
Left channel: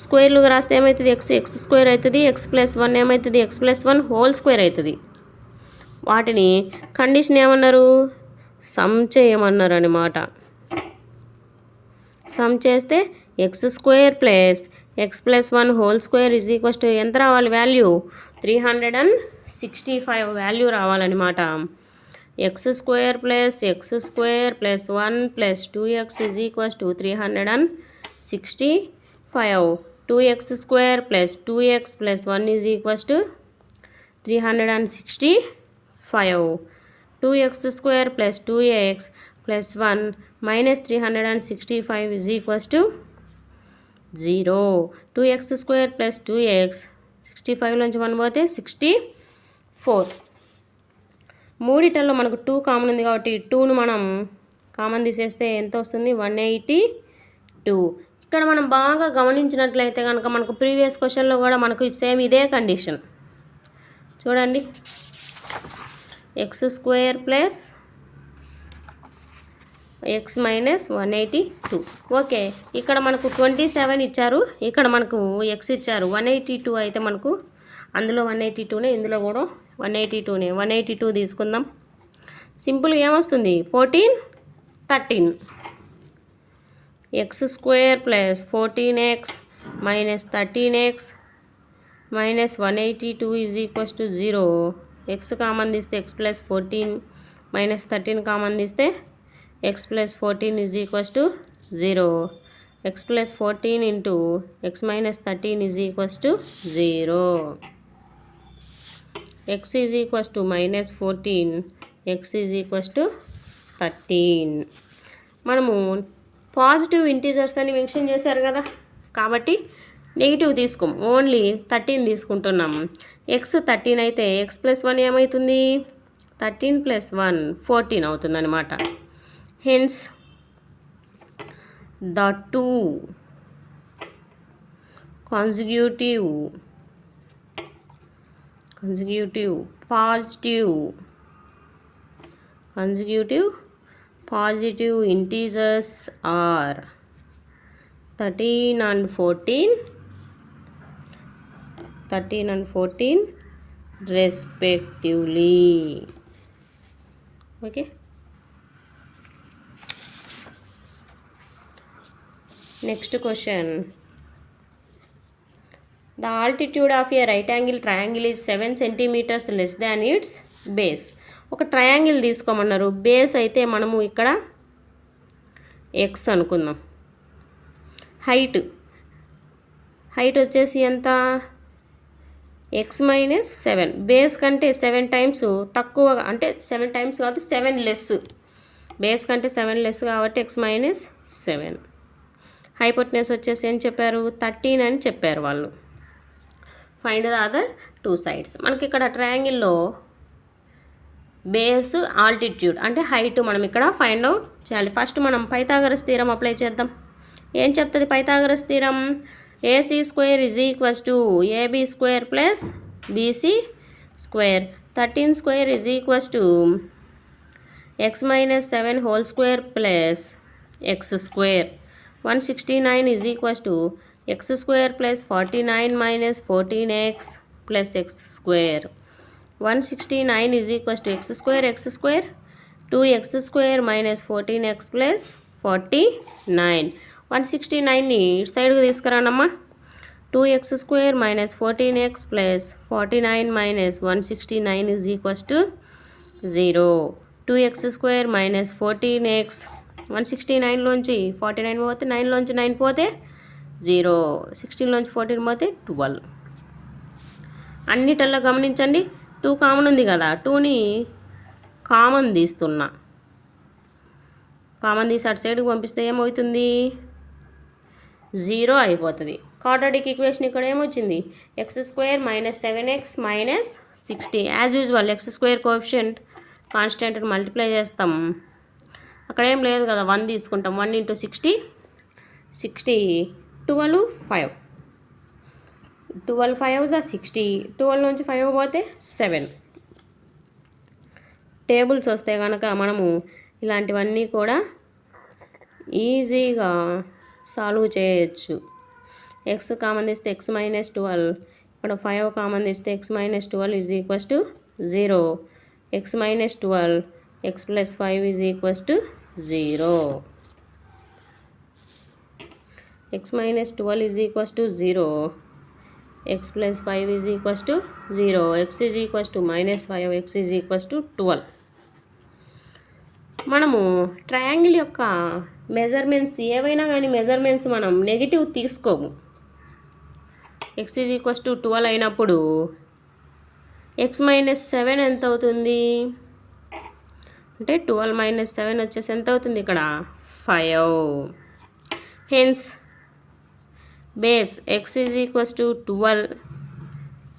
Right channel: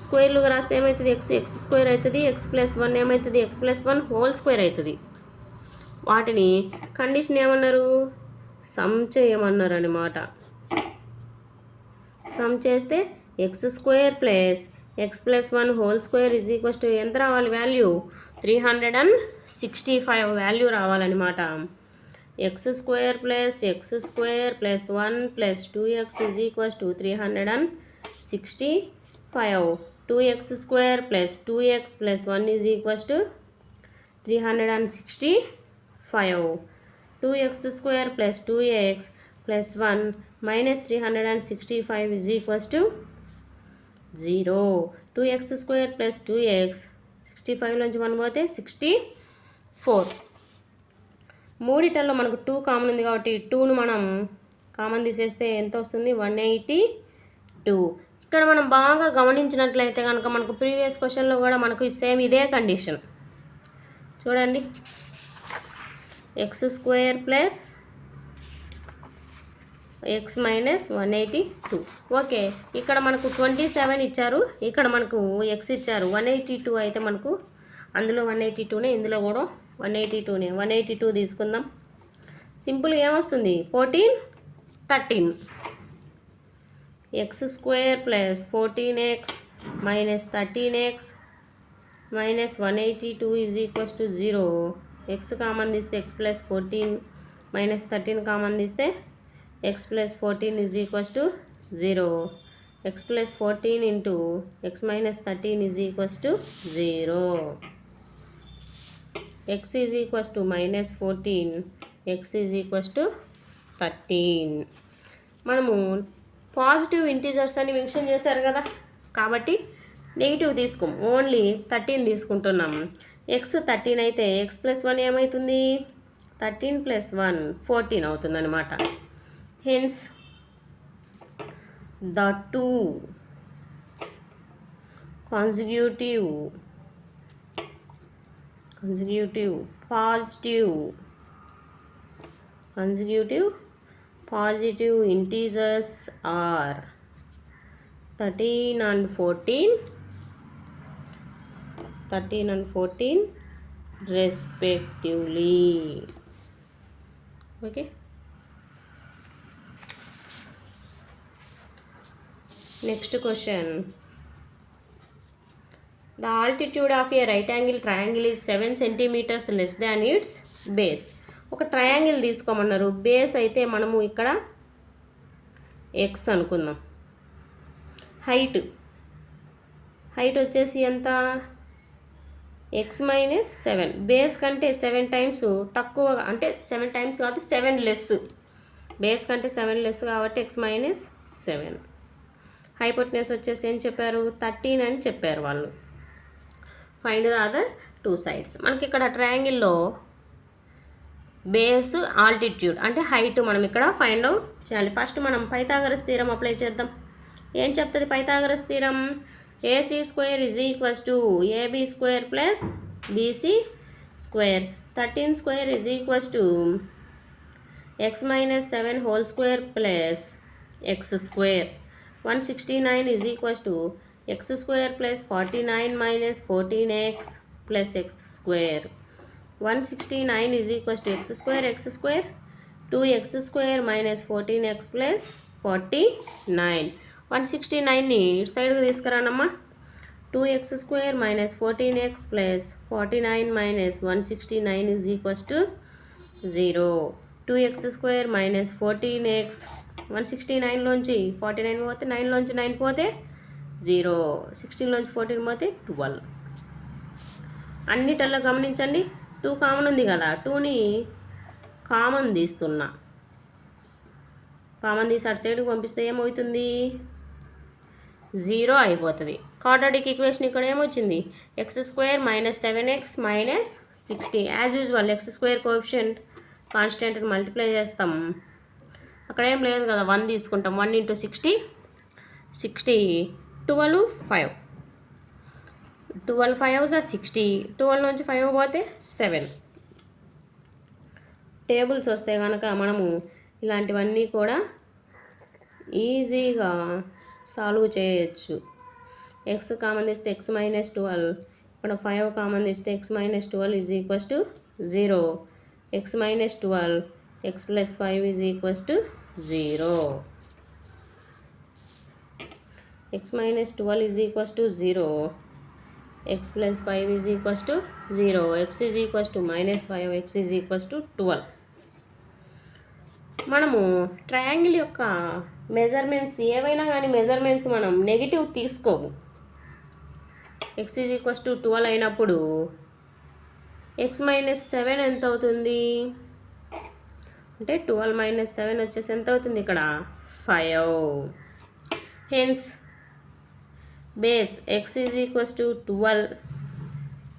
స్క్వేర్లుగా రాస్తే ఏమవుతుంది, x స్క్వేర్ అవుతుంది, x+1 ఏమవుతుంది, x+1 హోల్ స్క్వేర్ అవుతుంది. వాటిని కండిషన్ ఏమన్నారు, సమ్ చేయమన్నారు అనమాట. సమ్ చేస్తే x² + x+1 whole square is equals to ఎంత రావాలి, వాల్యూ 365 వాల్యూ రావాలన్నమాట. x² + x² + 1 + 2x is equals to 365. 2x² + 2x + 1 is equals to 365. 2x² + 2x + 1 - 365 is equals to 0. 2x² + 2x 65లోంచి 1 పోతే 64. మూడిటల్లో మనకు 2 కామన్ ఉంది కాబట్టి 2ను మనం కామన్ తీసేస్తే ఎంత వస్తుంది, 182. ఇక్కడ మనం బాగా గమనించినట్లయితే కనుక మనకు ప్రీవియస్ క్వశ్చన్లో కూడా మనకు సేమ్ ఇదే కండిషన్ చూడండి. x² + x - 182. ఓకే, ఇక్కడ మనకు 27 ఇచ్చారు, ఇక్కడ మనకు x ఇచ్చారు. 182 అయితే మనకు అందులో 182నే, ఇందులో కూడా 182నే. 182 తీసుకుందాం. సింపుల్గా ఏమొస్తుంది, 14 13. X square plus 14x minus 13x minus 182 is equals to 0. X common తీస్తే ఎక్స్ ప్లస్ 14 మైనస్ 13 కామన్ తీస్తే X plus 14 is equals to 0. X plus 14 into X minus 13 is equals to 0. X is equals to minus 14, X is equals to 13. మనము positive integers అని mention చేశారు కదా, కాబట్టి negative తీసుకోం, only 13 తీసుకుంటున్నాం. X 13 అయితే X plus 1 ఏమవుతుంది? 13 plus 1 14 అవుతుంది అనమాట. Hence the two consecutive positive integers are 13 and 14 respectively. Okay. Next question. The altitude of a right angle triangle is 7 centimeters less than its base. ఒక triangle తీసుకోమన్నారు. Base అయితే మనము ఇక్కడ X అనుకుందాం. Height వచ్చేసి ఎంత? X minus 7. బేస్ కంటే 7 times తక్కువ, అంటే 7 టైమ్స్ కాదు 7 లెస్. బేస్ కంటే 7 లెస్ కాబట్టి ఎక్స్ మైనస్ 7. హైపోటెన్యూస్ వచ్చేసి ఏం చెప్పారు? 13 అని చెప్పారు వాళ్ళు. Find the other two sides. మనకి ఇక్కడ ట్రయాంగిల్లో బేస్ ఆల్టిట్యూడ్ అంటే హైట్ మనం ఇక్కడ ఫైండ్ అవుట్ చేయాలి. ఫస్ట్ మనం పైథాగరస్ థీరం అప్లై చేద్దాం. ఏం చెప్తుంది Pythagoras theorem? AC square is equals to AB square plus BC square. 13 square is equals to x minus 7 whole square plus X square. 169 is equals to x square plus 49 minus 14x plus X square. 169 is equals to x square 2x square minus 14x plus 49. 169ని ఇటు సైడ్కి తీసుకురానమ్మా. 2x square minus 14x plus 49 minus 169 is equals to 0. 2x square minus 14x 169లోంచి 49 పోతే 9లోంచి 9 పోతే 0. 16లోంచి 14 పోతే 12. అన్నిటల్లో గమనించండి 2 common ఉంది కదా, 2ని common తీస్తున్నా. కామన్ తీసి అటు సైడ్కి పంపిస్తే ఏమవుతుంది? 0 అయిపోతుంది. క్వాడ్రాటిక్ ఈక్వేషన్ ఇక్కడ ఏమొచ్చింది? X square minus 7x minus 60. As usual x square coefficient కాన్స్టెంట్ని మల్టిప్లై చేస్తాం. అక్కడ ఏం లేదు కదా, 1 తీసుకుంటాం. 1 ఇంటూ 60 12 5. 12 5 60. 12 నుంచి 5 పోతే 7. టేబుల్స్ వస్తే కనుక మనము ఇలాంటివన్నీ కూడా ఈజీగా సాల్వ్ చేయొచ్చు. ఎక్స్ కామన్ తీస్తే ఎక్స్ మైనస్ 12, ఇక్కడ 5 కామన్ తీస్తే X minus 12 is equals to 0. X minus 12 X plus 5 is equals to 0. X minus 12 is equals to 0. X plus 5 is equals to 0. X is equals to minus 5, X is equals to 12. మనము triangle యొక్క measurements ఏవైనా కానీ measurements మనం negative తీసుకోము. X is equals to 12 అయినప్పుడు X minus 7 ఎంత అవుతుంది అంటే 12 మైనస్ 7 వచ్చేసి ఎంత అవుతుంది ఇక్కడ? 5. Hence base X is equals to 12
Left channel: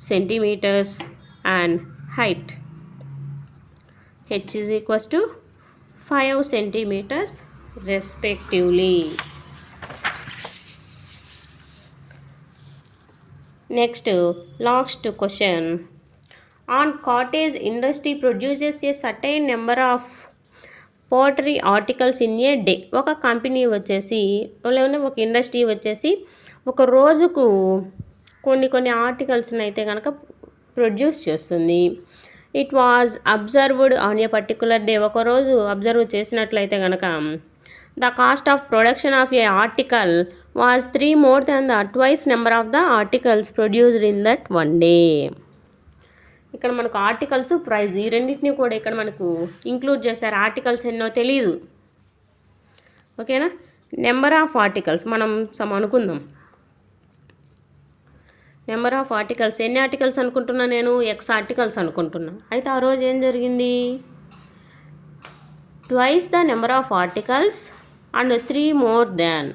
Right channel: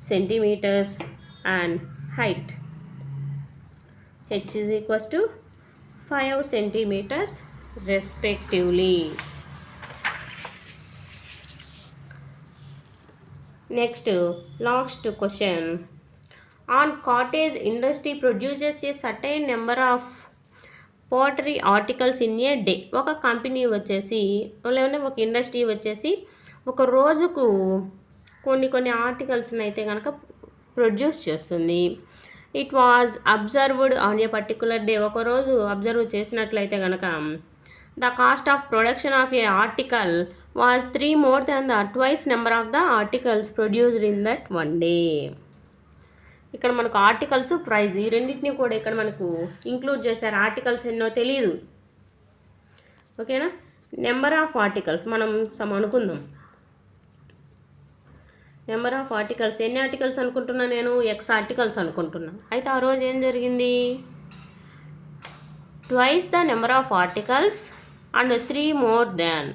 centimeters and height h is equals to 5 centimeters respectively. Next, last question. On cottage industry produces a certain number of poultry articles in a day. ఒక company వచ్చేసి లేదంటే ఒక industry వచ్చేసి ఒక రోజుకు కొన్ని ఆర్టికల్స్ని అయితే కనుక ప్రొడ్యూస్ చేస్తుంది. It was observed on a particular day. ఒకరోజు అబ్జర్వ్ చేసినట్లయితే కనుక the cost of production of a article was 3 more than the twice number of the articles produced in that one day. ఇక్కడ మనకు ఆర్టికల్స్ ప్రైజ్ ఈ రెండింటిని కూడా ఇక్కడ మనకు ఇంక్లూడ్ చేశారు. ఆర్టికల్స్ ఎన్నో తెలియదు, ఓకేనా. నెంబర్ ఆఫ్ ఆర్టికల్స్ మనం అనుకుందాం. నెంబర్ ఆఫ్ ఆర్టికల్స్ ఎన్ని ఆర్టికల్స్ అనుకుంటున్నా నేను? ఎక్స్ ఆర్టికల్స్ అనుకుంటున్నా. అయితే ఆ రోజు ఏం జరిగింది? Twice the number of articles and 3 more than.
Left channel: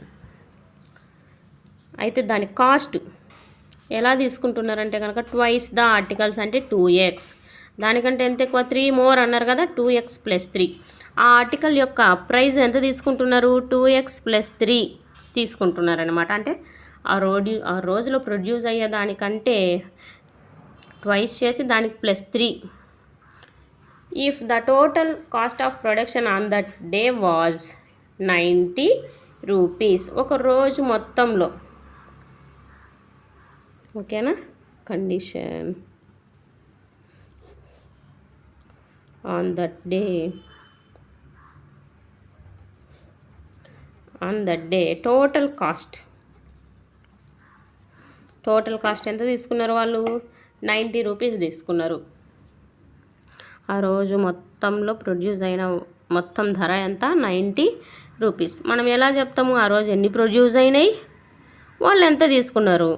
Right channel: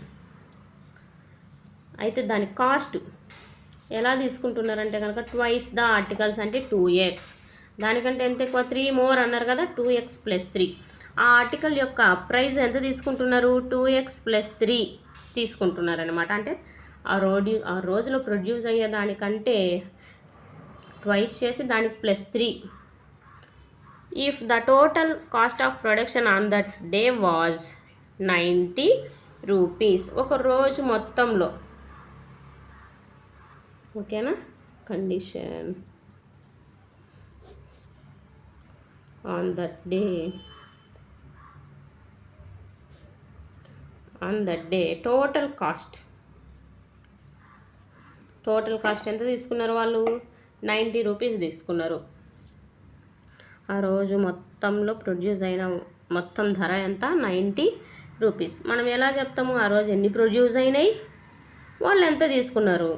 అయితే దాని కాస్ట్ ఎలా తీసుకుంటున్నారంటే కనుక ట్వైస్ ద ఆర్టికల్స్ అంటే 2x, దానికంటే ఎంత ఎక్కువ 3 more అన్నారు కదా, 2x + 3. ఆ ఆర్టికల్ యొక్క ప్రైస్ ఎంత తీసుకుంటున్నారు? 2x + 3 తీసుకుంటున్నారనమాట. అంటే ఆ రోజులో ప్రొడ్యూస్ అయ్యే దానికంటే ట్వైస్ చేసి దానికి +3. If the total cost of production on that day was 90 rupees, ఒక రోజు మొత్తంలో, ఓకేనా. Condition on that day total cost ఎంత తీసుకున్నారు వాళ్ళు? 90 రూపీస్ తీసుకున్నారు. ఆ రోజు మొత్తంలో ప్రొడ్యూస్ అయిన మొత్తం ధర ఎంత? 90 రూపీస్. మనం ఎలా చెప్తాము? ఆ రోజు ఎన్ని ప్రొడ్యూస్ అయినాయి, వాళ్ళు ఎంత తీసుకున్నారు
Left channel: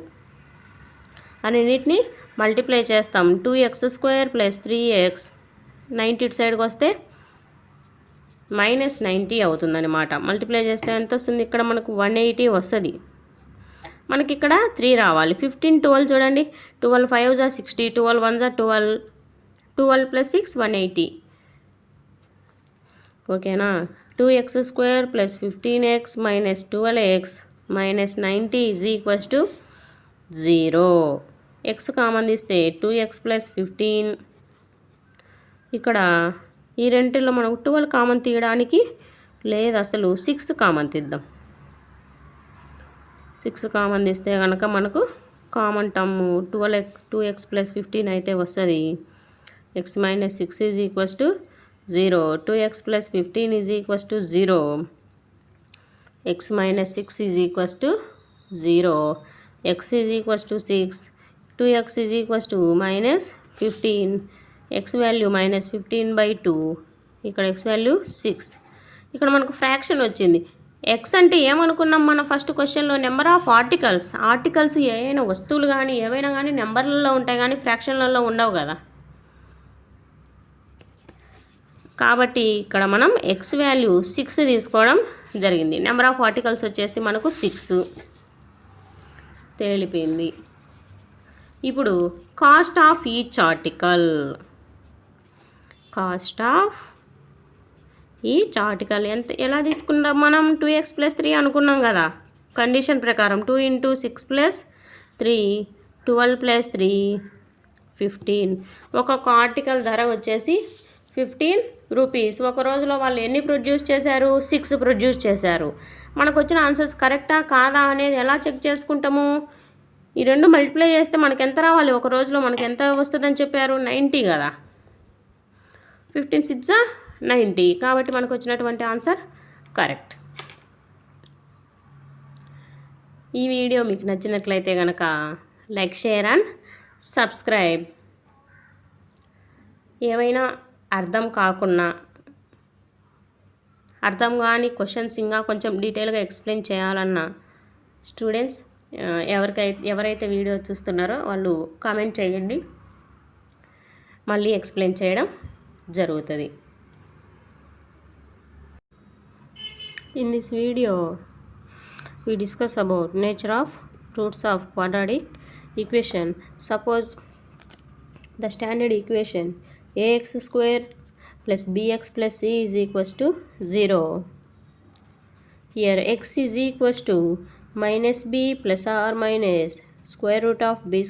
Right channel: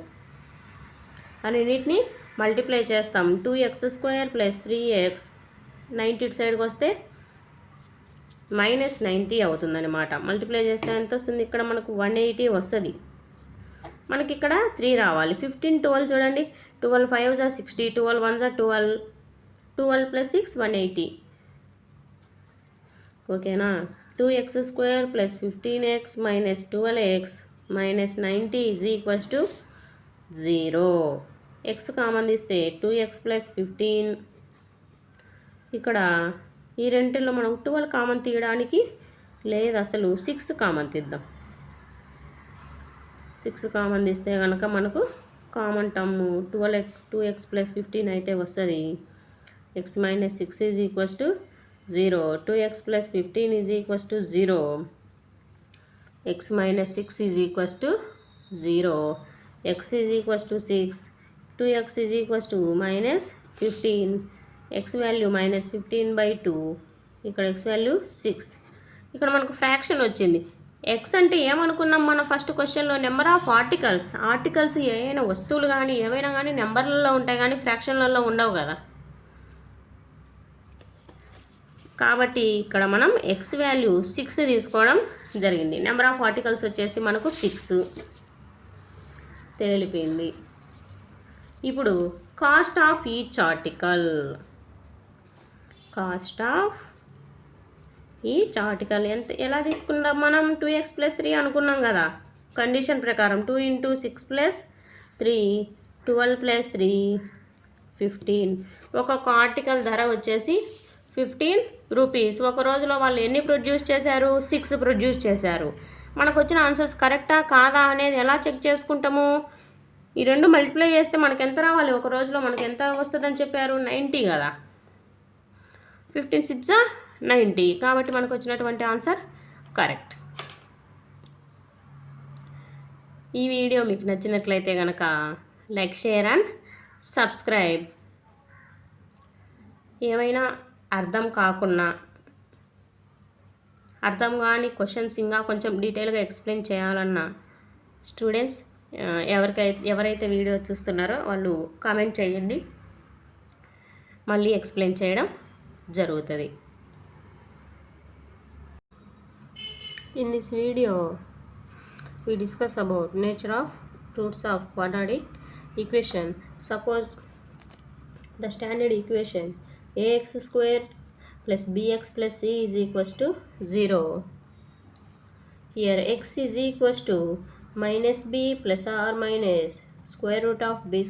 అన్నిటిని మల్టిప్లై చేస్తాం. 2x² + 3x, 90 ఇటు సైడ్కి వస్తే -90 అవుతుందన్నమాట. మల్టిప్లై చేస్తే ఎంత వస్తుంది? ఇక్కడ మనకు 180 వస్తుంది. మనకి ఇక్కడ 3 రావాలి. 15, 12 చూడండి. 12 5 = 60, 12 1 = 12, 12 + 6 180, ఓకేనా. 2x² + 15x - 12x - 90 = 0. x common తీస్తే 2x + 15. ఇక్కడ ఈ రెంటిలో మనం 12 కామన్ తీయడానికి లేదు, అసలు 6 కామన్ తీద్దాం. 6 కామన్ తీస్తే కనుక మనకు కామన్ టర్మ్ 2x + 15 అయితే వస్తుంది. x - 6 = 0. 2x + 15 = 0. x - 6 = 0. x = 6. 2x = -15. x value -15/2. ఇక్కడ x వాల్యూ 6. ఇక్కడ మనకు ఫ్రాక్షన్ వచ్చింది. ఎక్స్ అంటే ఏమనుకున్నాం మన ఫస్ట్ క్వశ్చన్లో? నెంబర్ ఆఫ్ ఆర్టికల్స్ ఏవైనా వస్తువులు కానీ ఏవైనా కానీ నెంబర్లలో ఉంటాయి కానీ ఫ్రాక్షన్లలో ఉండవు కదా. కాబట్టి ఇక్కడ మనం ఎక్స్ వాల్యూ 6 తీసుకోవడం జరిగింది. నెంబర్ ఆఫ్ ఆర్టికల్స్ వచ్చేసి మనకు 6 తెలిపోయింది. ఇప్పుడు కాస్ట్ ఆఫ్ ఈచ్ ఆర్టికల్ ఎంత ఎలా తీసుకున్నాం మనం? 2x + 3 అనుకున్నాం కదా కండిషన్ ప్రకారం. 2 × 6 + 3 12 + 3 15. ఒక్కొక్క ఆర్టికల్ ధర వచ్చేసి 15 రూపీస్. ఒక రోజులో వాళ్ళు ఎన్ని ప్రొడ్యూస్ చేశారు? 6 ప్రొడ్యూస్ చేశారు. మనకు వచ్చిన ఆన్సర్స్ కరెక్టా కాదా అనేది ఎలా చెక్ చేసుకుంటాము? ఈ రెండు మల్టిప్లై చేస్తే మనకు ఎంత రావాలి? ఒక రోజులో మనకు ఎంత వస్తుందని చెప్పారు? 90 కదా. 15 6 90. కాబట్టి మనకు వచ్చినటువంటి ఆన్సర్ కరెక్ట్. ఈ వీడియో మీకు నచ్చినట్లయితే కనుక లైక్, షేర్ అండ్ సబ్స్క్రైబ్. ఏమైనా అర్థం కాని క్వశ్చన్స్ ఇంకా కొంచెం డీటెయిల్గా ఎక్స్ప్లెయిన్ చేయాలన్న స్టూడెంట్స్ ఎవరైతే వీడియో చూస్తున్నారో వాళ్ళు కామెంట్ చేయండి, మళ్ళీ ఎక్స్ప్లెయిన్ చేయడం జరుగుతుంది. In this video, we discuss about nature of roots of quadratic equation. Suppose the standard equation ax² + bx + c = 0. Here x is equals to -b + or - (b²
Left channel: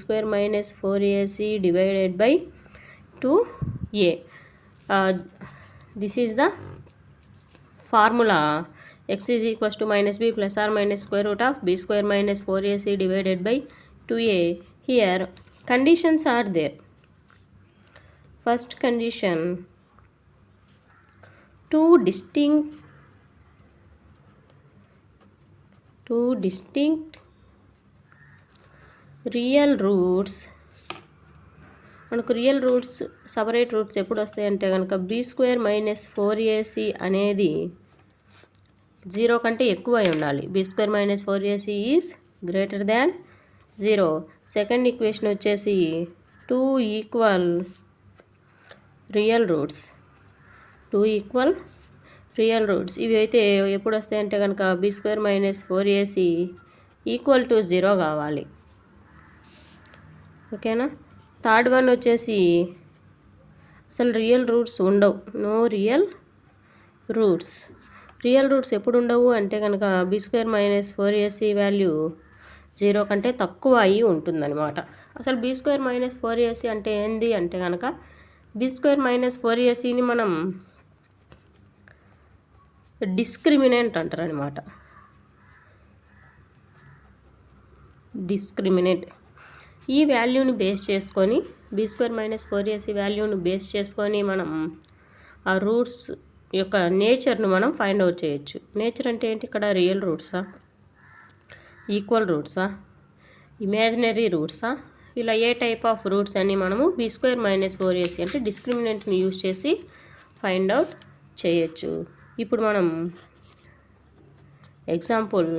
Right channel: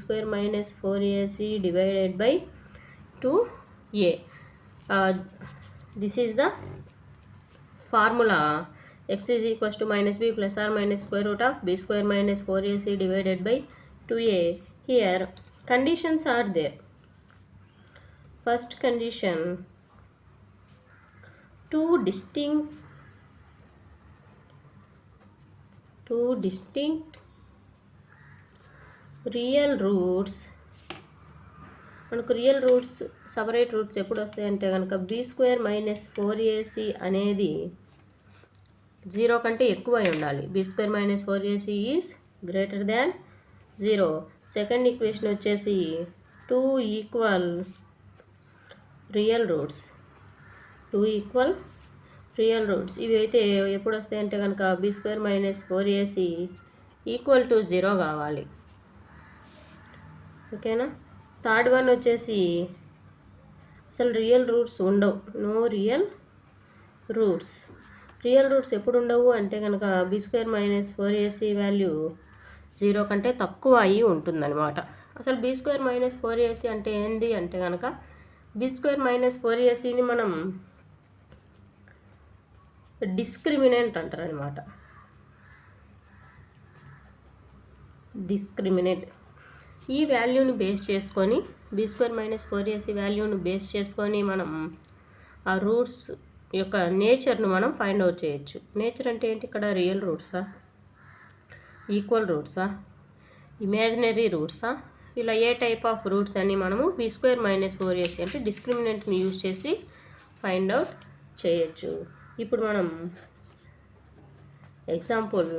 - 4ac divided by 2a. This is the formula. X is equals to -b + or (b² - 4ac divided by 2a. Here conditions are there. First condition, two distinct two distinct real roots. మనకు real roots separate roots ఎప్పుడు వస్తాయంటే కనుక b² - 4ac అనేది 0 కంటే ఎక్కువ అయి ఉండాలి. b² - 4ac is greater than 0. Second equation వచ్చేసి 2 equal real roots. 2 equal real roots ఇవి అయితే ఎప్పుడు వస్తాయంటే కనుక b² - 4ac ఈక్వల్ టు 0 కావాలి. ఓకేనా. థర్డ్ వన్ వచ్చేసి అసలు రియల్ రూట్స్ ఉండవు. No real roots. Real roots ఎప్పుడు ఉండవు అంటే కనుక b² - 4ac వాల్యూ 0 కంటే తక్కువ అయి ఉంటుందన్నమాట. అసలు b² - 4ac అంటే ఏంది అంటే కనుక b² - 4acని మనం డిస్క్రిమినెంట్ అంటారనమాట. డిస్క్రిమినెంట్ ఈ వాల్యూని బేస్ చేసుకొని b² - 4ac వాల్యూని బేస్ చేసుకొని మనం ఆ రూట్స్ యొక్క నేచర్ను మనం ఫైండ్ అవుట్ చేయొచ్చు. నేచర్ అంటే ఏంటి? ఇక్కడ రియల్ రూట్సా, ఈక్వల్ రూట్సా, ఇమాజినరీ రూట్సా, ఇలా ఏ టైప్ ఆఫ్ రూట్స్ అని మనము b² - 4ac అంటే డిస్క్రిమినెంట్ని యూజ్ చేసి ఫైండ్ అవుట్ చేయొచ్చు. ఇప్పుడు మనం ఎగ్జాంపుల్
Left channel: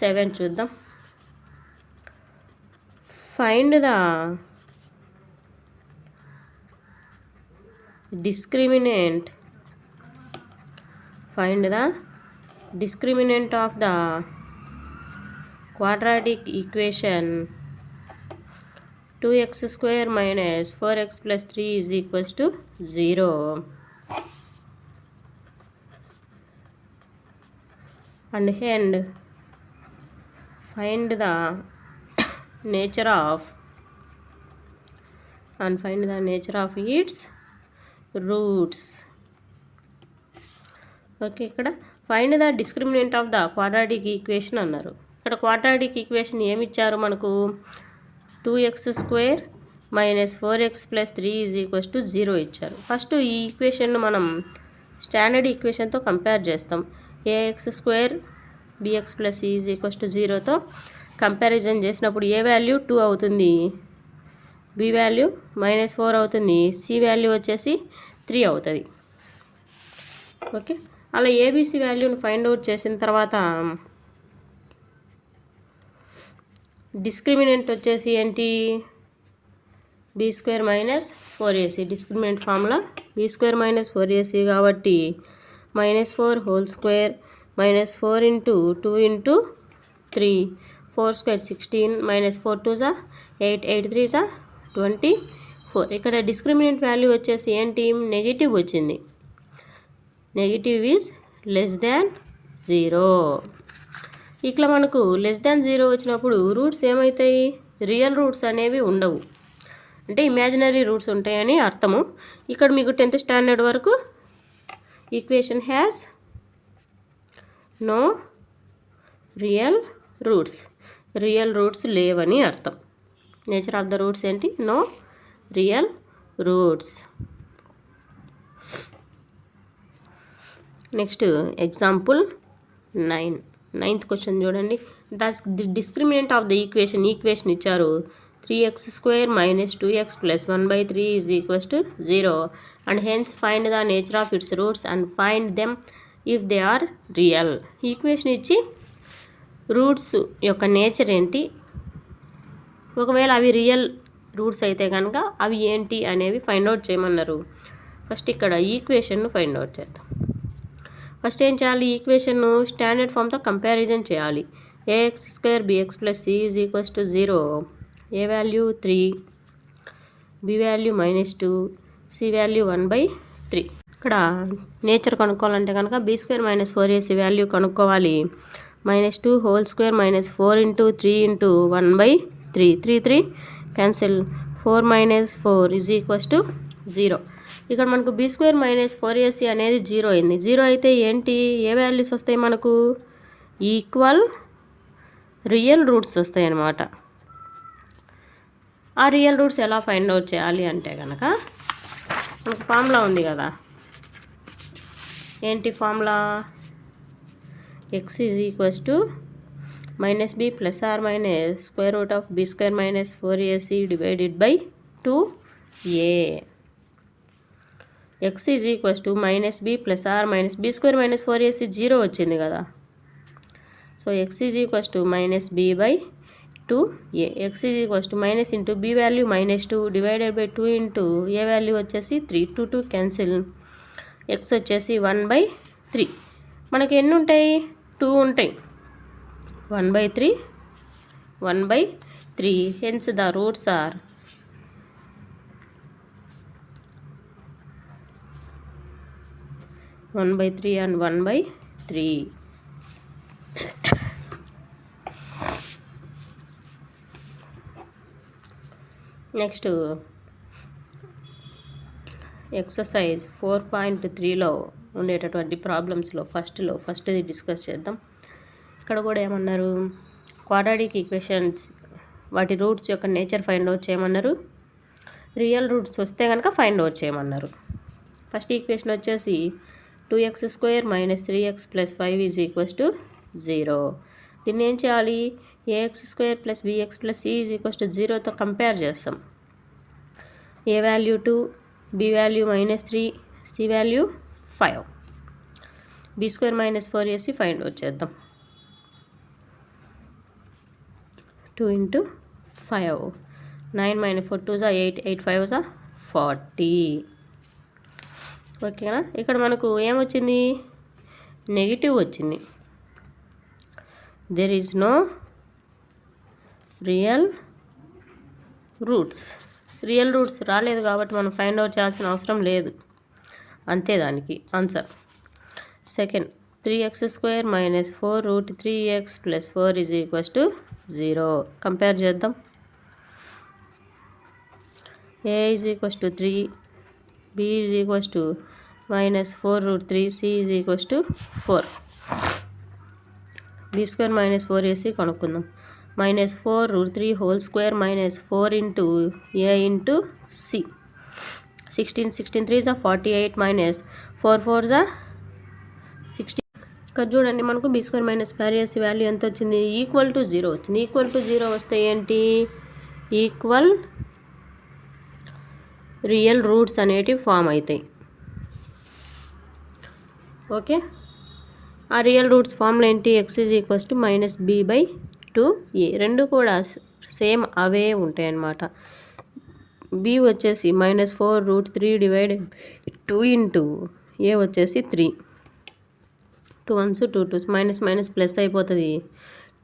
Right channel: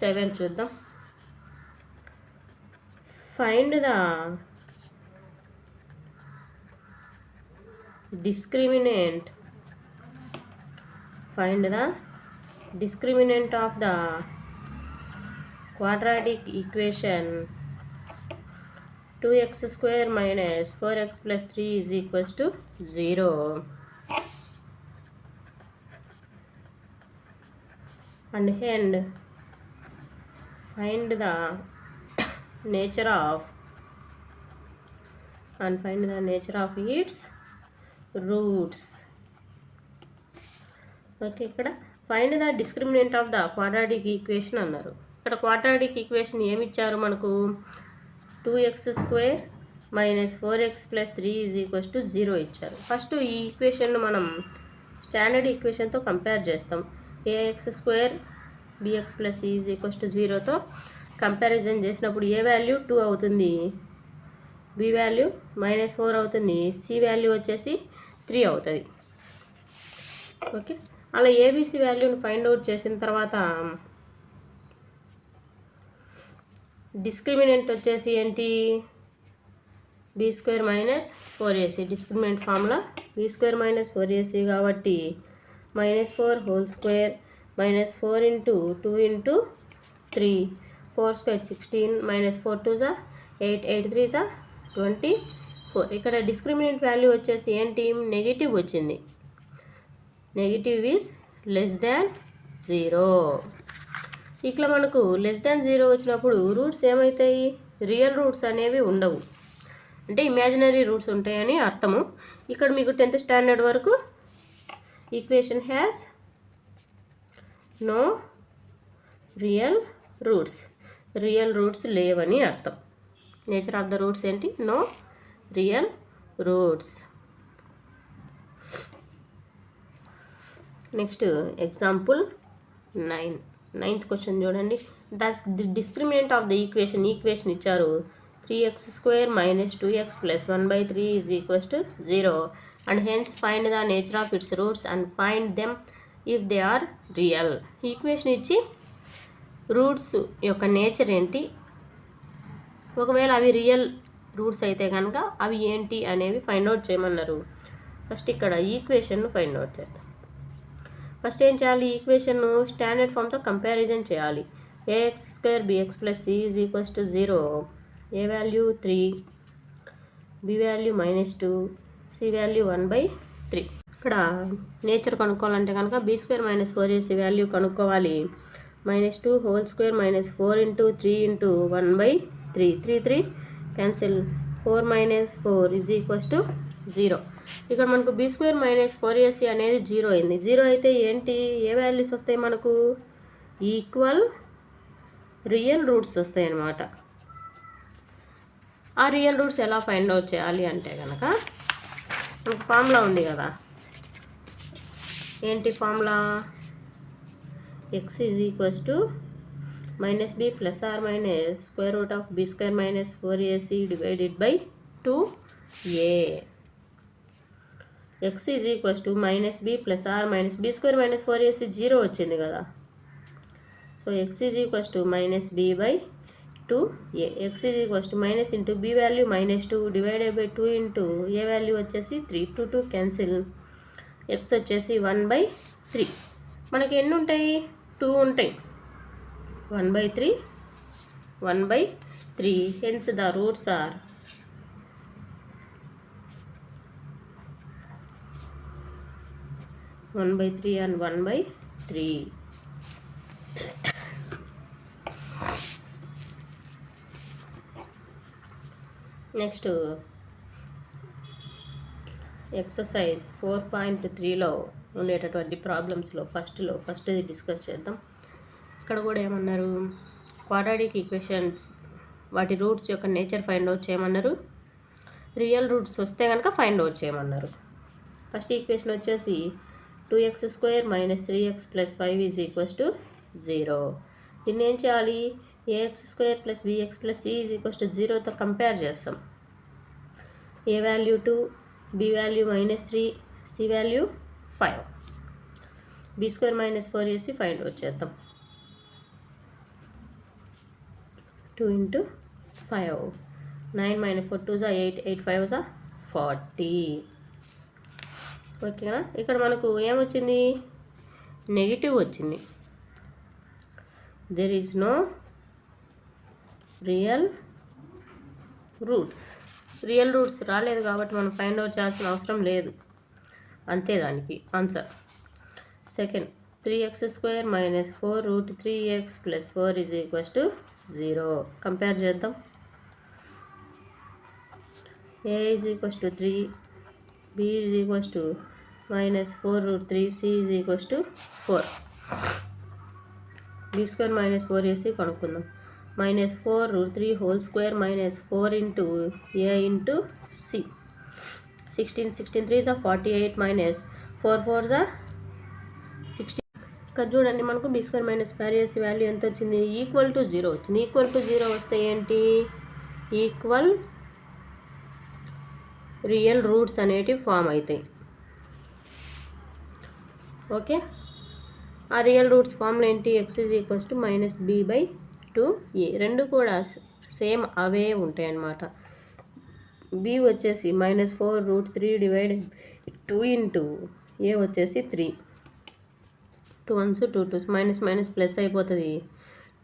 7 చూద్దాం. Find the discriminant. Find the discriminant of the quadratic equation 2x² - 4x + 3 is equals to 0. And find the nature of its roots. Okay. ఇక్కడ find the discriminant of the quadratic equation అన్నారు. ఇక్కడ quadratic equation ఏమి ఇచ్చారు మనకు? 2x² - 4x + 3 is equals to 0 ఇచ్చారు. First ఈ ఈక్వేషన్ను మనం standard ఈక్వేషన్తో కంపేర్ చేస్తాం. ax² bx + c is equals to 0తో కంపారిజన్ చేసినప్పుడు ఏ వాల్యూ 2 అవుతుంది, బి వాల్యూ -4 అవుతుంది, సి వాల్యూ వచ్చేసి 3 అవుతుంది. ఓకే. అలా ఏబిసి వాల్యూని ఫైండ్ అవుట్ చేసిన తర్వాత డిస్క్రిమినెంట్ వచ్చేసి ఏంటి? b² - 4ac. Discriminant formula b² - 4ac కాబట్టి -4 హోల్ స్క్వేర్ -4 × 2 × 3 4² 16 -4 2 8 8 3 24. ఇక్కడ డిస్క్రిమినెంట్ వాల్యూ వచ్చేసి ఏంటి? నెగిటివ్ వచ్చింది. Negative is less than 0. ఇట్లా మనకు లెస్ దాన్ 0 వచ్చినప్పుడు రూట్స్ ఏమవుతాయి? రియల్ రూట్స్ అనేవి ఉండవు, అంటే ఇమాజినరీ రూట్స్ ఉంటాయని అర్థము. ఇక్కడ మీకు 10th స్టాండర్డ్ వరకు equation has no real roots. Real roots లేవని అర్థం. నేచర్ ఆఫ్ ద రూట్స్ ఏంటి? No real roots. Next example 9. 9th question చూడండి. The discriminant of the equation ఇచ్చారు. 3x² - 2x + 1/3 is equals to 0 and hence find the nature of its roots and find them if they are real. Equation ఇచ్చి roots యొక్క nature ఏంటి, ఒకవేళ అవి real roots అయితే కనుక అవి ఏంటి అనేవి ఫైండ్ అవుట్ చేయమన్నారు. ఫస్ట్ ఇక్కడ ఈక్వేషన్ను ఫైండ్ అవుట్ చేద్దాం. ఫస్ట్ ఏం చేయాలి? ఈక్వేషన్ను స్టాండర్డ్ ఫామ్తో కంపారిజన్ చేయాలి. ax² bx + c is equals to 0. A value 3, b value -2, c value 1/3. ఇక్కడ నేచర్ కనుక్కోవాలంటే కనుక b² - 4ac వాల్యూ కనుక్కోవాలి. -2 whole square -4 × 3 × 1/3 3 3 cancel 4 - 4 is equals to 0. ఇక్కడ మనకు b² - 4ac అనేది 0 అయింది. 0 అయితే ఏంటి? ఏ వాల్యూస్ వస్తాయి మనకు? ఈక్వల్ రియల్ రూట్స్ వస్తాయి అన్నమాట. ఆ రియల్ రూట్స్ ఎలా ఫైండ్ అవుట్ చేయాలి అంటే కనుక మనకు ఫార్ములా ఉంది కదా. ఏంటి formula? x is equals to minus b plus or minus square root of b square minus 4ac divided by 2a. x is equals to minus b plus or minus b square minus 4ac 0 వచ్చింది కదా. So x is equals to minus b by 2a. x is equals to minus into b value minus 2 divided by 2 into a value వచ్చేసి 3. 2 2 cancel. x వచ్చేసి 1/3. మనకి ఎన్ని ఉంటాయి? 2 ఉంటాయి. 1/3 1/3. Hence the roots are 1/3 and 1/3. Next exercise 4.3లో ఉండేటటువంటి ప్రాబ్లమ్స్లో ఫస్ట్ది డిస్కస్ చేద్దాం. ఇక్కడ కూడా ఏమన్నారు? క్వాడ్రాటిక్ ఈక్వేషన్స్ వాటి రూట్స్ యొక్క నేచర్ ఫైండ్ అవుట్ చేయమన్నారు. రియల్ రూట్స్ వస్తే కనుక ఫైండ్ అవుట్ చేయమన్నారు. ఫస్ట్ ఈక్వేషన్ వచ్చేసి 2x² - 3x + 5 = 0. దీన్ని ఏం చేయాలి? ax² + bx + c = 0తో కంపేర్ చేస్తాం. a value 2, b value -3, c value 5. b² - 4ac find out చేద్దాం. 2 × 5 9 - 4 2 = 8 8 5 = 40. ఓకేనా? ఇక్కడ మనకు ఏమొచ్చింది? నెగిటివ్ వచ్చింది. There is no real roots. Real roots రాలేదు కాబట్టి మనం ఫైండ్ అవుట్ చేయాల్సిన అవసరం లేదు. అంతే దానికి answer. Second 3x² - 4 √3x + 4 = 0. Compare చేద్దాం. a = 3, b = -4 √3, c = 4. b² - 4ac కనుక్కుందాం. -4 √3 whole square -4 into a into c. 16 16 3 = 48 -4 4 = 16. ఇక్కడ చూడండి, మనకు b² - 4ac వాల్యూ ఎంత వచ్చింది? ఈక్వల్ టు 0 వచ్చింది. ఈక్వల్ టు 0 వస్తే ఏంటి? ఈక్వల్ రియల్ రూట్స్ అనేటివి ఫామ్ అవుతాయి. ఓకే, ఆ రియల్ రూట్స్ ఫామ్లో ఏంటి? x is - b/2a. రెండు కూడా సేమ్ అవే ఉంటాయి అన్నమాట. b వచ్చేసి -4 √3 డివైడెడ్ 2 ఇంటూ a వచ్చేసి 3. 2 1s 2 2s మైనస్ ప్లస్ అయిపోతుంది.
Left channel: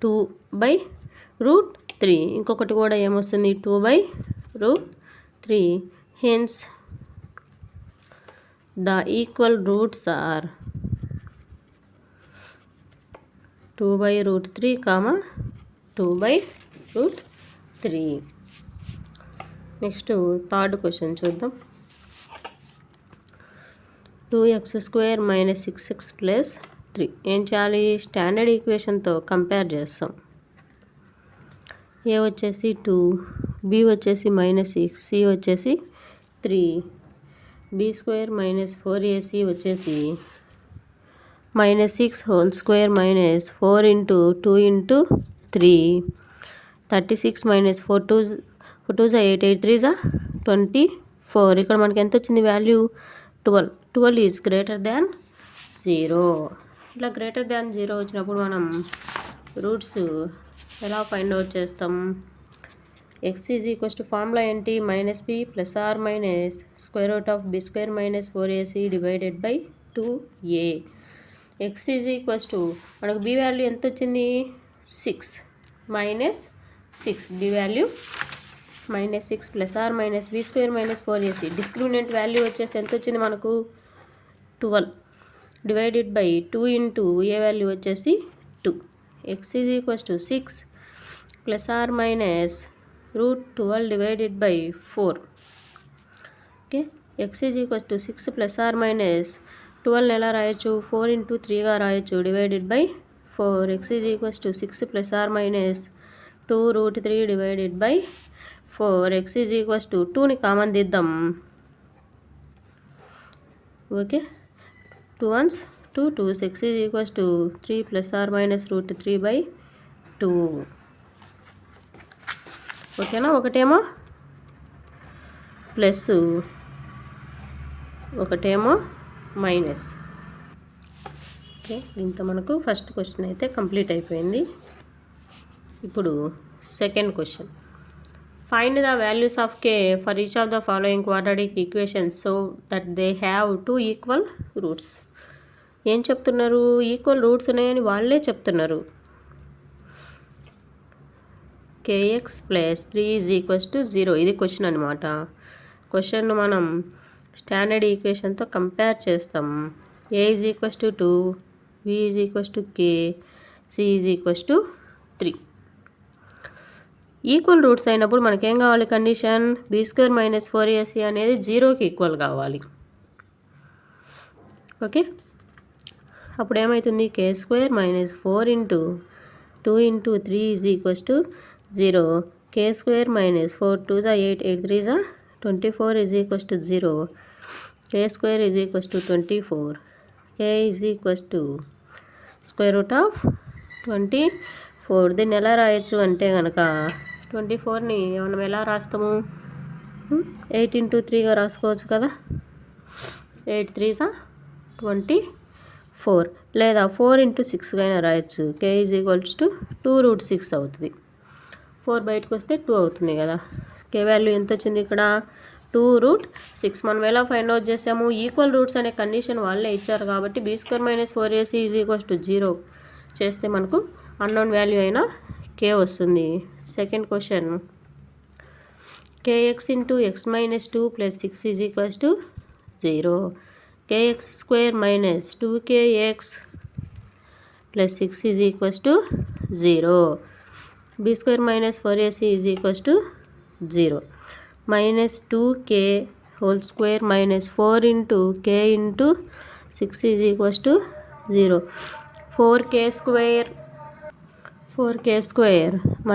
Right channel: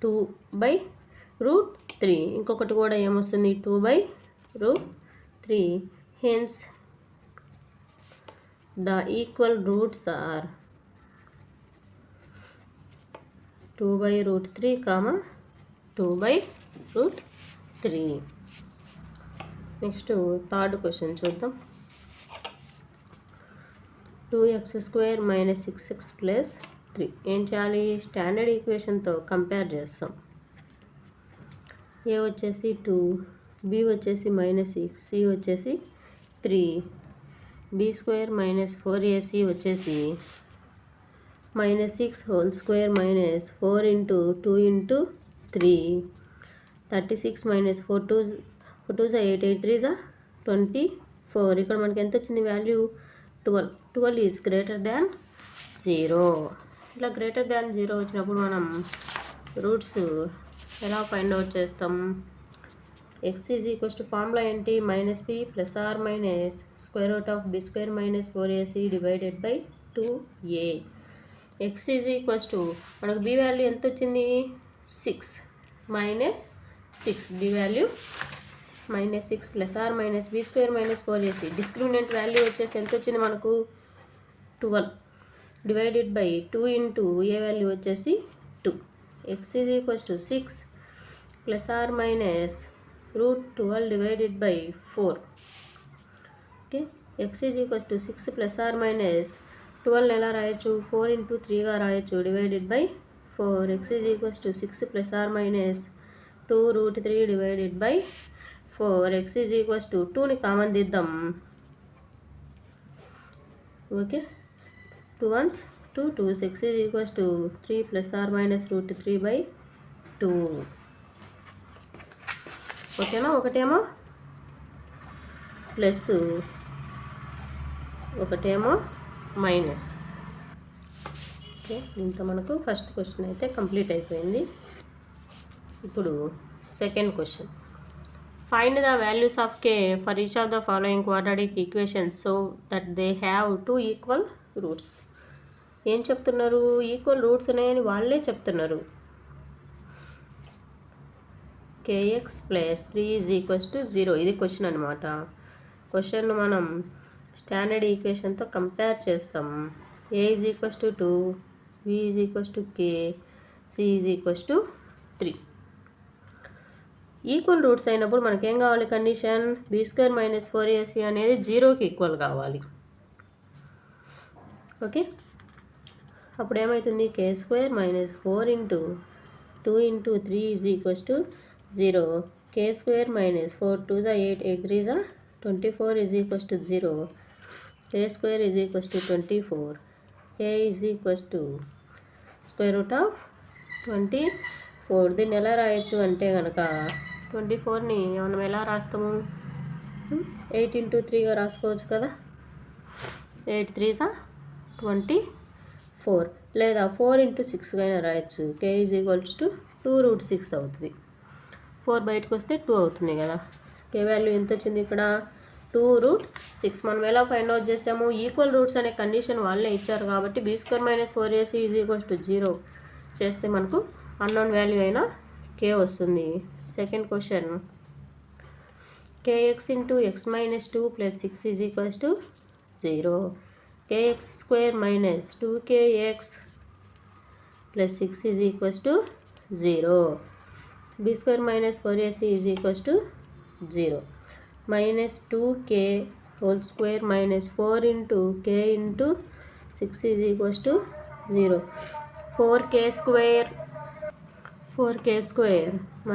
2/√3. ఇంకొకటి కూడా ఏమొస్తుంది? 2/√3. Hence the equal roots are 2/√3, 2/√3. Next third question చూద్దాం. 2x² - 6x + 3. ఏం చేయాలి? స్టాండర్డ్ ఈక్వేషన్తో కంపేర్ చేస్తాం. a వచ్చేసి 2, b వచ్చేసి -6, c వచ్చేసి 3. b² - 4ac వచ్చేసి -6 whole square -4 into 2 into 3. 36 - 4 2 = 8 8 3 = 24. ఇక్కడ మనకి ఎంత వచ్చింది వాల్యూ? 12. 12 is greater than 0. ఇట్లా గ్రేటర్ దాన్ 0 వచ్చినప్పుడు మనం రూట్స్ ఎలా ఫైండ్ అవుట్ చేస్తాం? x = ఫార్ములా ఏంటి? -b + or -√b² - 4ac divided by 2a. x మనకు b వాల్యూ ఎంత వచ్చింది? 6 -6. b value -6 + or -b² - 4ac. Discriminant value వచ్చేసి ఎంత వచ్చింది మనకు? 12 divided by 2 into a value వచ్చేసి 2. x = 6 + or -√12 divided by 4. Okay, x = 6 + or -12 ఎలా రాయొచ్చు? 4 × 3గా రాయొచ్చు divided by 4. x = 6 + or -2√3 divided by 4. x = 2ని కామన్ తీద్దాం. Okay, 2 1s to 2. 6 is equals to 3 plus or minus root 3/2. ఓకేనా? ఒకటేమో ప్లస్, ఒకటేమో minus. Okay, దీంతో మనకు ఫస్ట్ క్వశ్చన్ అయితే కంప్లీట్ అయిపోయింది. ఇప్పుడు second question. Find the values of k for each of the following quadratic equations so that they have 2 equal roots. ఏం చెప్తున్నారు? ఈక్వల్ రూట్స్ ఉన్నాయని వాళ్ళే చెప్తున్నారు. kx plus 3 is equals to 0. ఇది క్వశ్చన్ అనమాట. క్వశ్చన్ను మనం స్టాండర్డ్ ఈక్వేషన్తో కంపేర్ చేస్తాం. a is equals to 2, b is equals to k, c is equals to 3. Equal roots అయినప్పుడు మనకేం కావాలి? కండిషన్ b² - 4ac అనేది 0కి ఈక్వల్ కావాలి. ఓకే, అప్పుడు ఏమవుతుంది? k² - 4 into 2 into 3 is equals to 0. k² - 4 2 = 8, 8 3 = 24 is equals to 0. k² is equals to 24. k is equals to square root of 24. దీన్ని ఎలా రాయొచ్చు అంటే కనుక 24ని మనం ఎలా రాస్తాము? 8 ఇంటూ 3గా రాసుకోవచ్చు కదా. 8 3 = 24, లేదా 4 ఇంటూ 6గా అయినా రాయొచ్చు. k ఈజ్ ఈక్వల్స్ టు 2√6 అవుతుంది. 4 బయటకు వస్తే 2 అవుతుంది కదా. k వాల్యూ ఎంత వచ్చింది ఇక్కడ? 2√6. మనం ఎలా ఫైండ్ అవుట్ చేసాము? ఈక్వల్ రూట్స్ అనే కండిషన్ వాళ్ళే ఇచ్చారు కాబట్టి b² - 4ac is equals to 0 చేస్తే మనకు అన్నోన్ వాల్యూ అయినా k వస్తుంది. Second question. kx into x - 2 plus 6 is equals to 0. kx² - 2kx plus 6 is equals to 0. b² - 4ac is equals to 0. -2k whole square - 4 into k into 6 is equals to 0. 4k²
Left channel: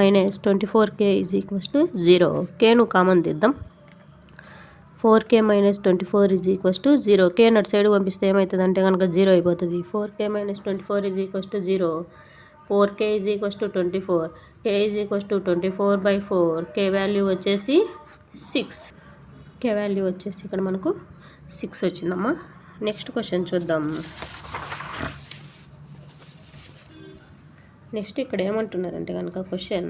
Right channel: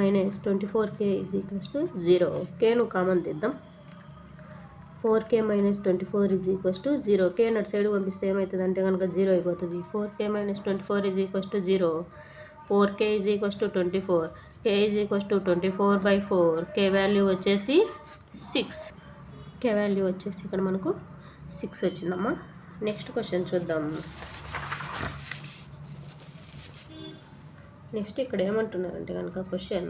- 24k is equals to 0. kను common తీద్దాం. 4k - 24 is equals to 0. k అటు side పంపిస్తే ఏమవుతుంది అంటే కనుక 0 అయిపోతుంది. 4k - 24 is equals to 0. 4k is equals to 24. k is equals to 24/4. k value వచ్చేసి 6. k value వచ్చేసి ఇక్కడ మనకు 6 వచ్చిందమ్మా. నెక్స్ట్ క్వశ్చన్ చూద్దాం. నెక్స్ట్ ఇక్కడ ఏమంటున్నారంటే కనుక question,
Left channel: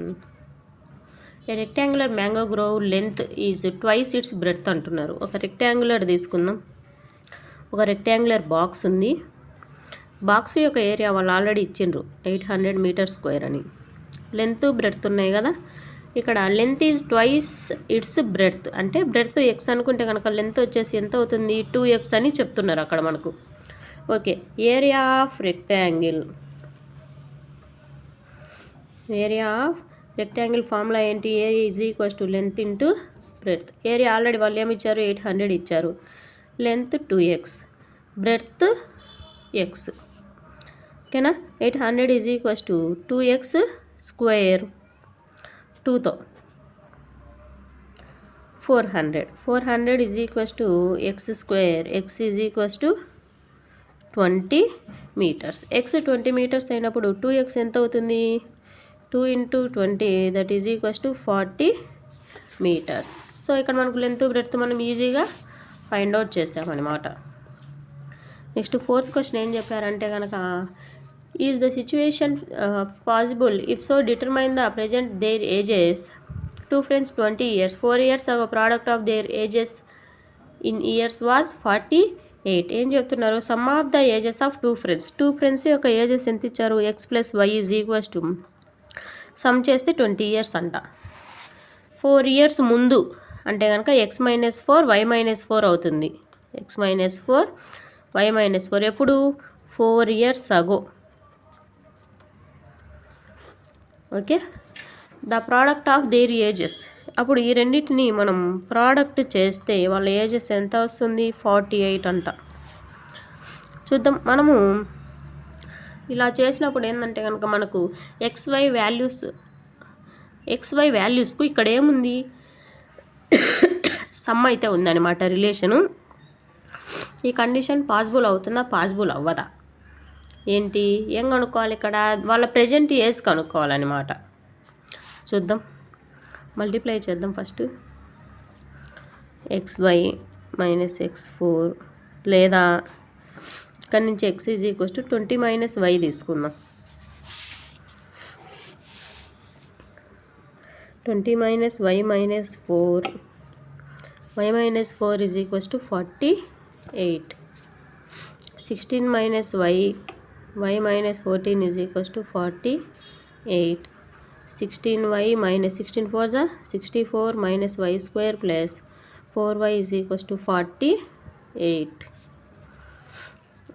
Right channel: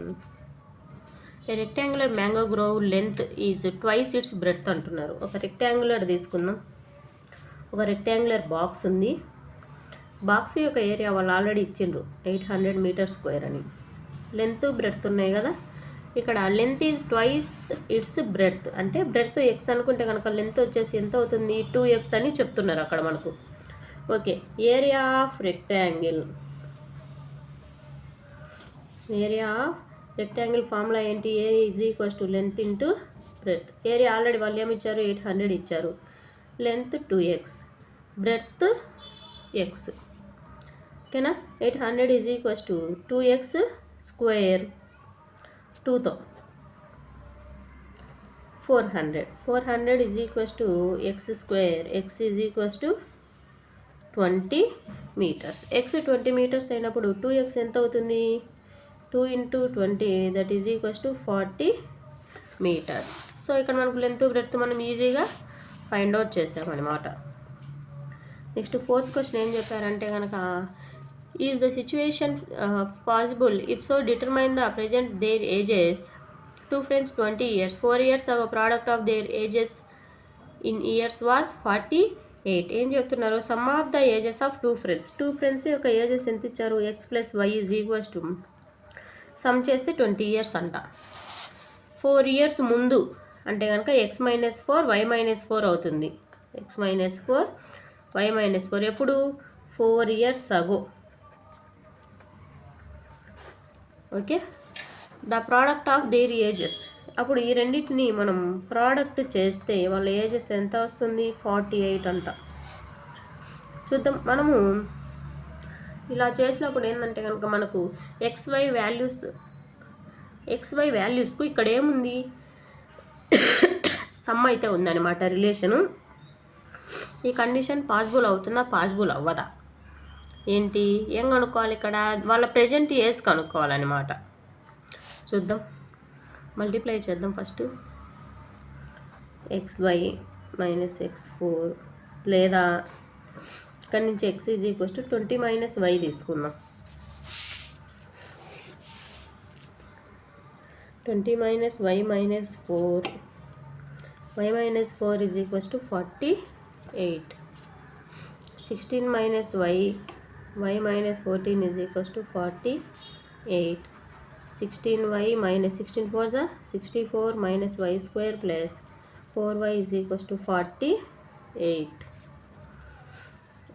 a rectangular mango grove length is twice its breadth అంటున్నారు. ఒక రెక్టాంగులర్ తీసుకుందాం. ఒక రెక్టాంగులర్ బాక్స్ ఉంది. బాక్స్ యొక్క ఏరియా వాళ్ళు ఆల్రెడీ ఇచ్చిండ్రు 800 మీటర్ స్క్వేర్ అని. లెంత్ బ్రెడ్త్ ఉన్నాయి కదా. ఇక్కడ length is twice its breadth అంటే బ్రెడ్త్ x అనుకుంటే కనుక లెంత్ వచ్చేసి ఎంత అవుతుంది? 2x అని చెప్తున్నారు అక్కడ మనకు. Okay, area of rectangle. Area of rectangle formula ఏంటి? Area is equals to length into breadth. Area already వాళ్ళు ఏమి ఇచ్చారు? 800 ఇచ్చారు. Length 2x, breadth x. ఓకేనా? 800 is equals to 2x square 2తో 400. 400 is equals to x square. x is equals to 20 metres. x 20 metres అయినప్పుడు 2x ఎంత అవుతుంది? 2 into 20 that is equals to 40 metres. So ఇక్కడ మనకు లెంత్ బ్రెడ్త్ మనం ఈజీగా find out చేసామన్నమాట. నెక్స్ట్ ఫోర్త్ క్వశ్చన్ ఏం చెప్పారంటే కనుక, is the situation possible if so determine the present their ages. 2 friends 20 years. 4 years ago product of their ages in years was 48. ఏం చెప్తున్నారు? Some of the ages of 2 friends. 2 friends యొక్క ages ఎంత ఇచ్చారు? x + y is equals to some చేస్తే 20 years అంట. 4 years ముందు అంటే కనుక x - 4 y - 4 అవుతుంది. x - 4 y - 4 ఎప్పుడు? 4 years ago. Okay, the product of their ages. అప్పుడు ఈ రెండింటిని మనం ప్రోడక్ట్ చేస్తే వాళ్ళ ఏజెస్ ఎంత వస్తుంది? 48 అంట. చూద్దాం. మనము ఇలా చేసినప్పుడు ఏంటంటే కనుక మనకు XY వాల్యూస్కు ఇక్కడ ఏముంది? సమ్ అయితే ఉందన్నమాట రిలేషను. ఈ కండిషన్ పాసిబుల్ అవుతుందా? పాసిబుల్ అవ్వదా? ఏంటి ఏం కనుక్కోవాలి ఇక్కడ? వాళ్ళ ప్రెజెంట్ ఏజ్ కనుక్కోవాలన్నమాట. చూద్దాం, మల్టిప్లై చేద్దాం ఫస్ట్. xy మైనస్ x4 లేదా ఇక్కడ నుంచి x = 20 - y తీసుకుందాం. 20 - y - 4 y - 4 = 48. 16 - y y - 14 = 48. 16y - 16 4 64 - y² plus 4y = 48.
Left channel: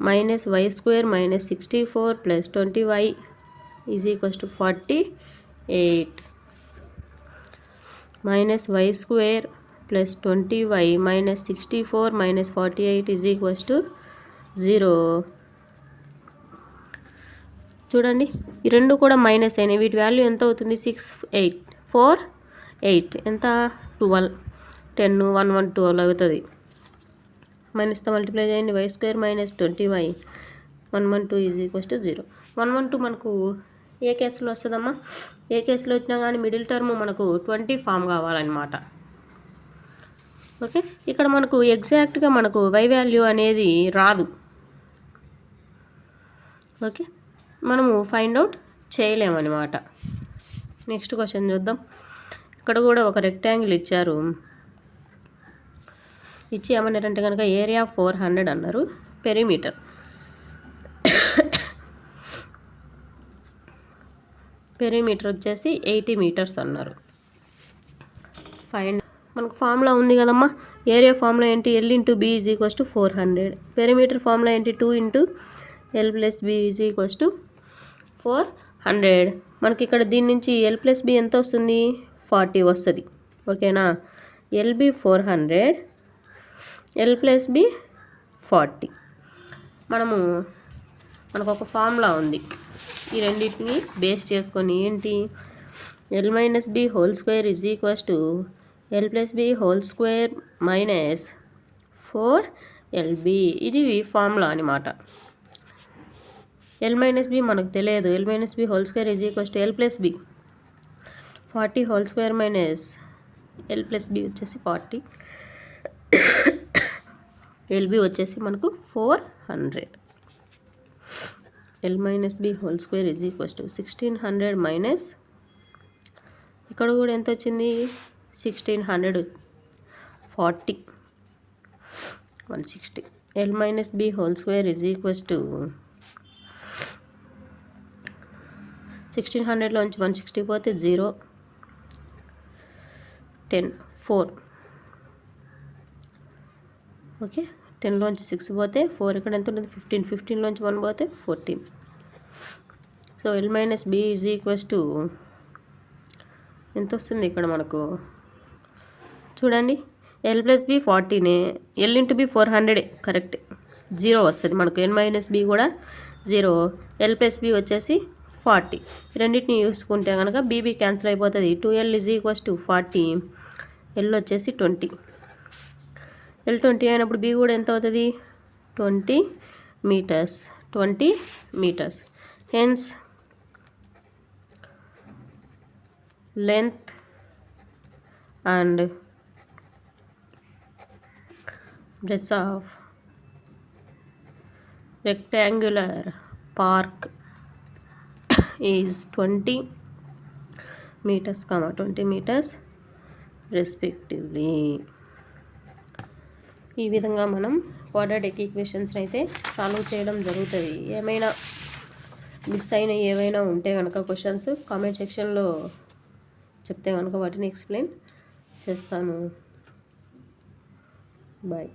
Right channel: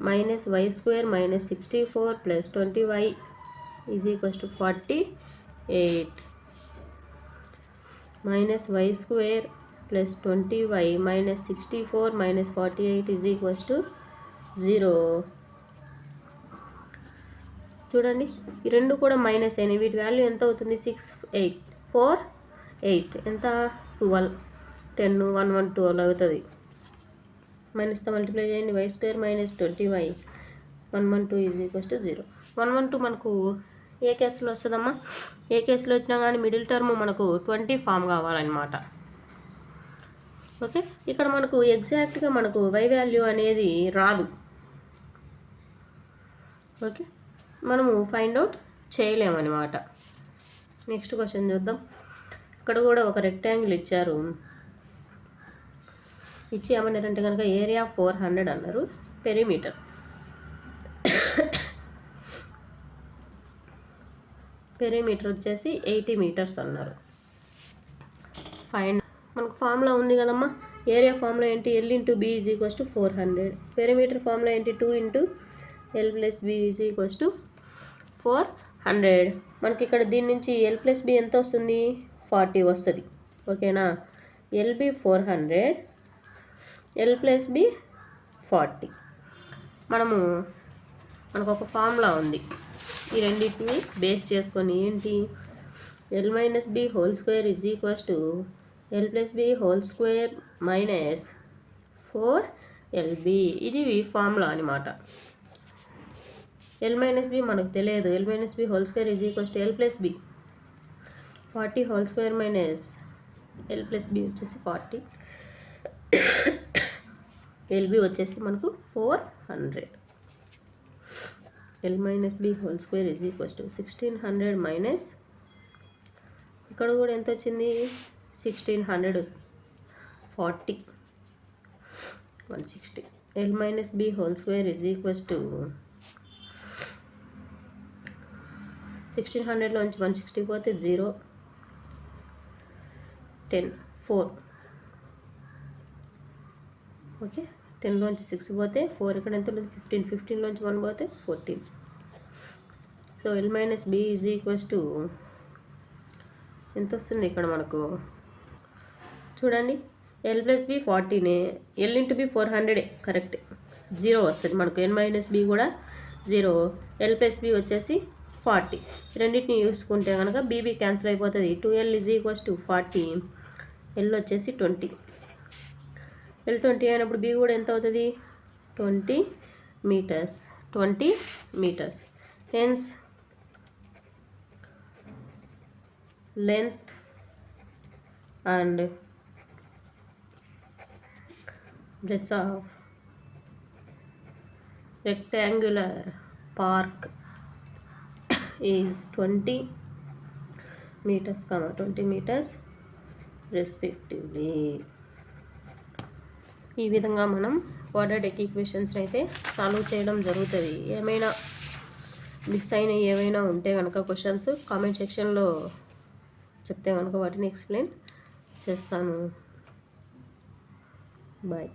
Minus y² minus 64 plus 20y = 48. Minus y² plus 20y minus 64 minus 48 = 0. చూడండి, ఈ రెండు కూడా మైనస్ అయినాయి. వీటి వాల్యూ ఎంత అవుతుంది? 6 8 4 8 ఎంత? 12 10 1 1 12 అవుతుంది. మైనస్తో మల్టిప్లై చేయండి. y² minus 20y 112 = 0. 112 మనకు ఏ కేసులో వస్తుందమ్మా? ఏ కేసులో వచ్చినా కానీ మిడిల్ టర్మ్ మనకు 20 ఫామ్ కావాలన్నమాట. ఓకే, ఇక్కడ మనకు ఎగ్జాక్ట్గా మనకు y వాల్యూ అనేది రాదు. ఓకే, మనము ఫైండ్ అవుట్ చేయలేమన్నమాట. నెక్స్ట్ క్వశ్చన్ చూద్దాం. ఇక్కడ కూడా ఒక రెక్టాంగిల్ ఇచ్చారు. ఇచ్చి ఏమన్నారంటే కనుక ఏరియా 400 అన్నారు. పెరిమీటర్ వచ్చేసి 80 మీటర్స్ అన్నారు. ఫైండ్ మనకు ఫార్ములా ఉంది కదమ్మా. ఏరియా ఫార్ములా ఏంటి? L × B = 400. పెరిమీటర్ ఫార్ములా ఏంటి? 2 × L + B = 400. మనకి ఇక్కడ దీని నుంచి L + B ఎంత వస్తుంది? 40 వస్తుంది. ఓకేనా? LB 400 L + B 40. మనకు ఒక ఫార్ములా ఉంది. ఈ రెండింటిని బేస్ చేసుకొని ఏంటి? L - B² = L + B² - 4LB. ఇది ఫార్ములా అనమాట. L - B మనకు తెలియదు. L - B² = L + B 40² - L + B వచ్చేసి 40. LB వచ్చేసి మనకు 400. L - B² = 1600 మైనస్ ఇక్కడ కూడా ఎంత వచ్చింది? 1600 40 160. L - B² = 1600లో నుంచి 160 పోతే 0 10 4. ఓకే, 10లోంచి 6 పోతే 4. ఇక్కడ ఎంత ఉంటుంది? 15. 15లోంచి 1 పోతే 14. సో L - B = ఎంత వస్తుంది ఇక్కడ మనకు? చూడండి, L + B 40నే, L × B 400 correct. 0 వస్తుంది మనకు. L - B కూడా 0. L + B వచ్చేసి 40. రెండింటిని చూసుకుంటే కనుక BB క్యాన్సిల్ అయిపోతుంది. 2L = 40. L వచ్చేసి 20. L 20 అయినప్పుడు B కూడా ఎంత అవుతుంది? 20 metres. 20 metres. Hence length and breadth of rectangular park is 20 meters, 20 meters respectively. ఈ విధంగా మనం క్వాడ్రాటిక్ ఈక్వేషన్స్ అయితే సాల్వ్ చేయడం జరుగుతుంది. ఏమైనా మిస్ అయిన ఏమైనా ఉంటే కనుక క్వశ్చన్స్ కామెంట్ సెక్షన్లో చెప్తే కనుక వాటిని ఎక్స్ప్లెయిన్ చేస్తాను. బాయ్.